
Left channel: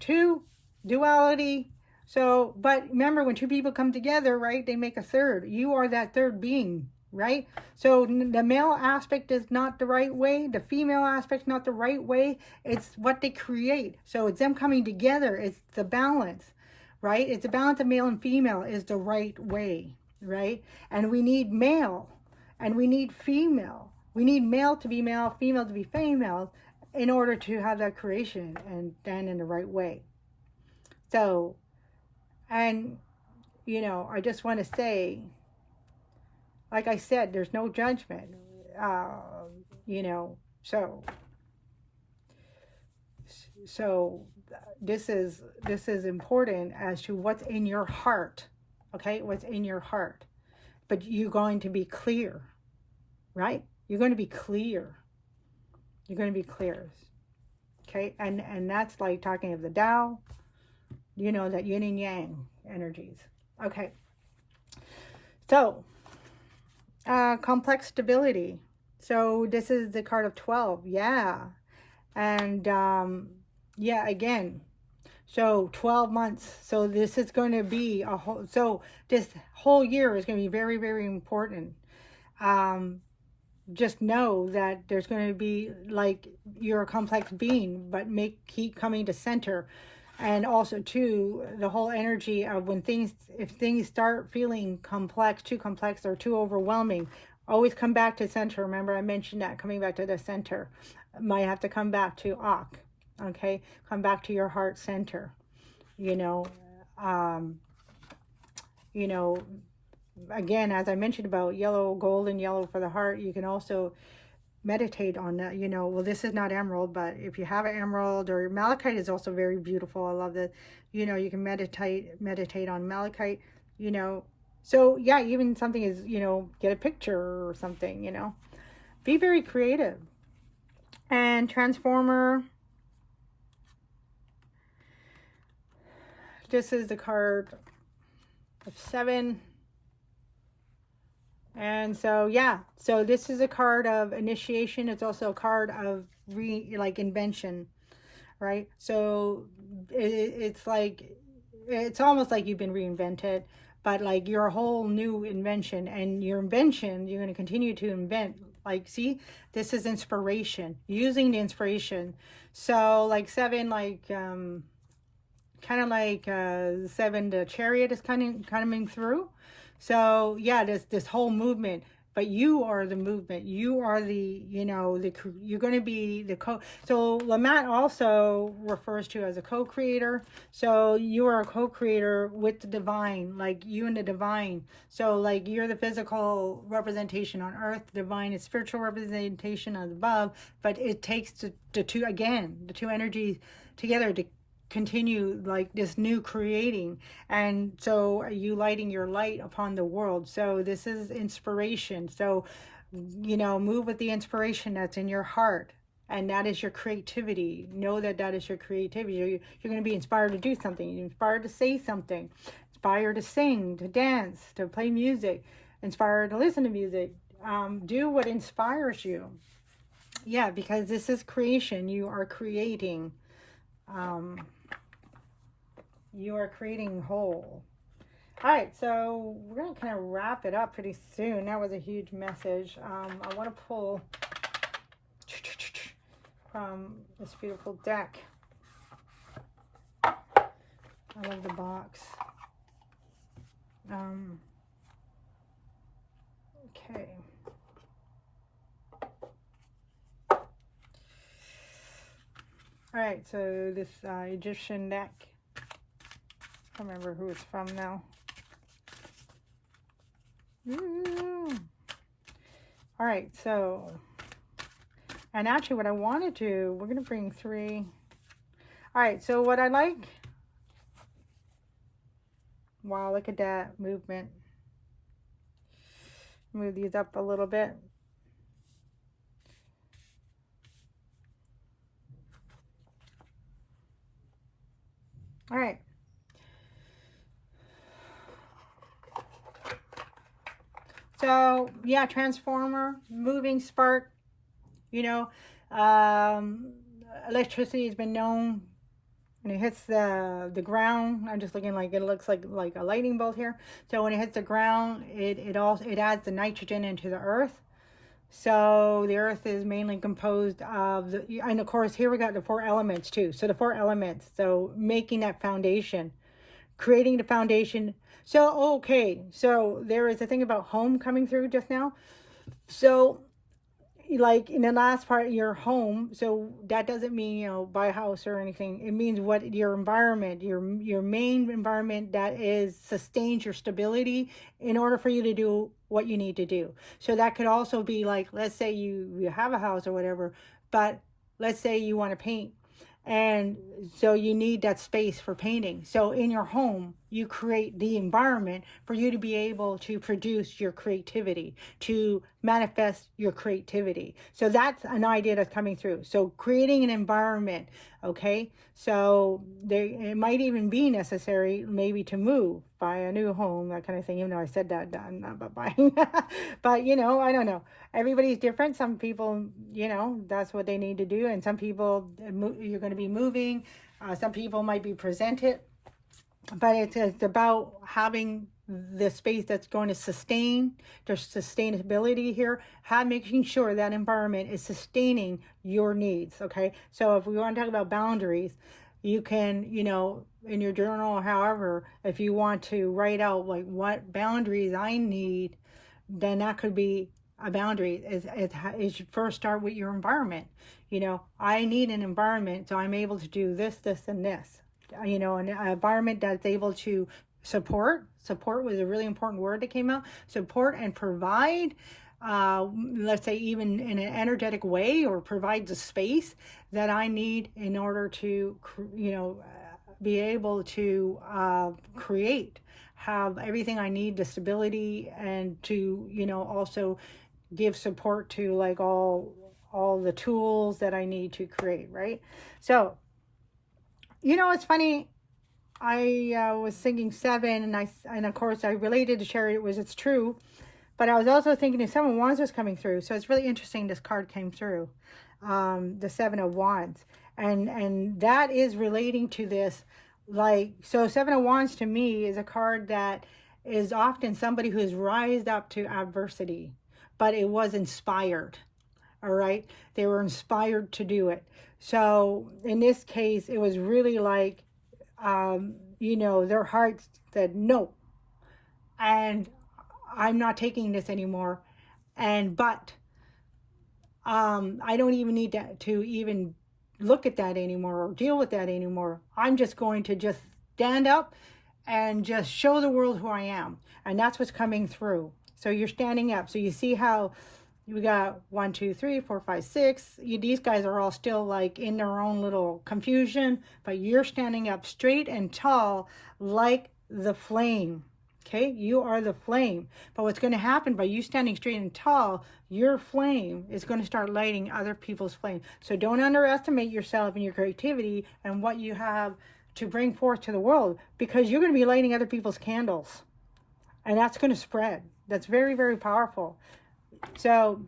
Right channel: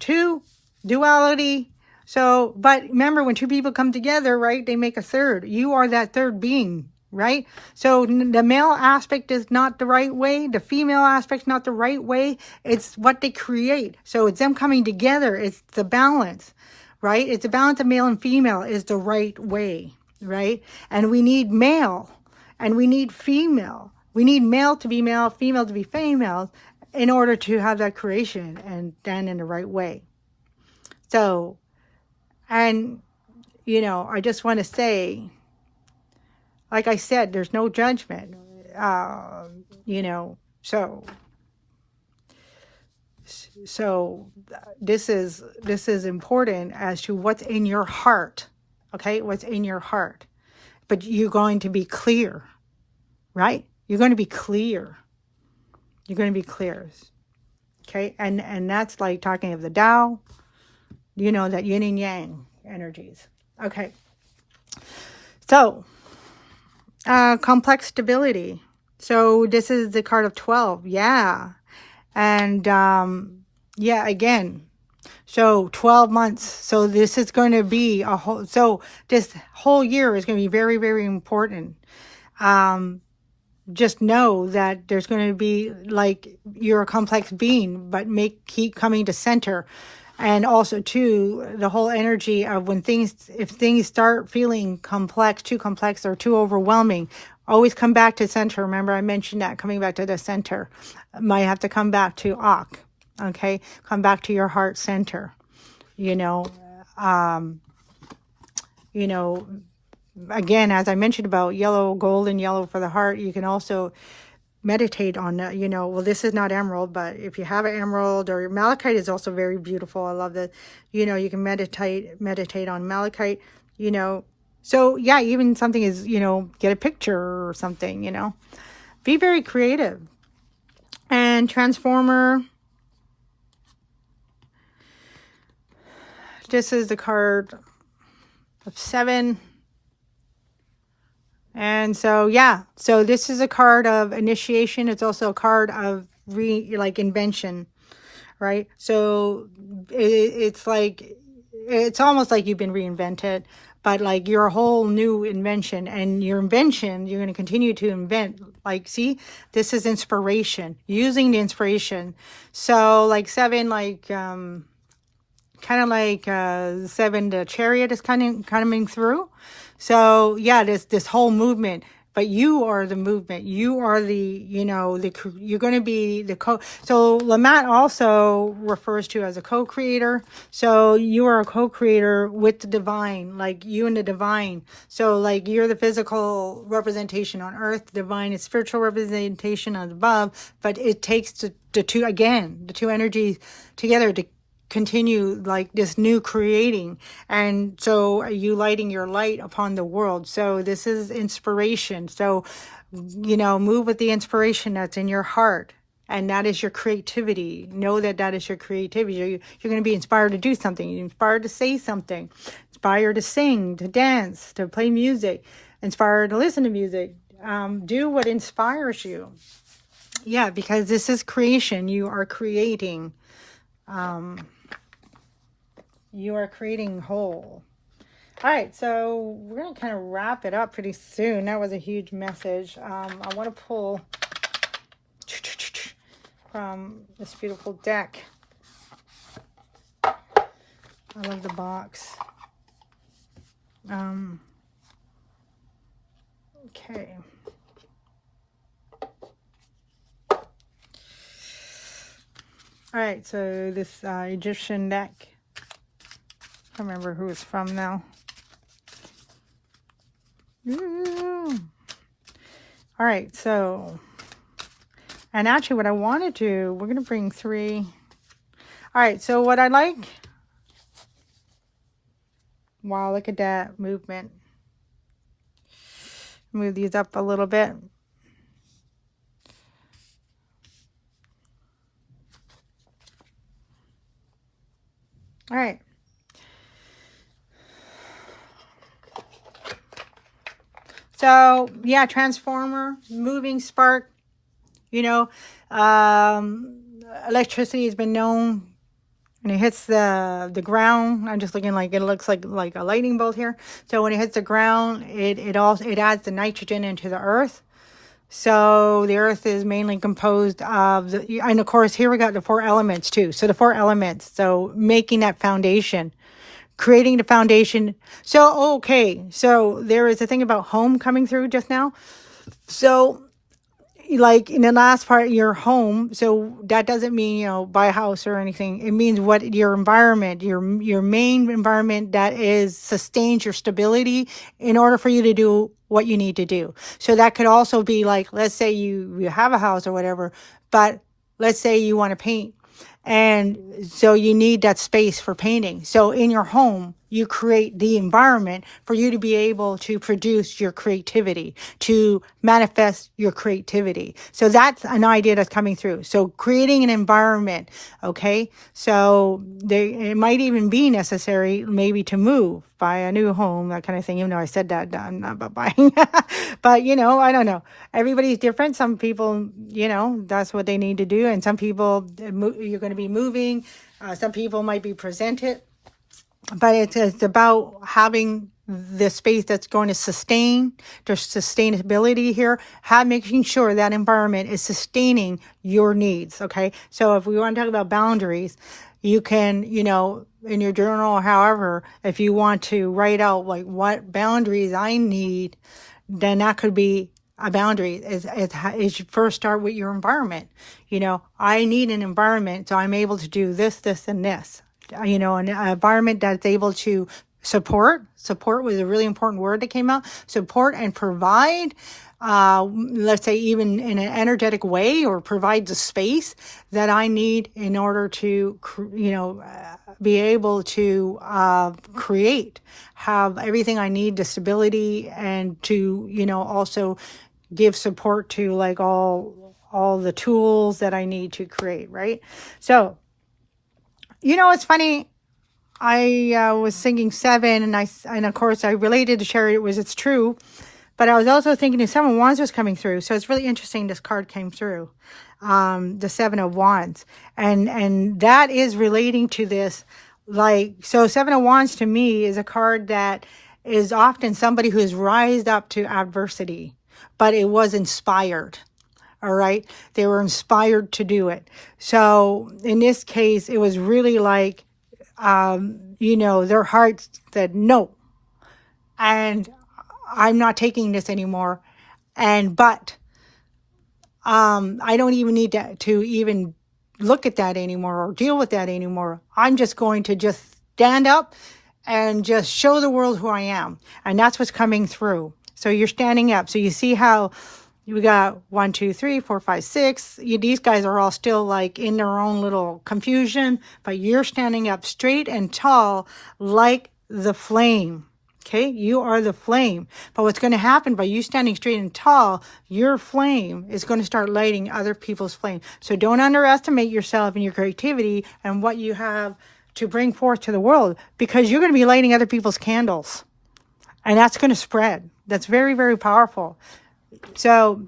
2, duality. So, but remember, when 2 people come together, right, they make a third. You are that third being, right? So the male aspect is not the right way. The female aspect's not the right way. It's what they create. So it's them coming together. It's the balance. Right? It's the balance of male and female is the right way, right? And we need male and we need female. We need male to be male, female to be female, in order to have that creation and done in the right way. So, and, I just want to say, like I said, there's no judgment, So this is important as to what's in your heart, okay? What's in your heart. But you're going to be clear, right? You're going to be clear. You're going to be clear, okay? And that's like talking of the Tao, you know, that yin and yang energies. Okay. So, complex stability. So this is the card of 12. Yeah. And yeah, again, so 12 months. So this is going to be a whole, so this whole year is going to be very, very important. Just know that there's going to be, like, you're a complex being, but keep coming to center. And also too, the whole energy of if things start feeling complex, too complex or too overwhelming, always come back to center. Remember I mentioned that, coming back to the center. Might have to come back to Ak, okay? Come back to your heart center, you know. You know, again, as I mentioned about yellow, gold and yellow for the heart, you can also meditate on that, you know. Well, this is not emerald, but if you have an emerald, or malachite is also very beautiful. I love that, you know, you can meditate on malachite, you know. So yeah, even something is, you know, get a picture or something, you know. Be very creative. And transformer, this is the card of 7. And so, yeah, so this is a card of initiation. It's also a card of invention, right? So it's like, it's almost like you've been reinvented, but like you're a whole new invention, and your invention, you're going to continue to invent. Like, see, this is inspiration, using the inspiration. So like 7, like, kind of like 7, the chariot is coming through. So yeah, this whole movement, but you are the movement. You are the, you know, you're going to be the so Lamont also refers to as a co-creator. So you are a co-creator with the divine, like you and the divine. So like you're the physical representation on earth, the divine is spiritual representation on above, but it takes the two energies together to continue like this new creating. And so are you lighting your light upon the world. So this is inspiration. So, you know, move with the inspiration that's in your heart, and that is your creativity. Know that that is your creativity. You're going to be inspired to do something. You're inspired to say something, inspired to sing, to dance, to play music, inspired to listen to music. Do what inspires you. Yeah, because this is creation. You are creating. You are creating whole. All right, so we're going to kind of wrap it up pretty soon. That was a huge message. I want to pull from this beautiful deck. I love the box. Okay. All right, so this Egyptian deck. I don't remember who it's from now. Ooh. All right, so, and actually what I want to do, we're going to bring 3. All right, so what I like, wow, look at that movement. Move these up a little bit. All right. So yeah, transformer, moving spark, you know, electricity has been known when it hits the ground. I'm just looking like it looks like a lightning bolt here. So when it hits the ground, it adds the nitrogen into the earth. So the earth is mainly composed of and of course here we got the 4 elements too. So the 4 elements, so making that foundation. Creating the foundation. So, okay. So there is a thing about home coming through just now. So like in the last part, your home. So that doesn't mean, you know, buy a house or anything. It means what your environment, your main environment that sustains your stability in order for you to do what you need to do. So that could also be like, let's say you have a house or whatever, but let's say you want to paint. And so you need that space for painting. So in your home, you create the environment for you to be able to produce your creativity, to manifest your creativity. So that's an idea that's coming through. So creating an environment, okay? So it might even be necessary maybe to move, buy a new home, that kind of thing, even though I said that, I'm not about buying. But, you know, I don't know. Everybody's different. Some people, you know, that's what they need to do. And some people, you're going to be moving. Some people might be presented. But it's about having the space that's going to sustain. There's sustainability here. Making sure that environment is sustaining your needs, okay? So if we want to talk about boundaries, you can, you know, in your journal or however, if you want to write out like what boundaries I need, then that could be a boundary. Is you first start with your environment. You know, I need an environment so I'm able to do this, this, and this. You know, an environment that's able to support was a really important word that came out, support and provide, let's say even in an energetic way, or provide the space that I need in order to, you know, be able to create, have everything I need, the stability, and to, you know, also give support to like all the tools that I need to create, right? So, you know, it's funny. I was thinking 7, and of course I related to Sherry. It's true, but I was also thinking the 7 of Wands was coming through. So it's really interesting. This card came through, the 7 of Wands, and that is relating to this. Like, so 7 of Wands to me is a card that is often somebody who's rised up to adversity, but it was inspired. All right. They were inspired to do it. So in this case, it was really like, you know, their hearts said, no, and I'm not taking this anymore. But I don't even need to even look at that anymore or deal with that anymore. I'm just going to just stand up and just show the world who I am. And that's what's coming through. So you're standing up. So you see how we got 1, 2, 3, 4, 5, 6. These guys are all still like in their own little confusion, but you're standing up straight and tall like the flame. Okay, you are the flame. But what's going to happen by you standing straight and tall, your flame is going to start lighting other people's flame. So don't underestimate yourself and your creativity and what you have to bring forth to the world, because you're going to be lighting other people's candles. And that's going to spread. That's very, very powerful. So,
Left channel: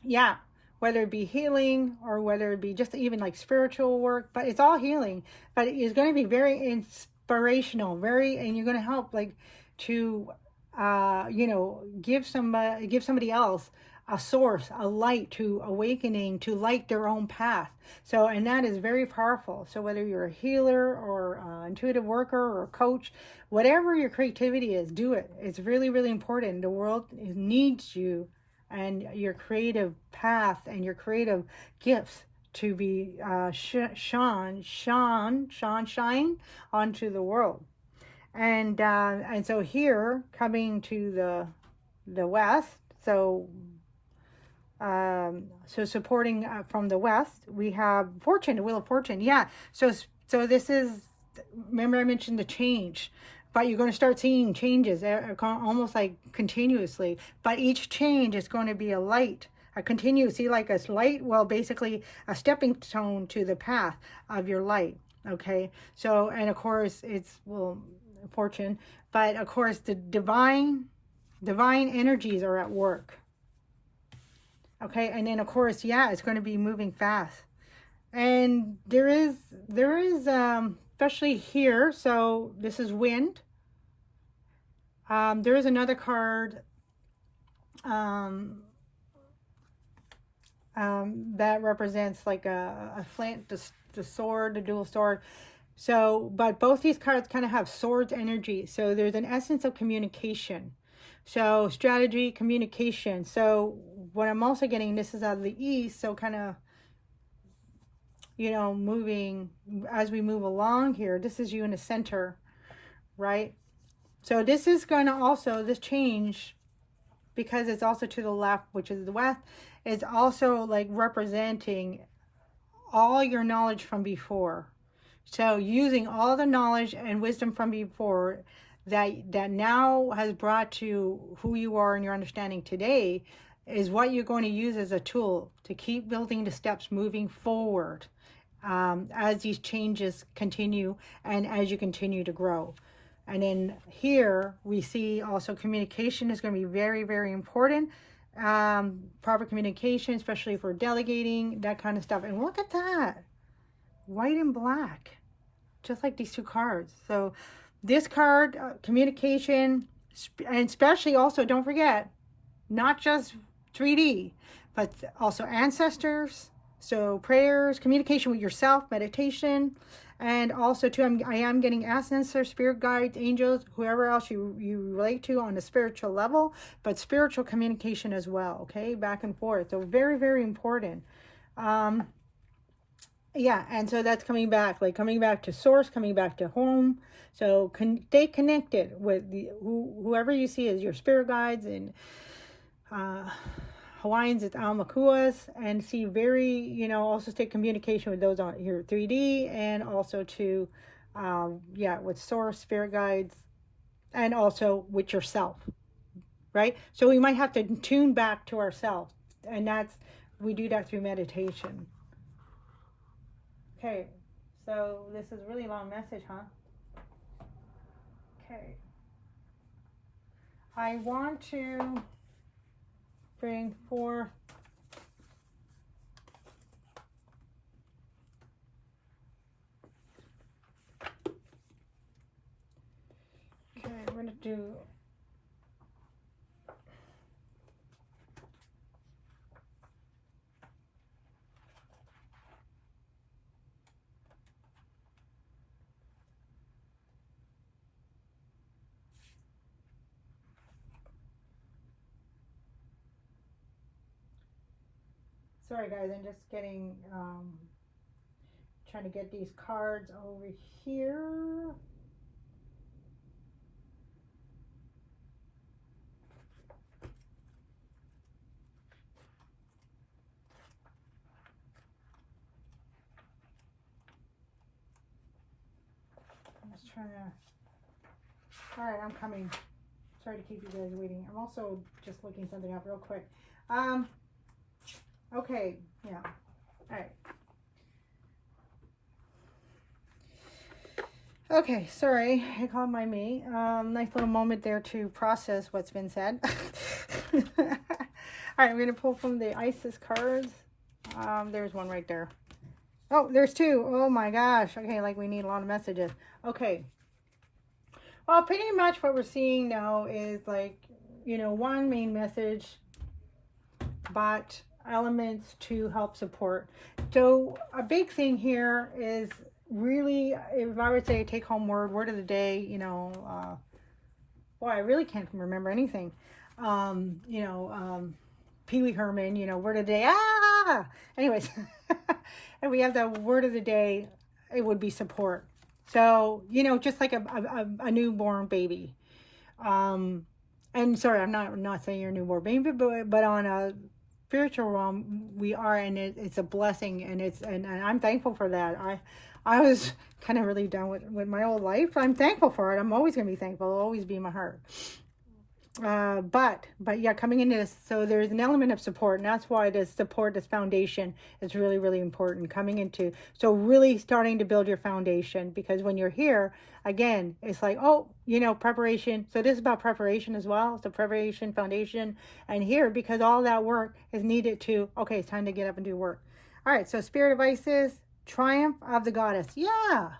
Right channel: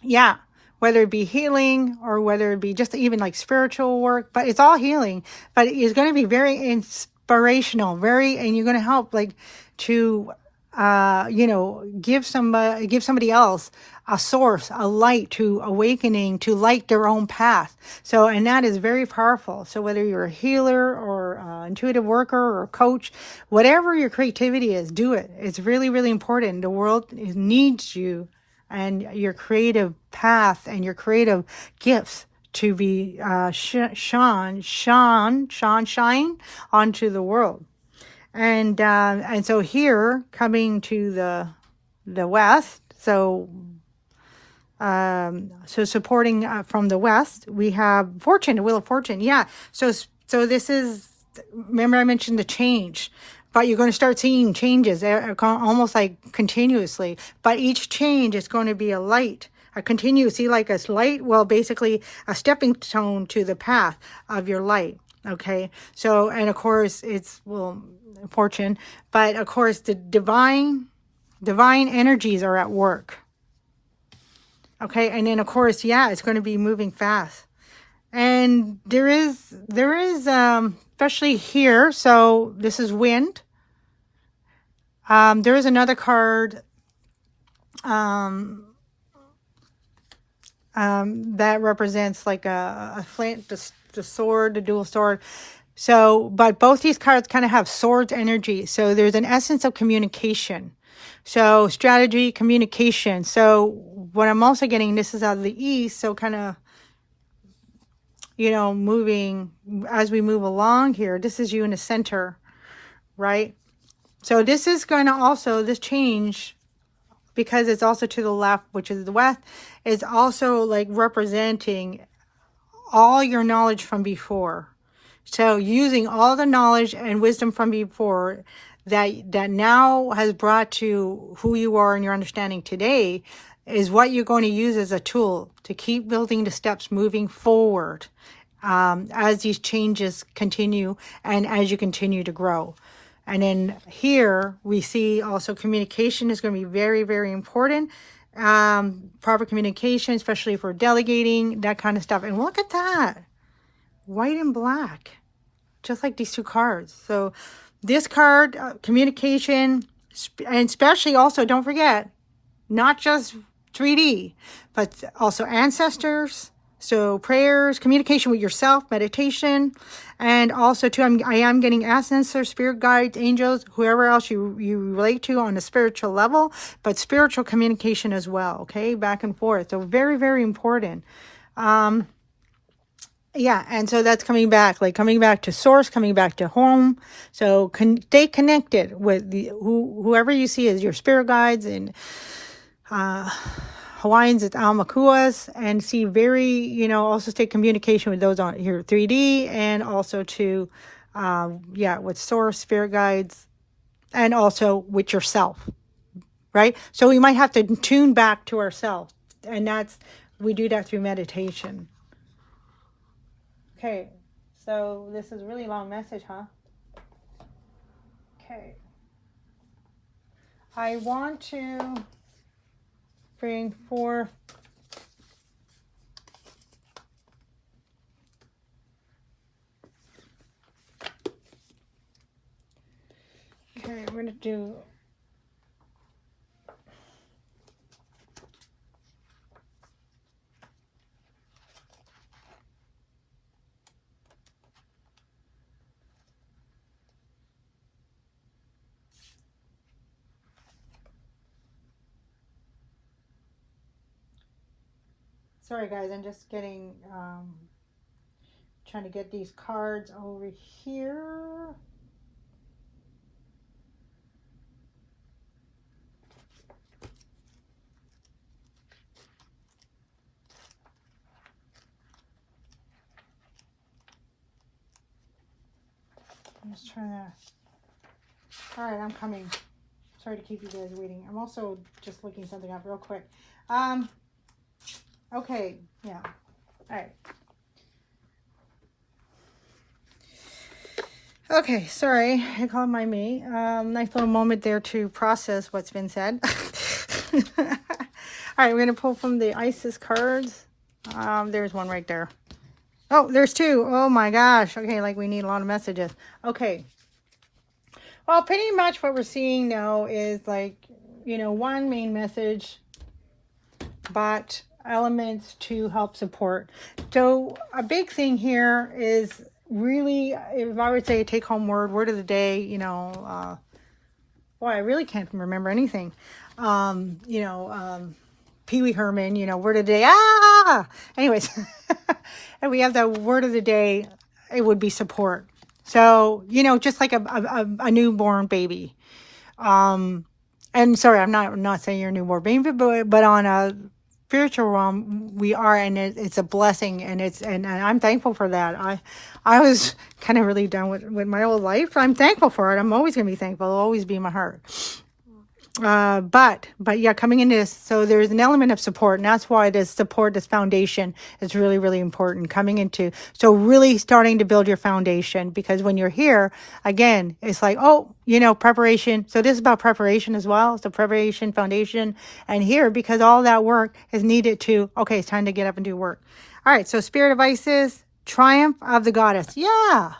yeah, whether it be healing or whether it be just even like spiritual work, but it's all healing. But it's going to be very inspirational, and you're going to help like to, you know, give somebody else a source, a light to awakening, to light their own path. So, and that is very powerful. So whether you're a healer or intuitive worker or a coach, whatever your creativity is, do it. It's really, really important. The world needs you and your creative path and your creative gifts to be shine onto the world. And so here, coming to the west, so supporting from the west, we have Fortune, the Wheel of Fortune. Yeah. So this is, remember I mentioned the change, but you're going to start seeing changes almost like continuously. But each change is going to be a light, a continuous, see, like a light, well, basically a stepping stone to the path of your light. Okay. So, and of course it's, well, Fortune, but of course the divine energies are at work. Okay. And then of course, yeah, it's going to be moving fast. And there is, especially here. So this is wind. There is another card, that represents like a flint, the sword, the dual sword. So, but both these cards kind of have swords energy. So there's an essence of communication. So strategy, communication. So what I'm also getting, this is out of the east. So kind of, you know, moving as we move along here, this is you in the center, right? So this is going to also, this change, because it's also to the left, which is the west, is also like representing all your knowledge from before. So using all the knowledge and wisdom from before that now has brought to who you are and your understanding today is what you're going to use as a tool to keep building the steps moving forward, as these changes continue and as you continue to grow. And then here we see also communication is going to be very, very important. Proper communication, especially for delegating, that kind of stuff. And look at that, white and black, just like these two cards. So this card, communication, and especially also, don't forget, not just 3D, but also ancestors. So prayers, communication with yourself, meditation, and also too, I am getting ancestors, spirit guides, angels, whoever else you relate to on a spiritual level, but spiritual communication as well, okay, back and forth. So very, very important. Yeah, and so that's coming back to source, coming back to home. So stay connected with whoever you see as your spirit guides, and Hawaiians, it's Almakuas, and see also stay communication with those on here 3D, and also to, with source, spirit guides, and also with yourself, right? So we might have to tune back to ourselves, and we do that through meditation. Okay, so this is a really long message, huh? Okay. I want to bring forth okay, we're going to do sorry guys, I'm just getting trying to get these cards over here. I'm just trying to, all right, I'm coming. Sorry to keep you guys waiting. I'm also just looking something up real quick. Okay, yeah, all right. Okay, sorry, I called my me. Nice little moment there to process what's been said. All right, we're going to pull from the Isis cards. There's one right there. Oh, there's two. Oh my gosh. Okay, like we need a lot of messages. Okay. Well, pretty much what we're seeing now is one main message, but elements to help support. So a big thing here is really, if I would say a take-home word of the day, boy, I really can't remember anything. Pee Wee Herman, word of the day, anyways. And we have the word of the day, it would be support. So, just like a newborn baby. And sorry, I'm not saying you're a newborn baby, but on a spiritual realm, we are, and it's a blessing, and I'm thankful for that. I was kind of really done with my old life. I'm thankful for it. I'm always going to be thankful. It'll always be in my heart. But yeah, coming into this, so there's an element of support, and that's why this support, this foundation is really, really important coming into. So really starting to build your foundation, because when you're here, again, it's like, preparation. So this is about preparation as well. So preparation, foundation, and here, because all that work is needed to, okay, it's time to get up and do work. All right. So Spirit of Isis, triumph of the goddess. Yeah.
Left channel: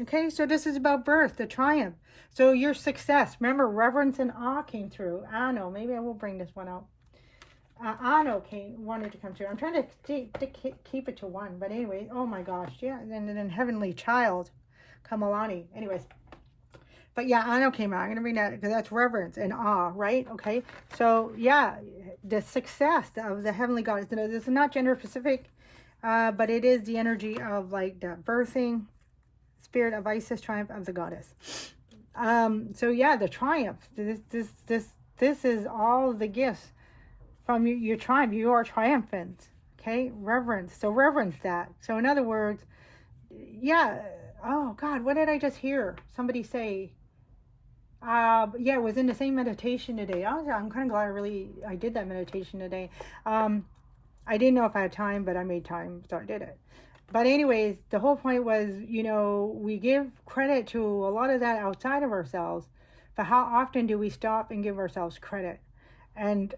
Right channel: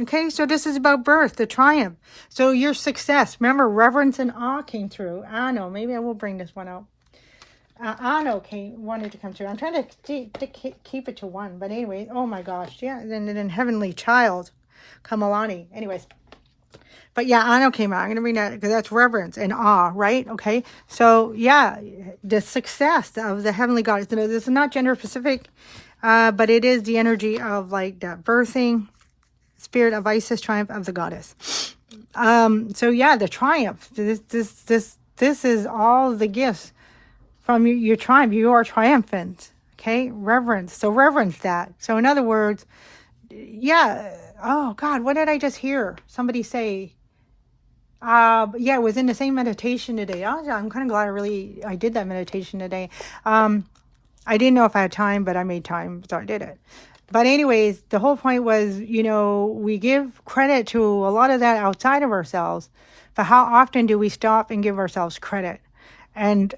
Okay, so this is about birth, the triumph. So your success. Remember, reverence and awe came through. Ano, maybe I will bring this one out. Ano wanted to come through. I'm trying to keep it to one. But anyway, oh my gosh. Yeah, and then Heavenly Child, Kamalani. Anyways. But yeah, Ano came out. I'm going to bring that because that's reverence and awe, right? Okay, so yeah, the success of the Heavenly Goddess. This is not gender specific, but it is the energy of that birthing. Spirit of Isis, triumph of the goddess. So yeah, the triumph. This is all the gifts from your triumph. You are triumphant. Okay, reverence. So reverence that. So in other words, yeah, oh God, what did I just hear somebody say? Yeah, it was in the same meditation today. I'm kind of glad I did that meditation today. I didn't know if I had time, but I made time, so I did it. But anyways, the whole point was, we give credit to a lot of that outside of ourselves, but how often do we stop and give ourselves credit? And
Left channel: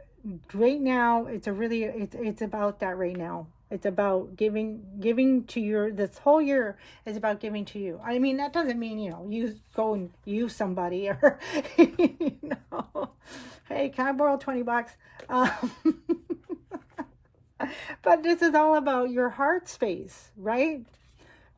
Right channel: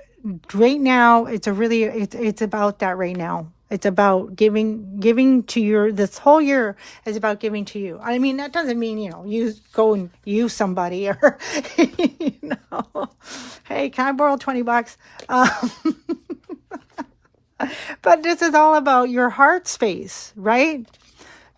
right now, it's about that right now. It's about giving to this whole year is about giving to you. I mean, that doesn't mean, you go and use somebody or, hey, can I borrow $20? But this is all about your heart space, right?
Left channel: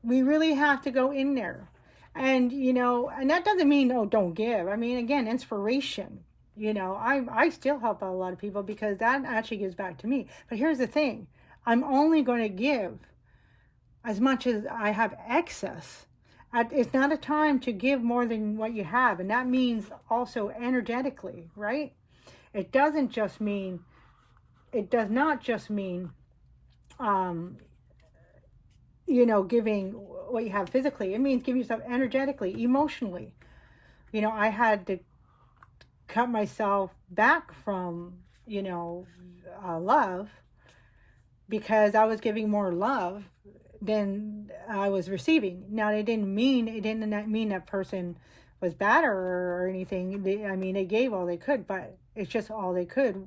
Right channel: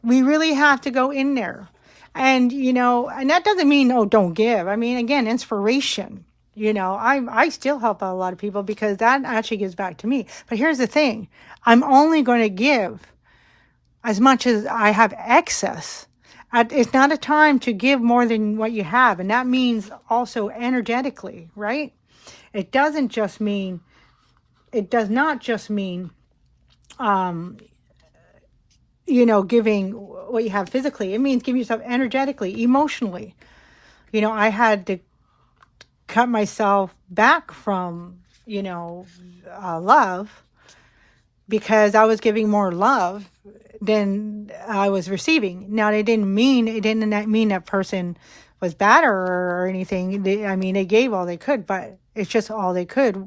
We really have to go in there. And, and that doesn't mean, oh, don't give. I mean, again, inspiration. I still help out a lot of people because that actually gives back to me. But here's the thing. I'm only going to give as much as I have excess. It's not a time to give more than what you have. And that means also energetically, right? It does not just mean, giving what you have physically. It means giving yourself energetically, emotionally. I had to cut myself back from, love because I was giving more love than I was receiving. Now, it didn't mean that person was bad or anything. They gave all they could, but it's just all they could.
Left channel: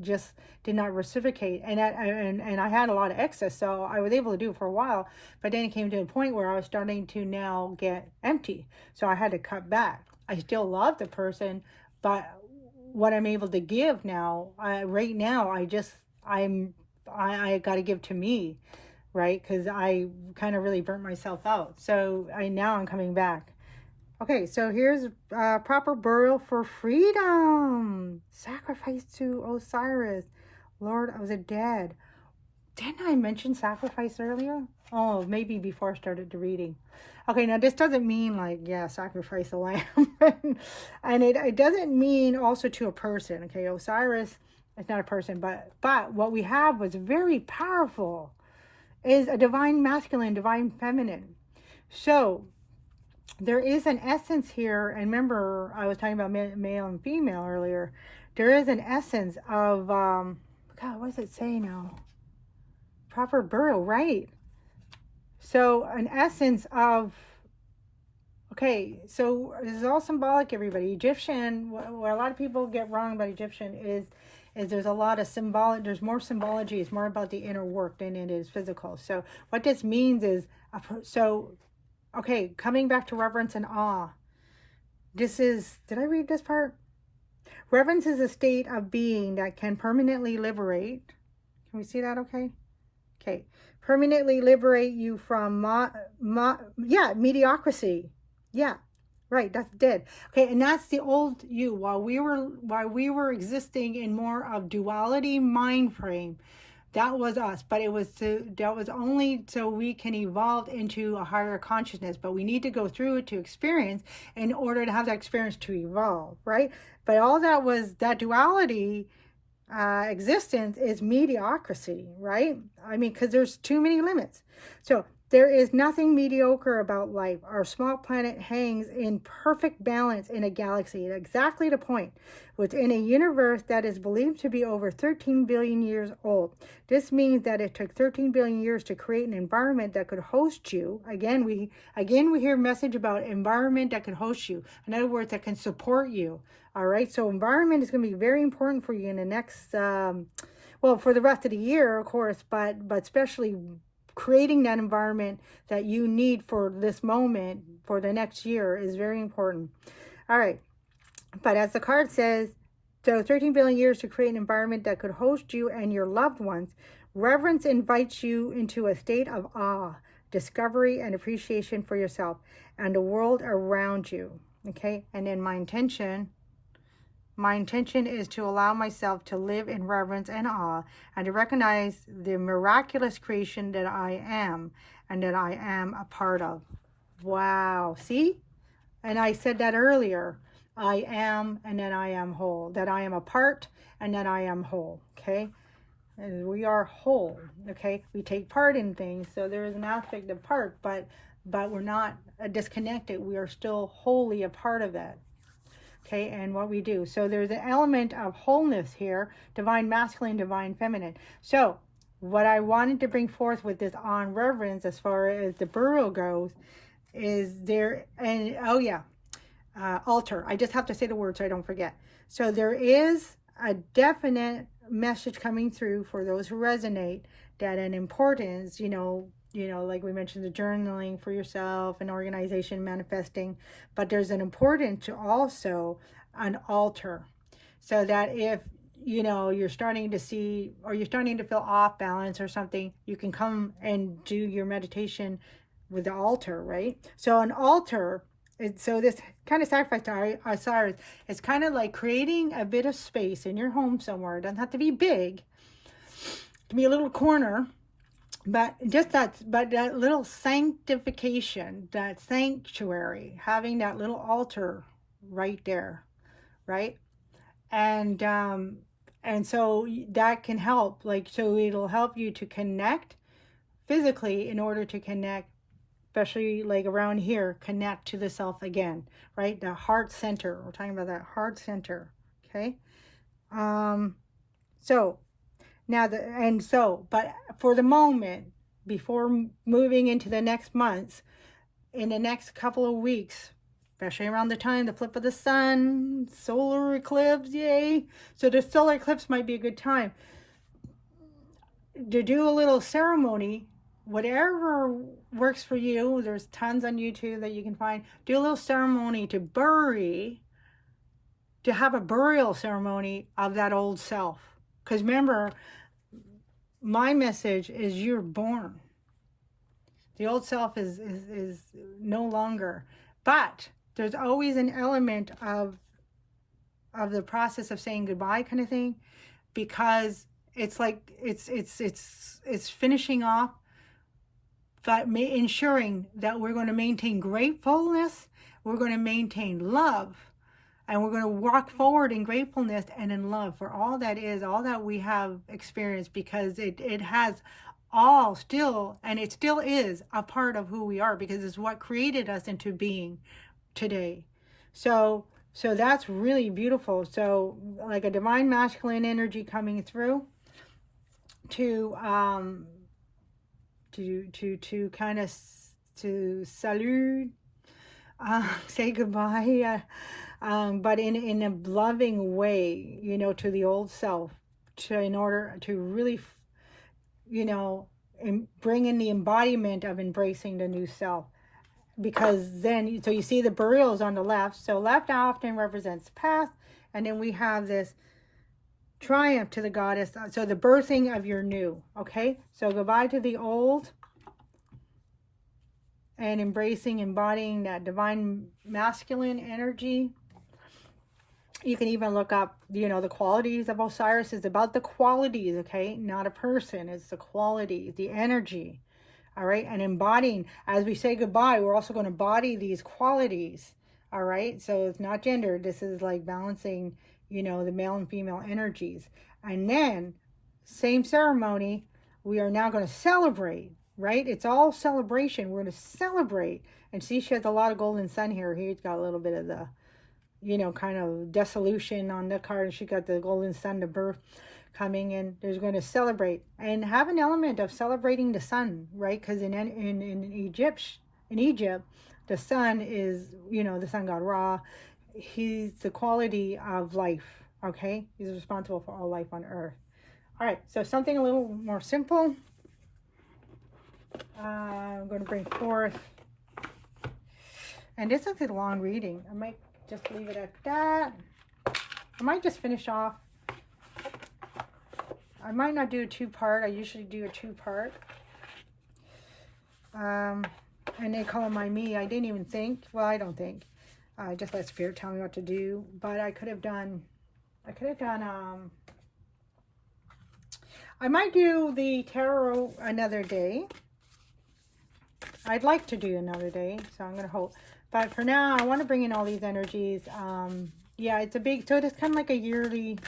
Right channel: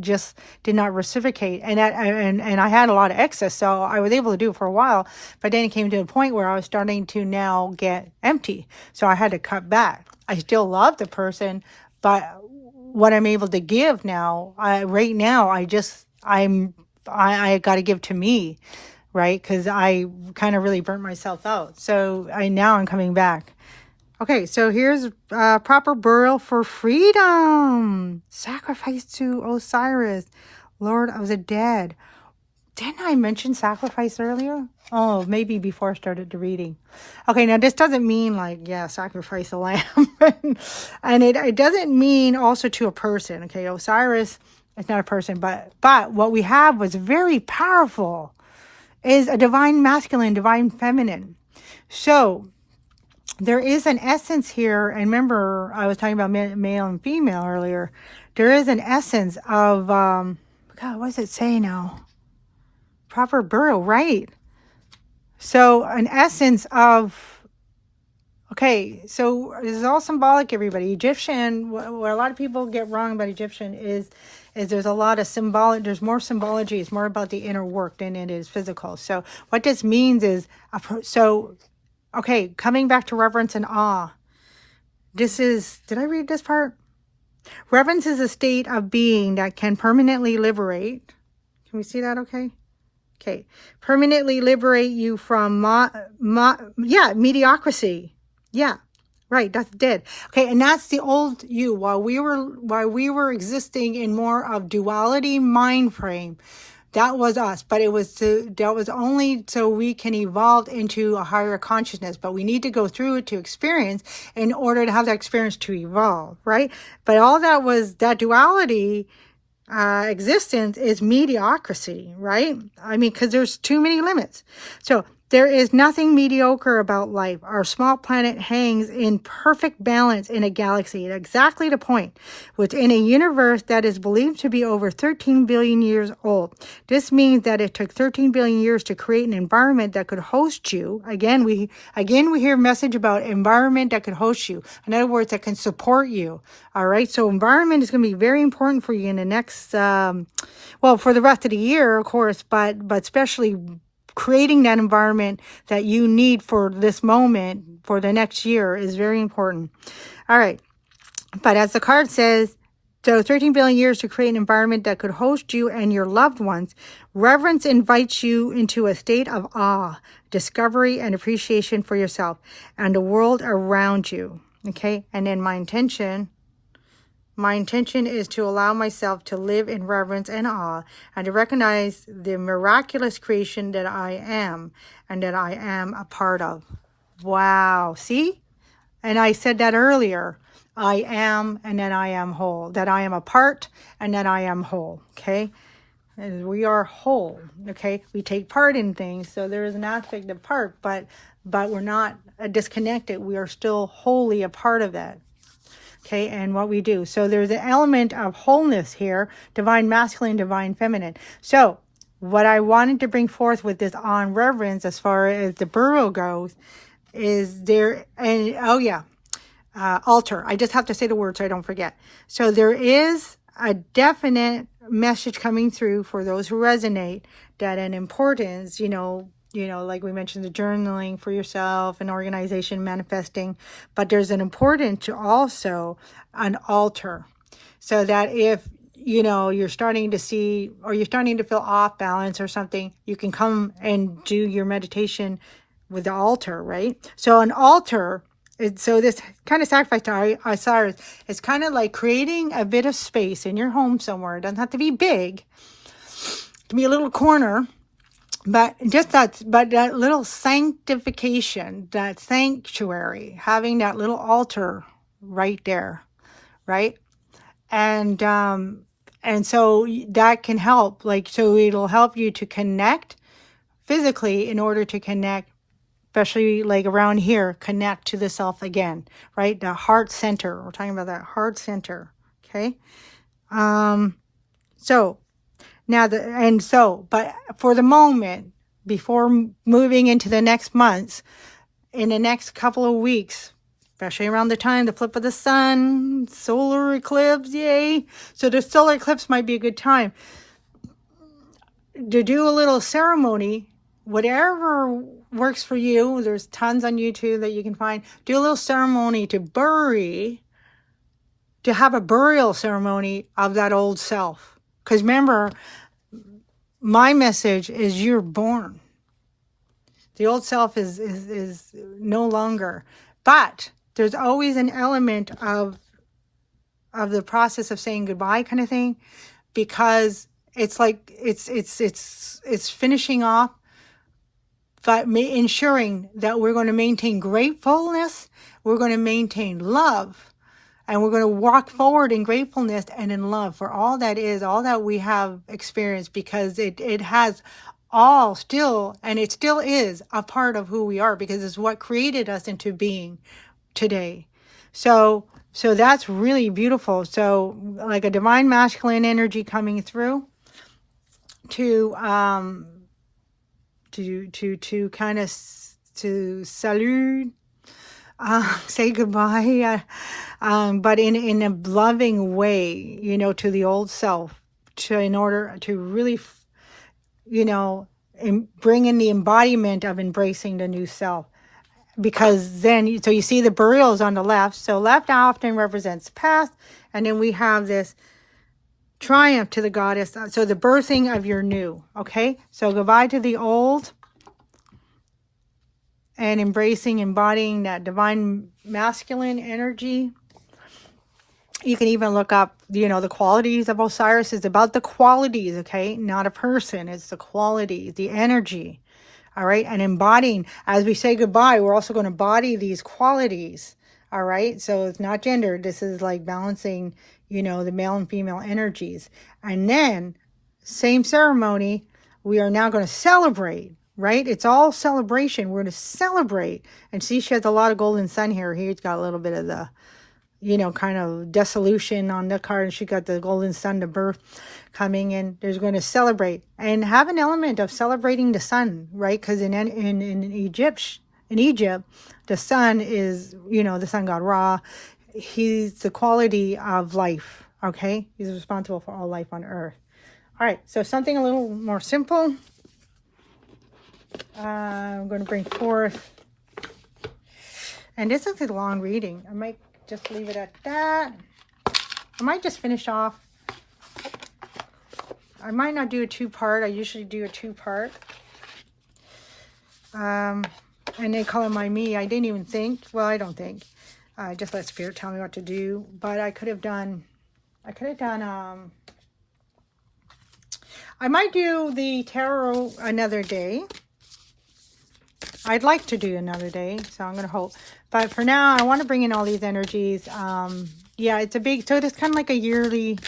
Just did not reciprocate, and I had a lot of excess, so I was able to do it for a while, but then it came to a point where I was starting to now get empty, so I had to cut back. I still love the person, but what I'm able to give now, right now, I got to give to me, right? Because I kind of really burnt myself out, so I'm coming back. Okay, so here's proper burial for freedom. Sacrifice to Osiris, Lord of the Dead. Didn't I mention sacrifice earlier? Oh, maybe before I started the reading. Okay, now this doesn't mean sacrifice a lamb. And it doesn't mean also to a person. Okay, Osiris is not a person, but what we have was very powerful. Is a divine masculine, divine feminine. So there is an essence here, and remember I was talking about male and female earlier. There is an essence of, God, what does it say now? Proper burial, right? So an essence of, okay, so this is all symbolic, everybody. Egyptian, what a lot of people get wrong about Egyptian is there's a lot of there's more symbology. It's more about the inner work than it is physical. So what this means is, okay, coming back to reverence and awe. Did I read this part? Reverence is a state of being that can permanently liberate. Can we see that okay? Okay. Permanently liberate you from, mediocrity. Yeah, right, that's dead. Okay, and that's the old you. While we were existing in more of duality mind frame, that was us, but that was only so we can evolve into a higher consciousness, but we need to go through it to experience in order to have that experience to evolve, right? But all that duality existence is mediocrity, right? Because there's too many limits. So there is nothing mediocre about life. Our small planet hangs in perfect balance in a galaxy at exactly the point within a universe that is believed to be over 13 billion years old. This means that it took 13 billion years to create an environment that could host you. Again, we hear a message about environment that could host you. In other words, that can support you. All right. So environment is going to be very important for you in the next, for the rest of the year, of course, but especially creating that environment that you need for this moment for the next year is very important. All right. But as the card says, so 13 billion years to create an environment that could host you and your loved ones. Reverence invites you into a state of awe, discovery, and appreciation for yourself and the world around you. Okay. And then my intention is to allow myself to live in reverence and awe and to recognize the miraculous creation that I am and that I am a part of. Wow. See? And I said that earlier. I am and that I am whole. That I am a part and that I am whole. Okay? And we are whole. Okay? We take part in things. So there is an aspect of part, but but we're not disconnected. We are still wholly a part of that. Okay, and what we do. So there's an element of wholeness here, divine masculine, divine feminine. So what I wanted to bring forth with this on reverence as far as the burial goes is there, and oh yeah, altar. I just have to say the word so I don't forget. So there is a definite message coming through for those who resonate that an importance, like we mentioned, the journaling for yourself and organization, manifesting, but there's an importance to also an altar, so that if you're starting to see, or you're starting to feel off balance or something, you can come and do your meditation with the altar, right? So an altar, so this kind of sacrifice to Osiris is kind of like creating a bit of space in your home somewhere. It doesn't have to be big. It can be a little corner, but that little sanctification, that sanctuary, having that little altar right there, right? And so that can help, so it'll help you to connect physically in order to connect, especially like around here, connect to the self again, right? The heart center. We're talking about that heart center. Okay. So now but for the moment, before moving into the next months, in the next couple of weeks, especially around the time, the flip of the sun, solar eclipse, yay. So the solar eclipse might be a good time to do a little ceremony, whatever works for you. There's tons on YouTube that you can find. Do a little ceremony to have a burial ceremony of that old self. Because remember, my message is you're born. The old self is no longer. But there's always an element of the process of saying goodbye kind of thing, because it's like it's finishing off, but ensuring that we're going to maintain gratefulness, we're going to maintain love, and we're going to walk forward in gratefulness and in love for all that we have experienced, because it has all still, and it still is a part of who we are, because it's what created us into being today. So that's really beautiful. So like a divine masculine energy coming through to kind of to salute, say goodbye, but in a loving way, to the old self, in order to really, bring in the embodiment of embracing the new self. Because then, so you see the burials on the left. So left often represents past, and then we have this triumph to the goddess. So the birthing of your new. Okay, so goodbye to the old, and embodying that divine masculine energy. You can even look up, the qualities of Osiris. Is about the qualities, okay, not a person. It's the qualities, the energy. All right, and embodying, as we say goodbye, we're also going to embody these qualities. All right, so it's not gendered. This is like balancing, the male and female energies. And then, same ceremony, we are now going to celebrate, right? It's all celebration. We're going to celebrate. And see, she has a lot of golden sun here. He's got a little bit of the, kind of dissolution on the card. And she got the golden sun, the birth coming in. There's going to celebrate and have an element of celebrating the sun, right? Because in Egypt, the sun is, the sun god Ra. He's the quality of life, okay? He's responsible for all life on earth. All right, so something a little more simple. I'm going to bring forth, and this is a long reading. I might just leave it at that. I might just finish off. I might not do a two-part. I usually do a two-part. And they call it my me. I didn't even think. Well, I don't think. I just let Spirit tell me what to do. But I could have done, I might do the tarot another day. I'd like to do another day, so I'm going to hope. But for now, I want to bring in all these energies. Yeah, it's a big, so it's kind of like a yearly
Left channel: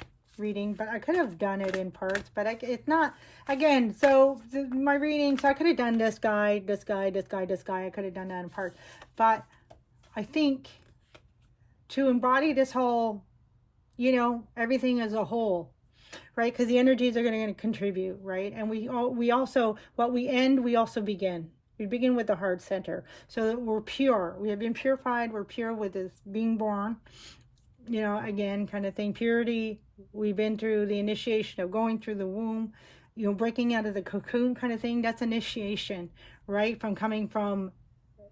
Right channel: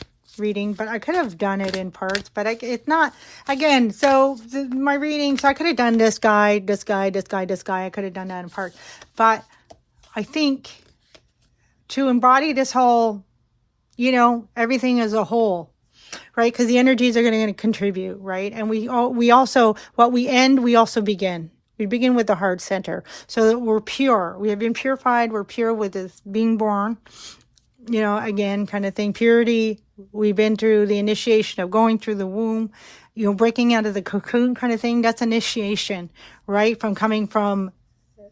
reading, but I could have done it in parts, but it's not, again, so my reading, so I could have done this guy, this guy, this guy, this guy. I could have done that in parts, but I think to embody this whole, you know, everything as a whole, right? Because the energies are going to contribute, right? And we also, what we end, we also begin. We begin with the heart center, so that we're pure. We have been purified. We're pure with this being born, you know, again, kind of thing. Purity, we've been through the initiation of going through the womb, you know, breaking out of the cocoon kind of thing. That's initiation, right? From coming from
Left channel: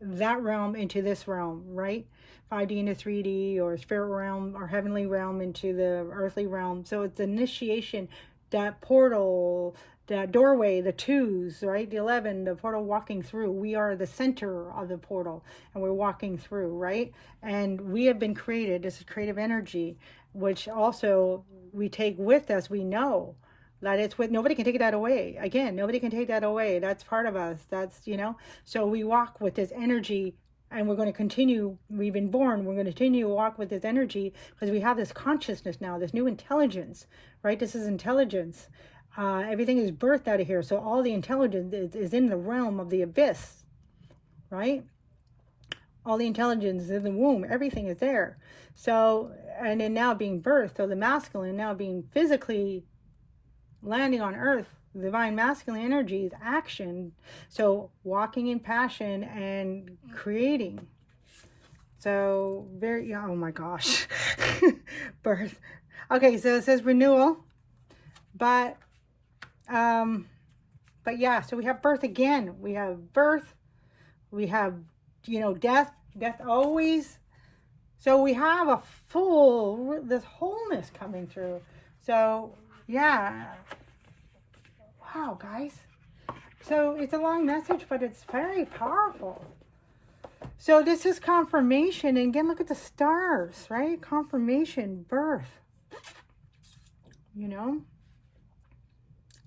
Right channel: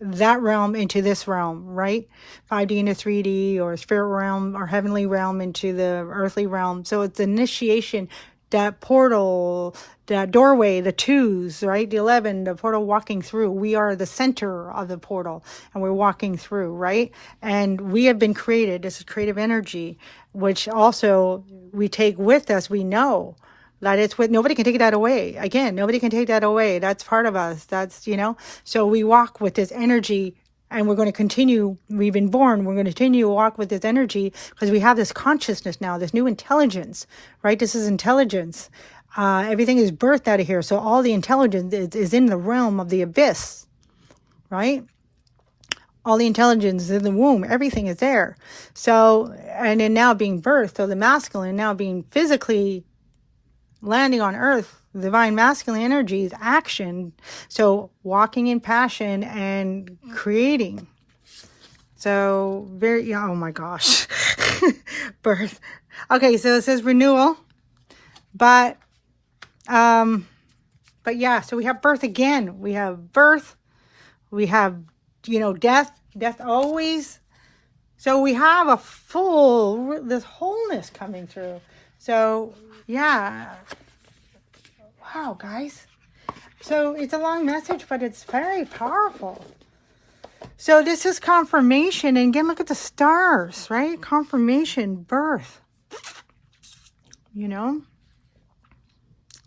that realm into this realm, right? 5D into 3D, or spirit realm or heavenly realm into the earthly realm. So it's initiation, that portal, that doorway, the 2s, right? The 11, the portal walking through. We are the center of the portal and we're walking through, right? And we have been created. This is creative energy, which also we take with us. We know that it's with, nobody can take that away. Again, nobody can take that away. That's part of us. That's, you know, so we walk with this energy, and we're going to continue. We've been born. We're going to continue to walk with this energy because we have this consciousness now, this new intelligence, right? This is intelligence. Everything is birthed out of here. So all the intelligence is in the realm of the abyss, right? All the intelligence is in the womb. Everything is there. So, and then now being birthed, so the masculine now being physically landing on earth, divine masculine energy is action. So walking in passion and creating. So very, oh my gosh. Birth. Okay, so it says renewal. But yeah, so we have birth again. We have birth. We have, you know, death always. So we have a full, this wholeness coming through. So yeah. Wow, guys. So it's a long message, but it's very powerful. So this is confirmation. And again, look at the stars, right? Confirmation, birth. You know?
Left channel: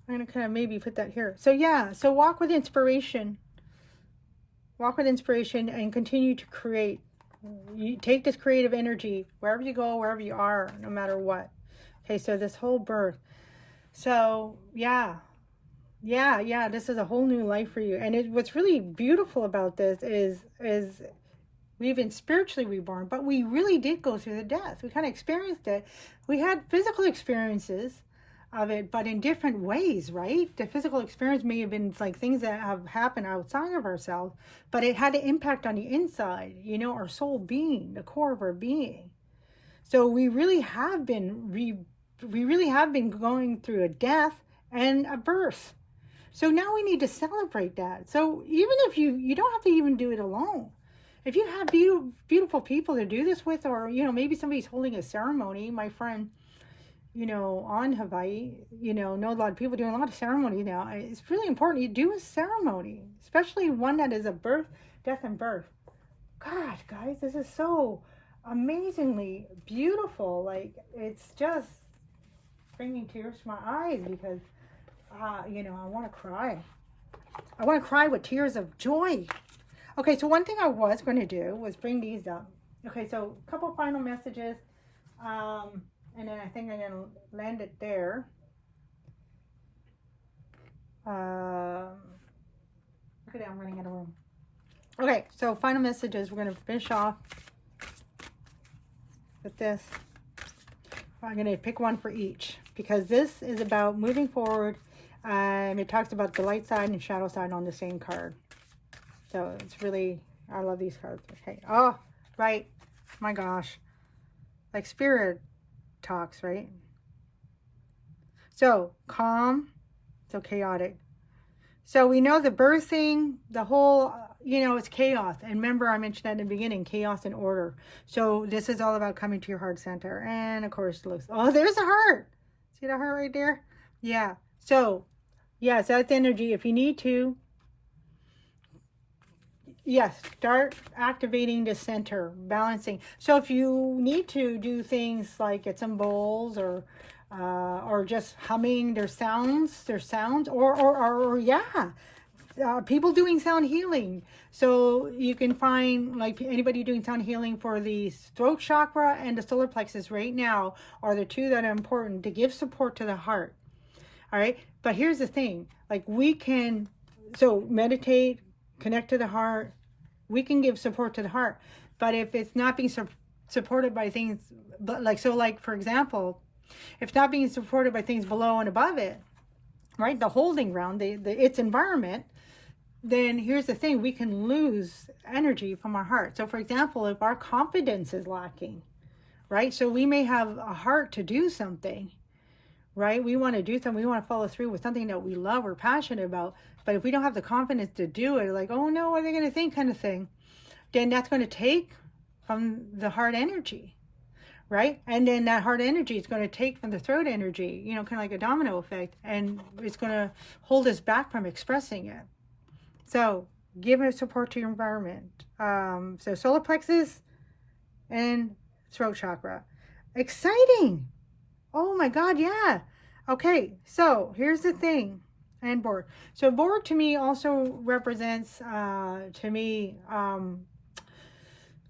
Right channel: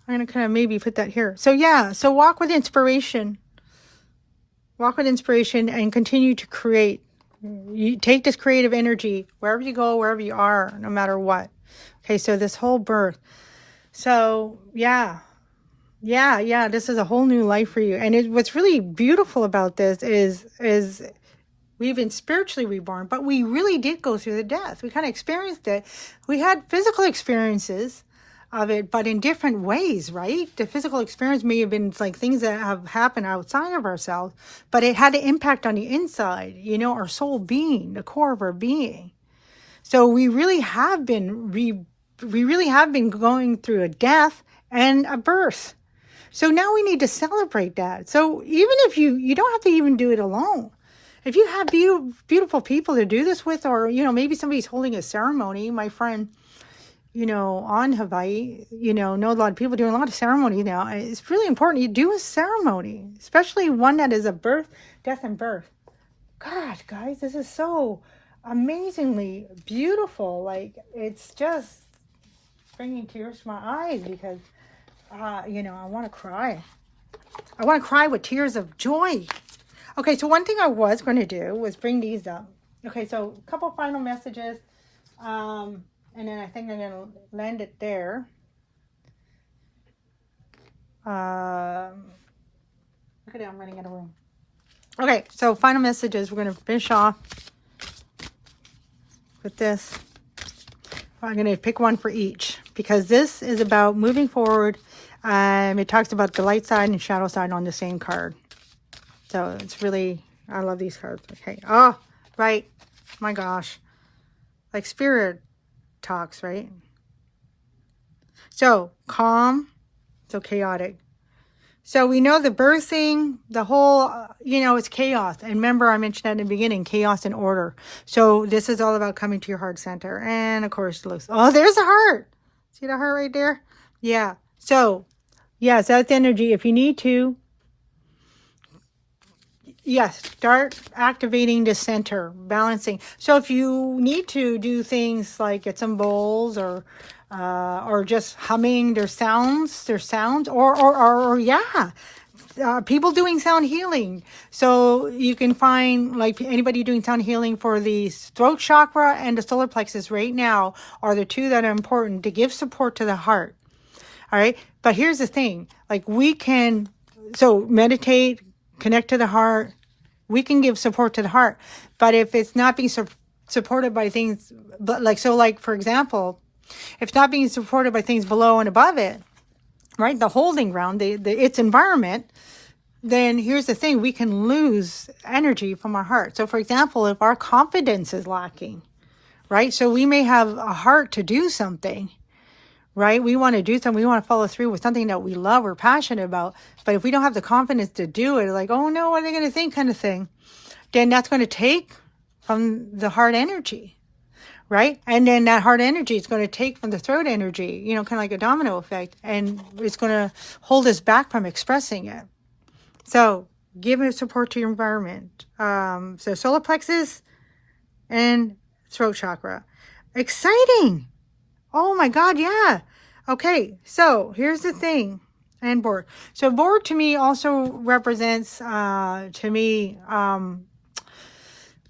I'm going to kind of maybe put that here. So yeah, so walk with inspiration. Walk with inspiration and continue to create. You take this creative energy wherever you go, wherever you are, no matter what. Okay, so this whole birth. So yeah, this is a whole new life for you. And what's really beautiful about this is we've been spiritually reborn, but we really did go through the death. We kind of experienced it. We had physical experiences of it, but in different ways, right? The physical experience may have been like things that have happened outside of ourselves, but it had an impact on the inside, you know, our soul being, the core of our being. So we really have been going through a death and a birth. So now we need to celebrate that. So even if you don't have to even do it alone. If you have beautiful people to do this with, or, you know, maybe somebody's holding a ceremony. My friend, you know, on Hawaii, you know a lot of people doing a lot of ceremony now. It's really important you do a ceremony, especially one that is a birth, death and birth. God, guys, this is so amazingly beautiful. Like, it's just bringing tears to my eyes because, you know, I want to cry. I want to cry with tears of joy. Okay, so one thing I was going to do was bring these up. Okay, so a couple final messages. And then I think I'm going to land it there. Look at it, I'm running out of room. Okay, so final messages. We're going to finish off with this. I'm going to pick one for each because this is about moving forward. It talks about the light side and shadow side on the same card. So it's really, I love these cards. Okay. Oh, right. My gosh. Like spirit talks, right? So calm, so chaotic. So we know the birthing, the whole, you know, it's chaos. And remember, I mentioned that in the beginning, chaos and order. So this is all about coming to your heart center. And of course, it looks, oh, there's a heart. See the heart right there? Yeah. So, yes, that's energy. If you need to, yes, start activating the center, balancing. So if you need to do things like get some bowls or just humming their sounds, or yeah, people doing sound healing. So you can find like anybody doing sound healing for the throat chakra and the solar plexus right now are the two that are important to give support to the heart. All right. But here's the thing, like we can, so meditate, connect to the heart. We can give support to the heart. But if it's not being supported by things, but like, so like, for example, if it's not being supported by things below and above it, right, the holding ground, its environment, then here's the thing, we can lose energy from our heart. So for example, if our confidence is lacking, right, so we may have a heart to do something, right, we want to do something, we want to follow through with something that we love or passionate about, but if we don't have the confidence to do it, like, oh no, what are they going to think kind of thing, then that's going to take from the heart energy, right? And then that heart energy is going to take from the throat energy, you know, kind of like a domino effect, and it's going to hold us back from expressing it. So give it support to your environment. So solar plexus and throat chakra. Exciting. Oh my God, yeah. Okay, so here's the thing. And board. So board to me also represents,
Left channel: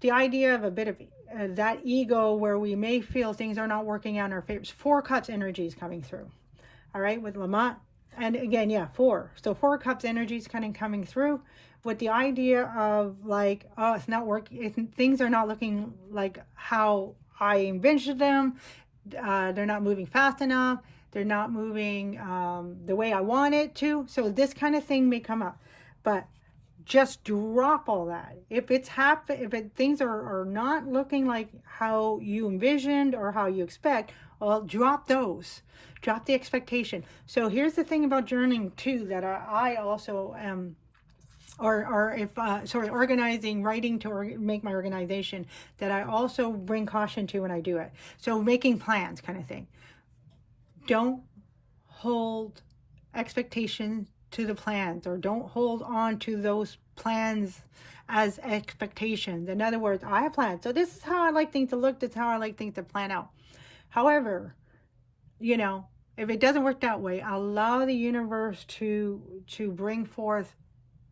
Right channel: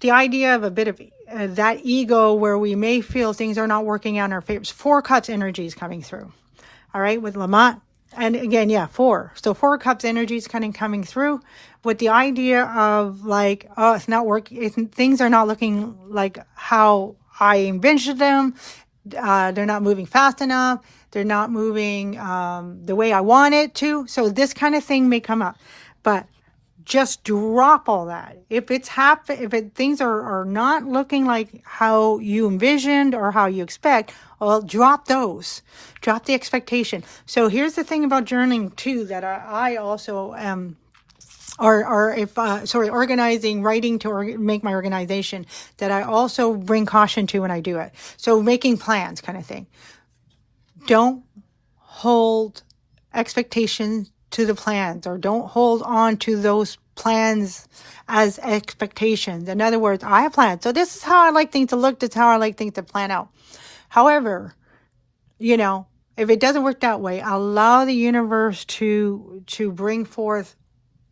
the idea of a bit of that ego where we may feel things are not working out in our favor. 4 cups energy is coming through. All right, with Lamont. And again, yeah, 4. So 4 cups energy is kind of coming through with the idea of like, oh, it's not working. Things are not looking like how I envisioned them. They're not moving fast enough. They're not moving the way I want it to. So this kind of thing may come up. But just drop all that. If things are not looking like how you envisioned or how you expect, well, drop those. Drop the expectation. So here's the thing about journaling too, that I also am, organizing, writing to make my organization, that I also bring caution to when I do it. So making plans kind of thing. Don't hold expectations to the plans, or don't hold on to those plans as expectations. In other words, I have plans. So this is how I like things to look. This is how I like things to plan out. However, you know, if it doesn't work that way, allow the universe to bring forth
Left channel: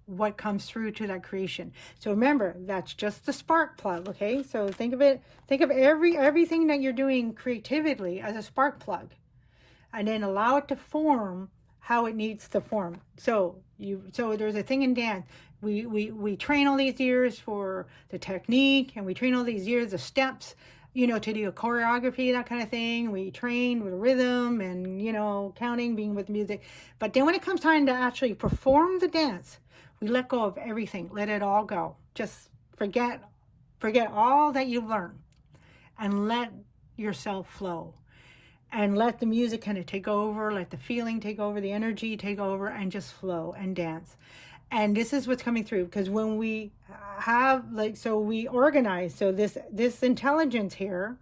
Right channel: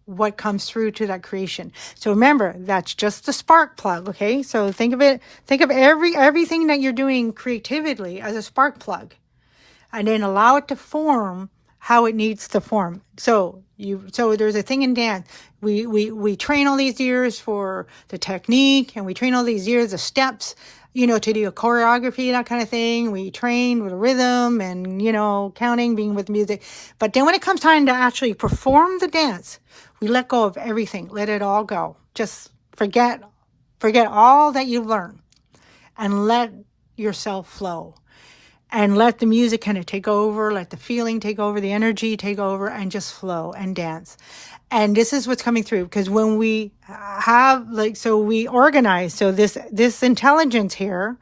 what comes through to that creation. So remember, that's just the spark plug. Okay. So think of everything that you're doing creatively as a spark plug, and then allow it to form how it needs to form. So there's a thing in dance. We train all these years for the technique, and we train all these years of steps, you know, to do a choreography, that kind of thing. We train with rhythm and, you know, counting, being with music. But then when it comes time to actually perform the dance, we let go of everything. Let it all go. Just forget all that you've learned, and let yourself flow. And let the music kind of take over, let the feeling take over, the energy take over, and just flow and dance. And this is what's coming through, because when we have, like, so we organize. So this intelligence here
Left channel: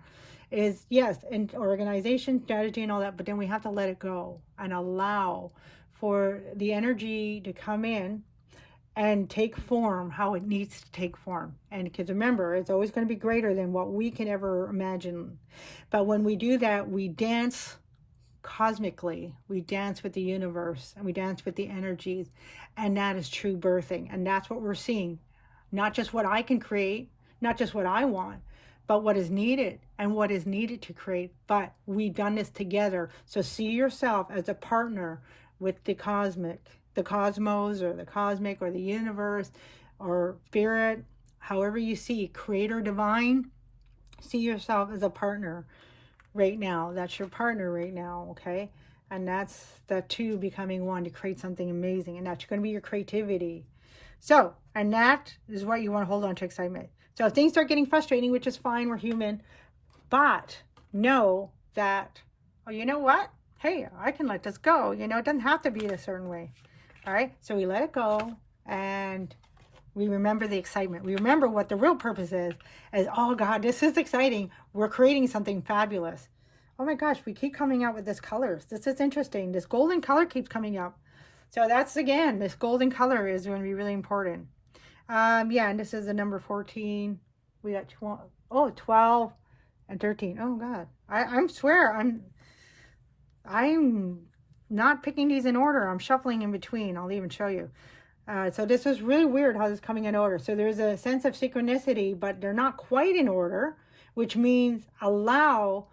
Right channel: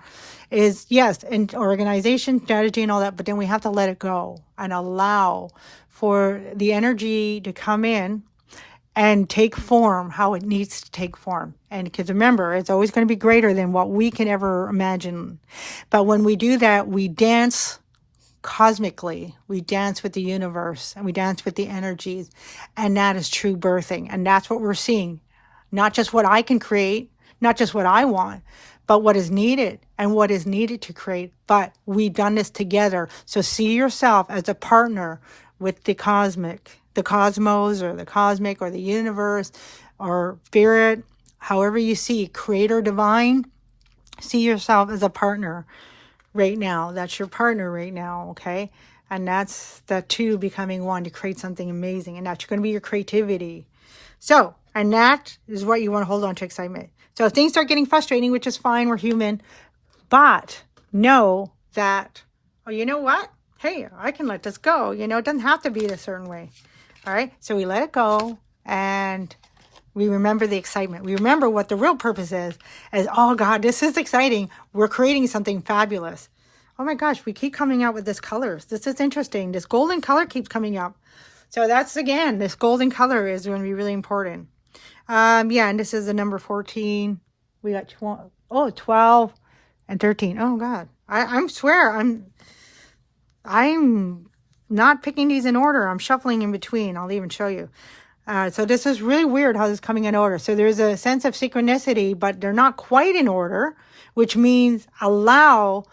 is, yes, and organization, strategy, and all that, but then we have to let it go and allow for the energy to come in and take form how it needs to take form. And because remember, it's always going to be greater than what we can ever imagine. But when we do that, we dance cosmically, we dance with the universe, and we dance with the energies. And that is true birthing. And that's what we're seeing. Not just what I can create, not just what I want, but what is needed and what is needed to create. But we've done this together. So see yourself as a partner with the cosmic, the cosmos, or the cosmic, or the universe, or spirit, however you see, creator, divine. See yourself as a partner right now. That's your partner right now, okay? And that's that two becoming one to create something amazing. And that's going to be your creativity. So, and that is what you want to hold on to, excitement. So if things start getting frustrating, which is fine, we're human, but know that, oh, you know what? Hey, I can let this go. You know, it doesn't have to be a certain way. All right, so we let it go, and we remember the excitement. We remember what the real purpose is, oh God, this is exciting. We're creating something fabulous. Oh my gosh, we keep coming out with this colors. This is interesting. This golden color keeps coming up. So that's, again, this golden color is going to be really important. Yeah, and this is the number 14. We got 12 and 13. Oh God, I swear, I'm not picking these in order. I'm shuffling in between. I'll even show you. So this is really weird how this is coming in order. So there's a sense of synchronicity, but they're not quite in order, which means allow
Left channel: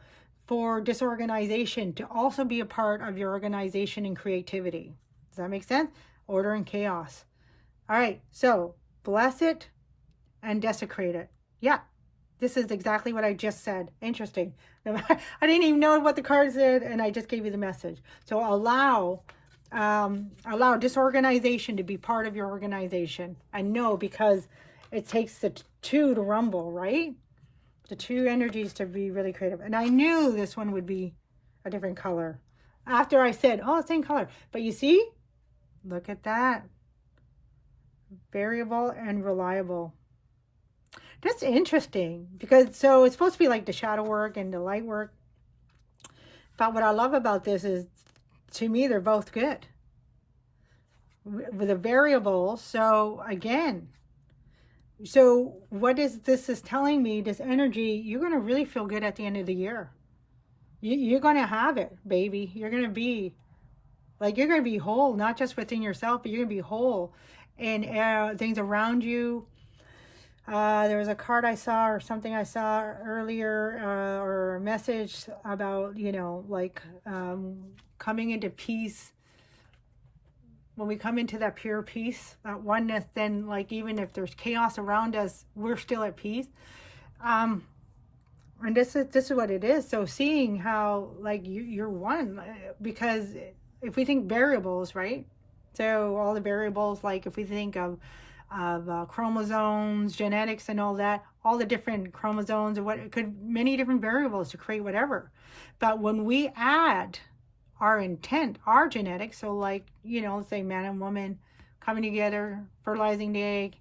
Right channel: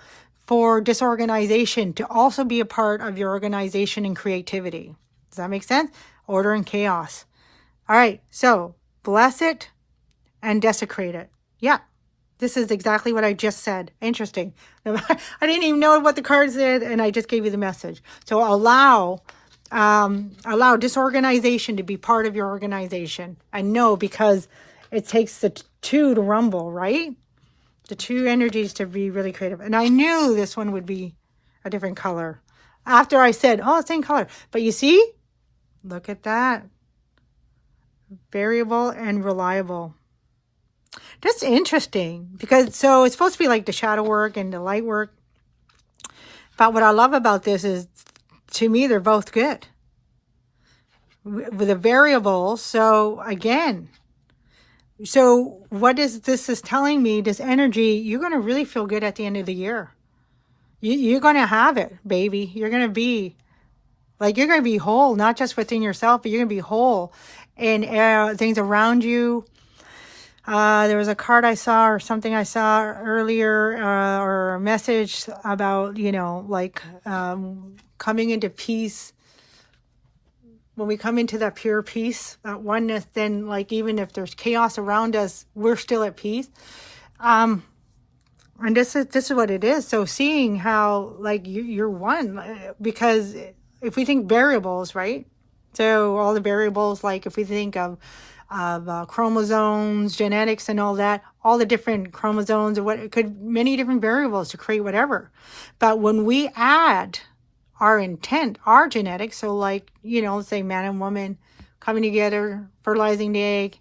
for disorganization to also be a part of your organization and creativity. Does that make sense? Order and chaos. All right, so bless it and desecrate it. Yeah, this is exactly what I just said. Interesting. I didn't even know what the card said, and I just gave you the message. So allow disorganization to be part of your organization. I know, because it takes the two to rumble, right? The two energies to be really creative. And I knew this one would be a different color after I said, oh, same color. But you see, look at that. Variable and reliable. That's interesting, because so it's supposed to be like the shadow work and the light work. But what I love about this is, to me, they're both good. With a variable, so again, so what is this is telling me, this energy, you're going to really feel good at the end of the year. You're going to have it, baby. You're going to be whole, not just within yourself, but you're going to be whole in things around you. There was a card I saw, or something I saw earlier, or a message about, coming into peace. When we come into that pure peace, that oneness, then even if there's chaos around us, we're still at peace. And this is what it is. So seeing how you're one, because if we think variables, right? So all the variables, if we think of chromosomes, genetics, and all that, all the different chromosomes, or what it could, many different variables to create whatever. But when we add our intent, our genetics, so let's say man and woman coming together, fertilizing the egg,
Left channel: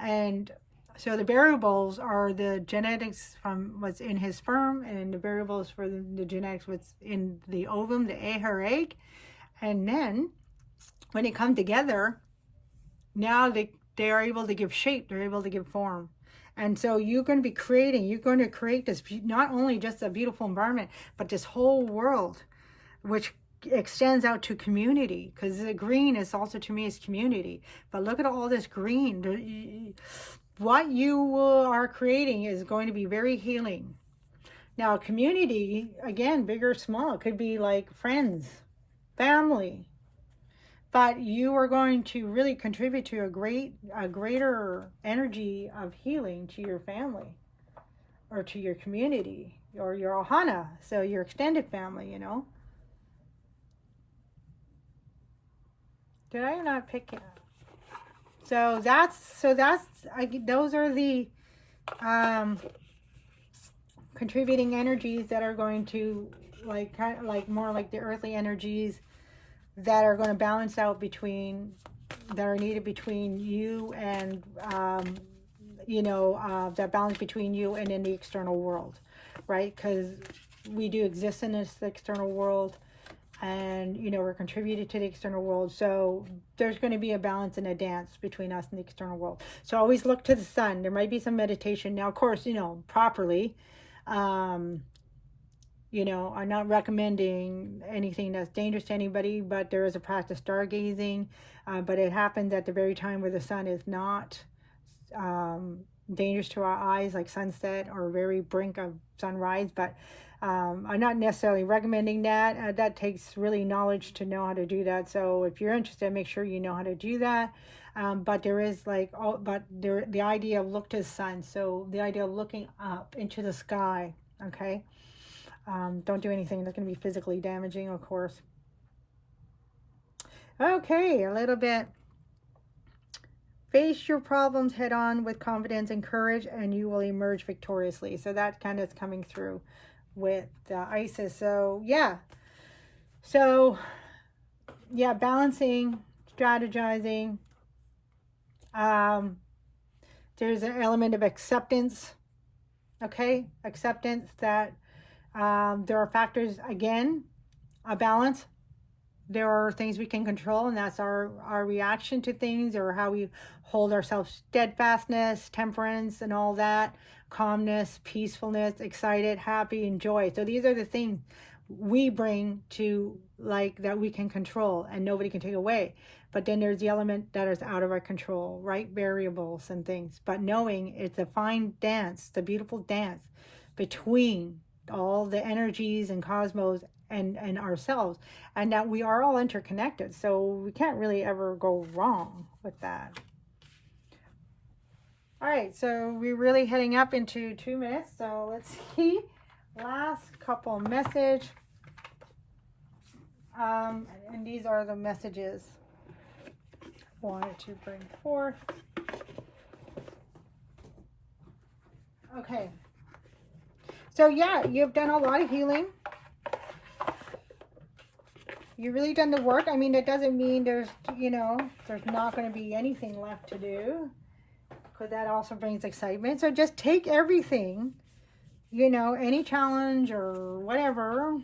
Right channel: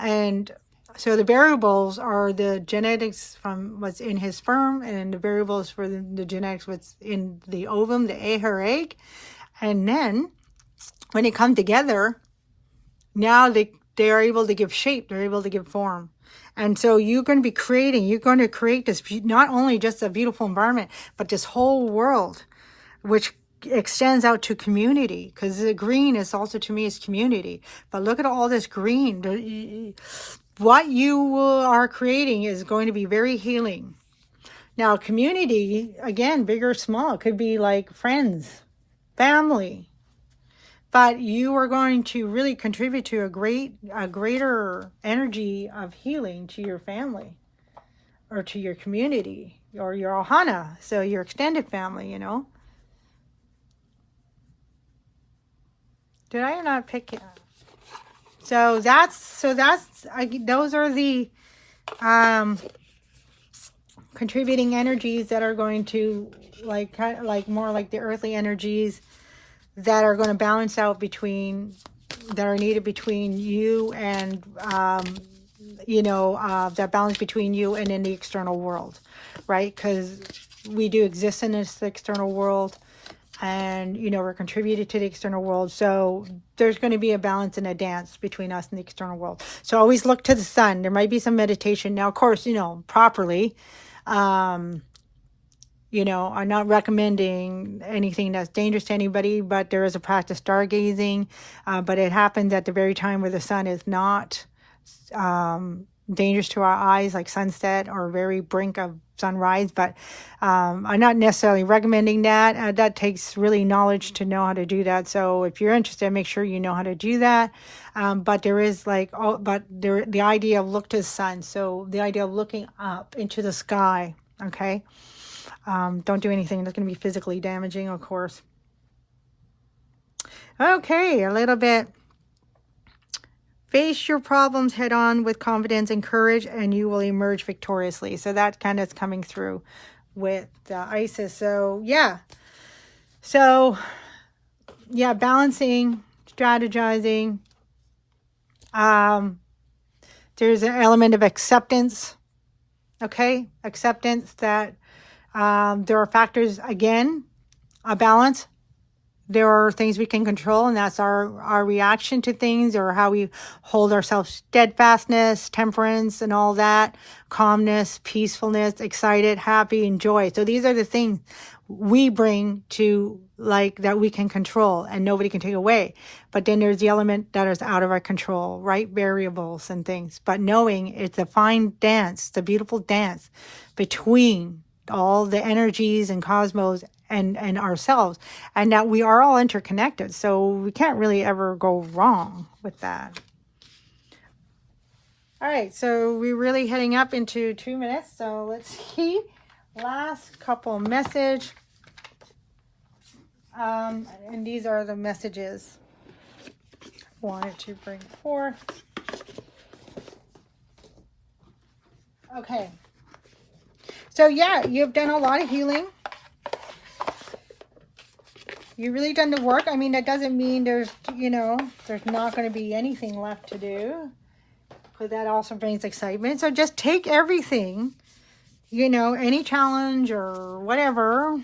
and so the variables are the genetics from what's in his sperm, and the variables for the genetics what's in the ovum, her egg, and then when they come together, now they are able to give shape, they're able to give form. And so you're going to create this, not only just a beautiful environment, but this whole world, which extends out to community, because the green is also, to me, is community. But look at all this green. What you are creating is going to be very healing. Now, community, again, big or small, it could be like friends, family, but you are going to really contribute to a greater energy of healing to your family, or to your community, or your ohana, so your extended family, Did I or not pick it? So those are the contributing energies that are going to more like the earthly energies that are going to balance out that are needed between you and that balance between you and in the external world, right? Because we do exist in this external world, and we're contributed to the external world, so there's going to be a balance and a dance between us and the external world. So always look to the sun. There might be some meditation now, of course, properly. I'm not recommending anything that's dangerous to anybody, but there is a practice, stargazing, but it happens at the very time where the sun is not dangerous to our eyes, like sunset or very brink of sunrise. But I'm not necessarily recommending that. That takes really knowledge to know how to do that. So if you're interested, make sure you know how to do that. But there is the idea of look to the sun. So the idea of looking up into the sky. Okay. Don't do anything that's going to be physically damaging, of course. Okay, a little bit. Face your problems head on with confidence and courage, and you will emerge victoriously. So that kind of is coming through with Isis. So yeah. Balancing, strategizing. There's an element of acceptance. Okay, acceptance that there are factors, again, a balance. There are things we can control, and that's our reaction to things, or how we hold ourselves, steadfastness, temperance, and all that, calmness, peacefulness, excited, happy, and joy. So these are the things we bring to like that we can control and nobody can take away. But then there's the element that is out of our control, right? Variables and things. But knowing it's a fine dance, the beautiful dance between all the energies and cosmos and ourselves, and that we are all interconnected. So we can't really ever go wrong with that. All right, so we're really heading up into 2 minutes. So let's see. Last couple message. And these are the messages I wanted to bring forth. Okay. So yeah, you've done a lot of healing. You've really done the work. I mean, that doesn't mean there's, you know, there's not going to be anything left to do, because that also brings excitement. So just take everything, you know, any challenge or whatever,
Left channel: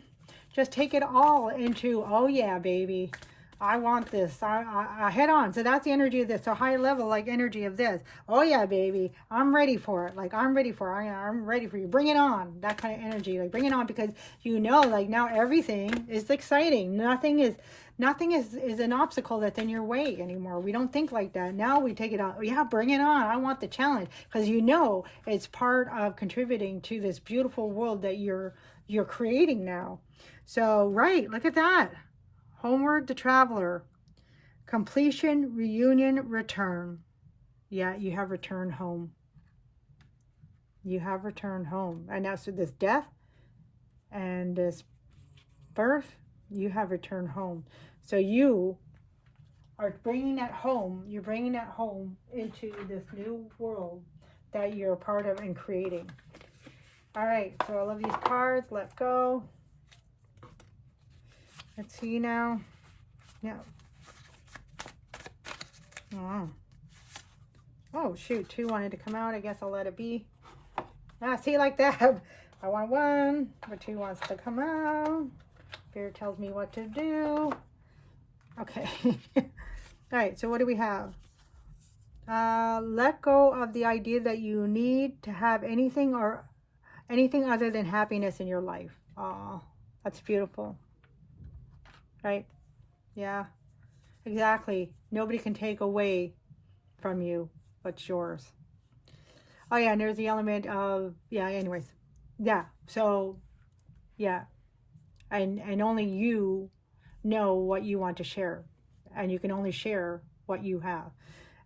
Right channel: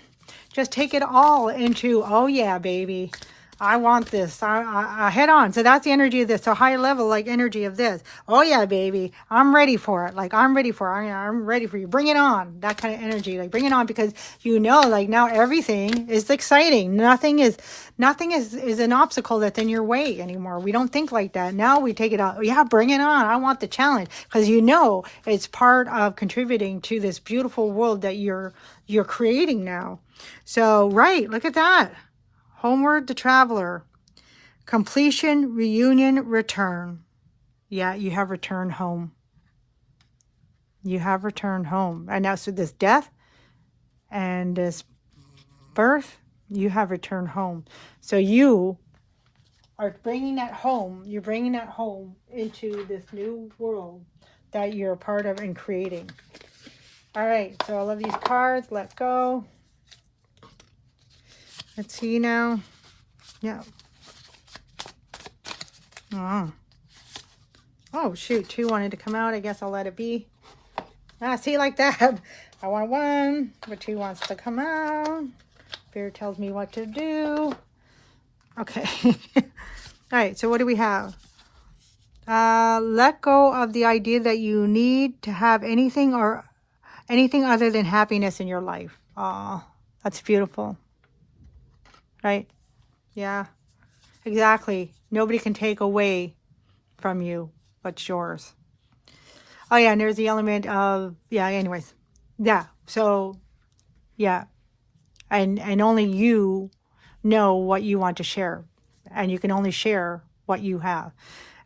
just take it all into, oh yeah, baby, I want this. I head on. So that's the energy of this. So higher level, like energy of this. Oh yeah, baby, I'm ready for it. Like I'm ready for it. I'm ready for you. Bring it on. That kind of energy. Like bring it on, because you know, like now everything is exciting. Nothing is an obstacle that's in your way anymore. We don't think like that. Now we take it out. Yeah, bring it on. I want the challenge, because you know it's part of contributing to this beautiful world that you're creating now. So right, look at that. Homeward the traveler. Completion, reunion, return. Yeah, you have returned home. You have returned home. And now, so this death and this birth, you have returned home. So you are bringing that home. You're bringing that home into this new world that you're a part of and creating. All right, so I love these cards. Let go. Let's see now. Yeah. Oh, shoot. 2 wanted to come out. I guess I'll let it be. See, like that. I want 1, but 2 wants to come out. Spirit tells me what to do. Okay. All right. So what do we have? Let go of the idea that you need to have anything other than happiness in your life. Oh, that's beautiful. Right? Yeah, exactly. Nobody can take away from you what's yours. Oh yeah, and there's the element of, yeah, anyways. Yeah, so, yeah. And only you know what you want to share. And you can only share what you have.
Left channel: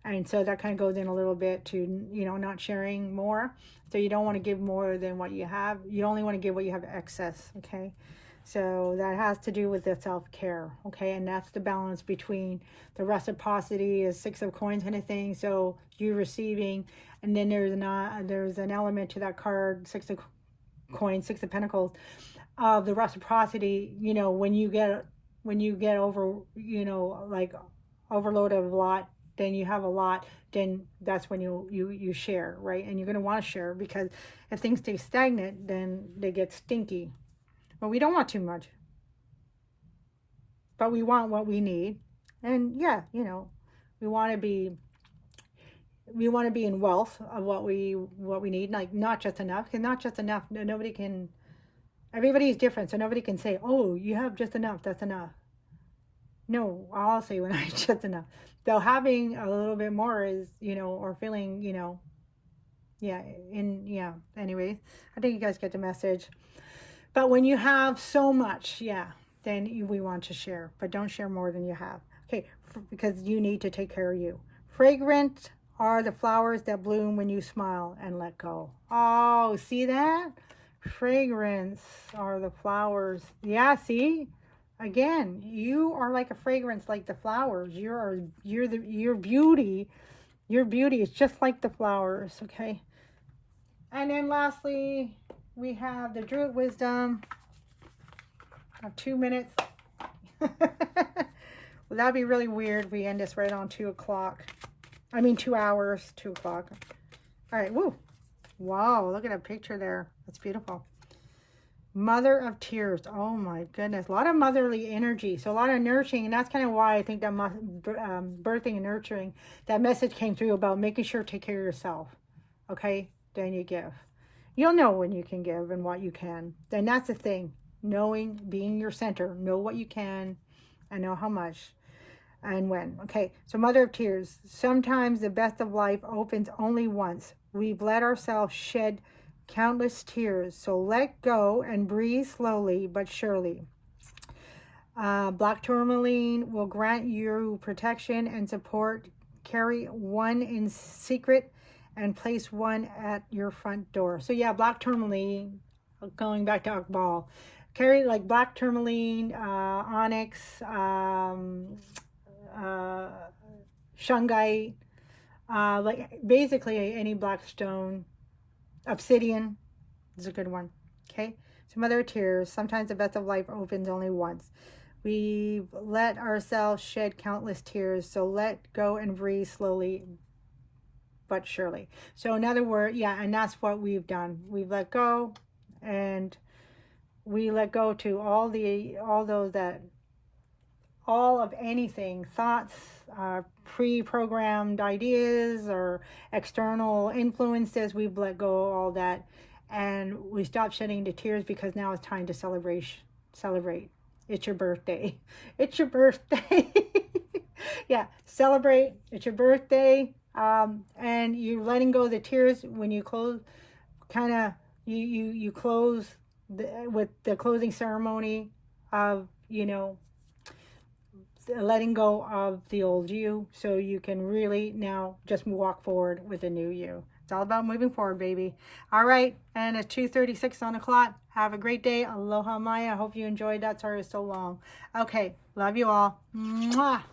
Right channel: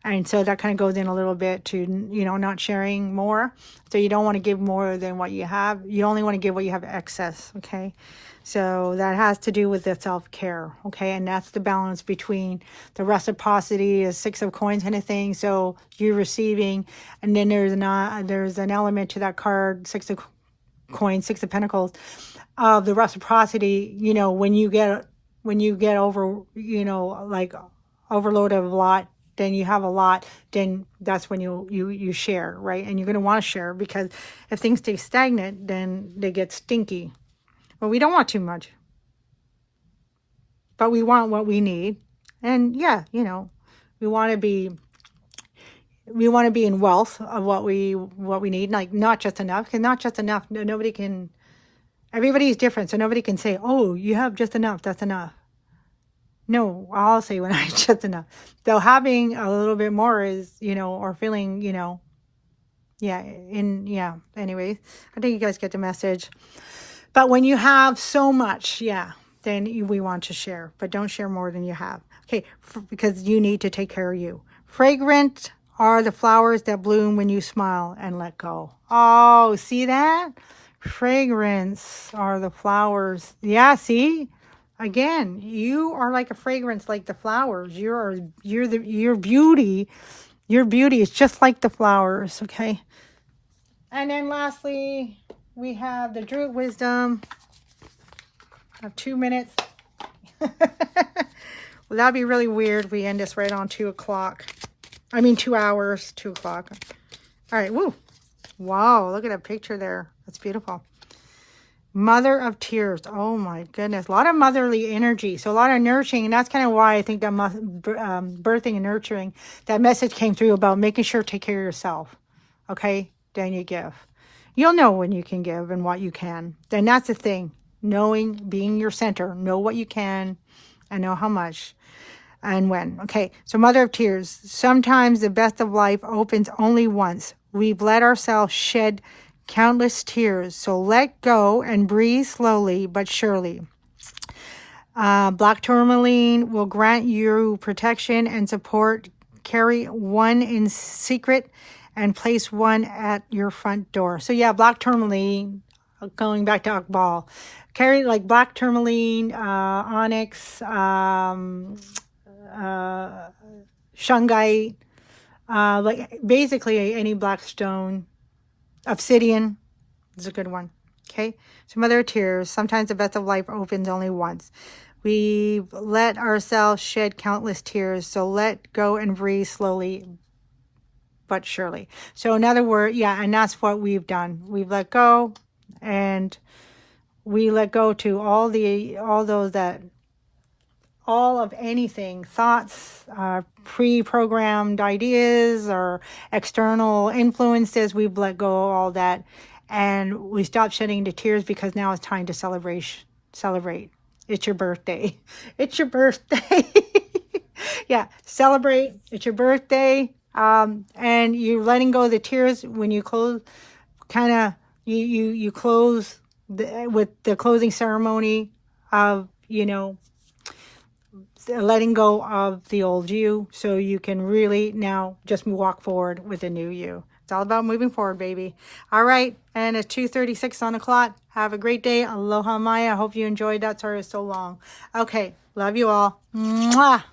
And so that kind of goes in a little bit to, you know, not sharing more. So you don't want to give more than what you have. You only want to give what you have excess, okay? So that has to do with the self-care, okay? And that's the balance between the reciprocity, a 6 of coins kind of thing. So you're receiving, and then there's an element to that card, 6 of coins, 6 of pentacles, of the reciprocity. You know, when you get over, you know, like overload of a lot, then you have a lot, then that's when you share, right? And you're going to want to share, because if things stay stagnant, then they get stinky. Well, we don't want too much, but we want what we need. And yeah, you know, we want to be in wealth of what we need, like not just enough, because not just enough, everybody's different. So nobody can say, oh, you have just enough, that's enough. No, I'll say when I just enough. Though having a little bit more is, you know, or feeling, you know, anyways, I think you guys get the message. But when you have so much, yeah, then we want to share. But don't share more than you have. Okay, because you need to take care of you. Fragrant are the flowers that bloom when you smile and let go. Oh, see that? Fragrance are the flowers. Yeah, see? Again, you are like a fragrance, like the flowers. Your beauty is just like the flowers, okay? And then lastly, we have the Druid Wisdom. I have 2 minutes. Well, that'd be really weird if we end this right on 2 o'clock. I mean, 2 hours, 2 o'clock. All right, woo. Wow, look at that picture there. That's beautiful. Mother of Tears. Oh my goodness. A lot of motherly energy. So a lot of nurturing. And that's kind of why I think that birthing and nurturing, that message came through about making sure to take care of yourself. Okay? Then you give. You'll know when you can give and what you can. Then that's the thing. knowing, being your center, know what you can and know how much and when. Okay, so Mother of Tears. Sometimes the best of life opens only once. We've let ourselves shed countless tears, so let go and breathe slowly but surely. Black tourmaline will grant you protection and support. Carry one in secret and place one at your front door. So yeah, black tourmaline, going back to Akbal, carry like black tourmaline, onyx, shungite, like basically any black stone. Obsidian is a good one. Okay, so Mother of Tears. Sometimes the best of life opens only once. We've let ourselves shed countless tears, so let go and breathe slowly but surely. So in other words, yeah, and that's what we've done. We've let go, and we let go to all of anything, thoughts, pre-programmed ideas or external influences. We've let go of all that, and we stopped shedding the tears because now it's time to celebrate. It's your birthday. It's your birthday. Yeah, celebrate. It's your birthday. And you're letting go of the tears when you close, kind of, you close with the closing ceremony of, letting go of the old you, so you can really now just walk forward with a new you. It's all about moving forward, baby. All right, and it's 2:36 on the clock. Have a great day. Aloha Mai. I hope you enjoyed that. Sorry it's so long. Okay, love you all. Mwah.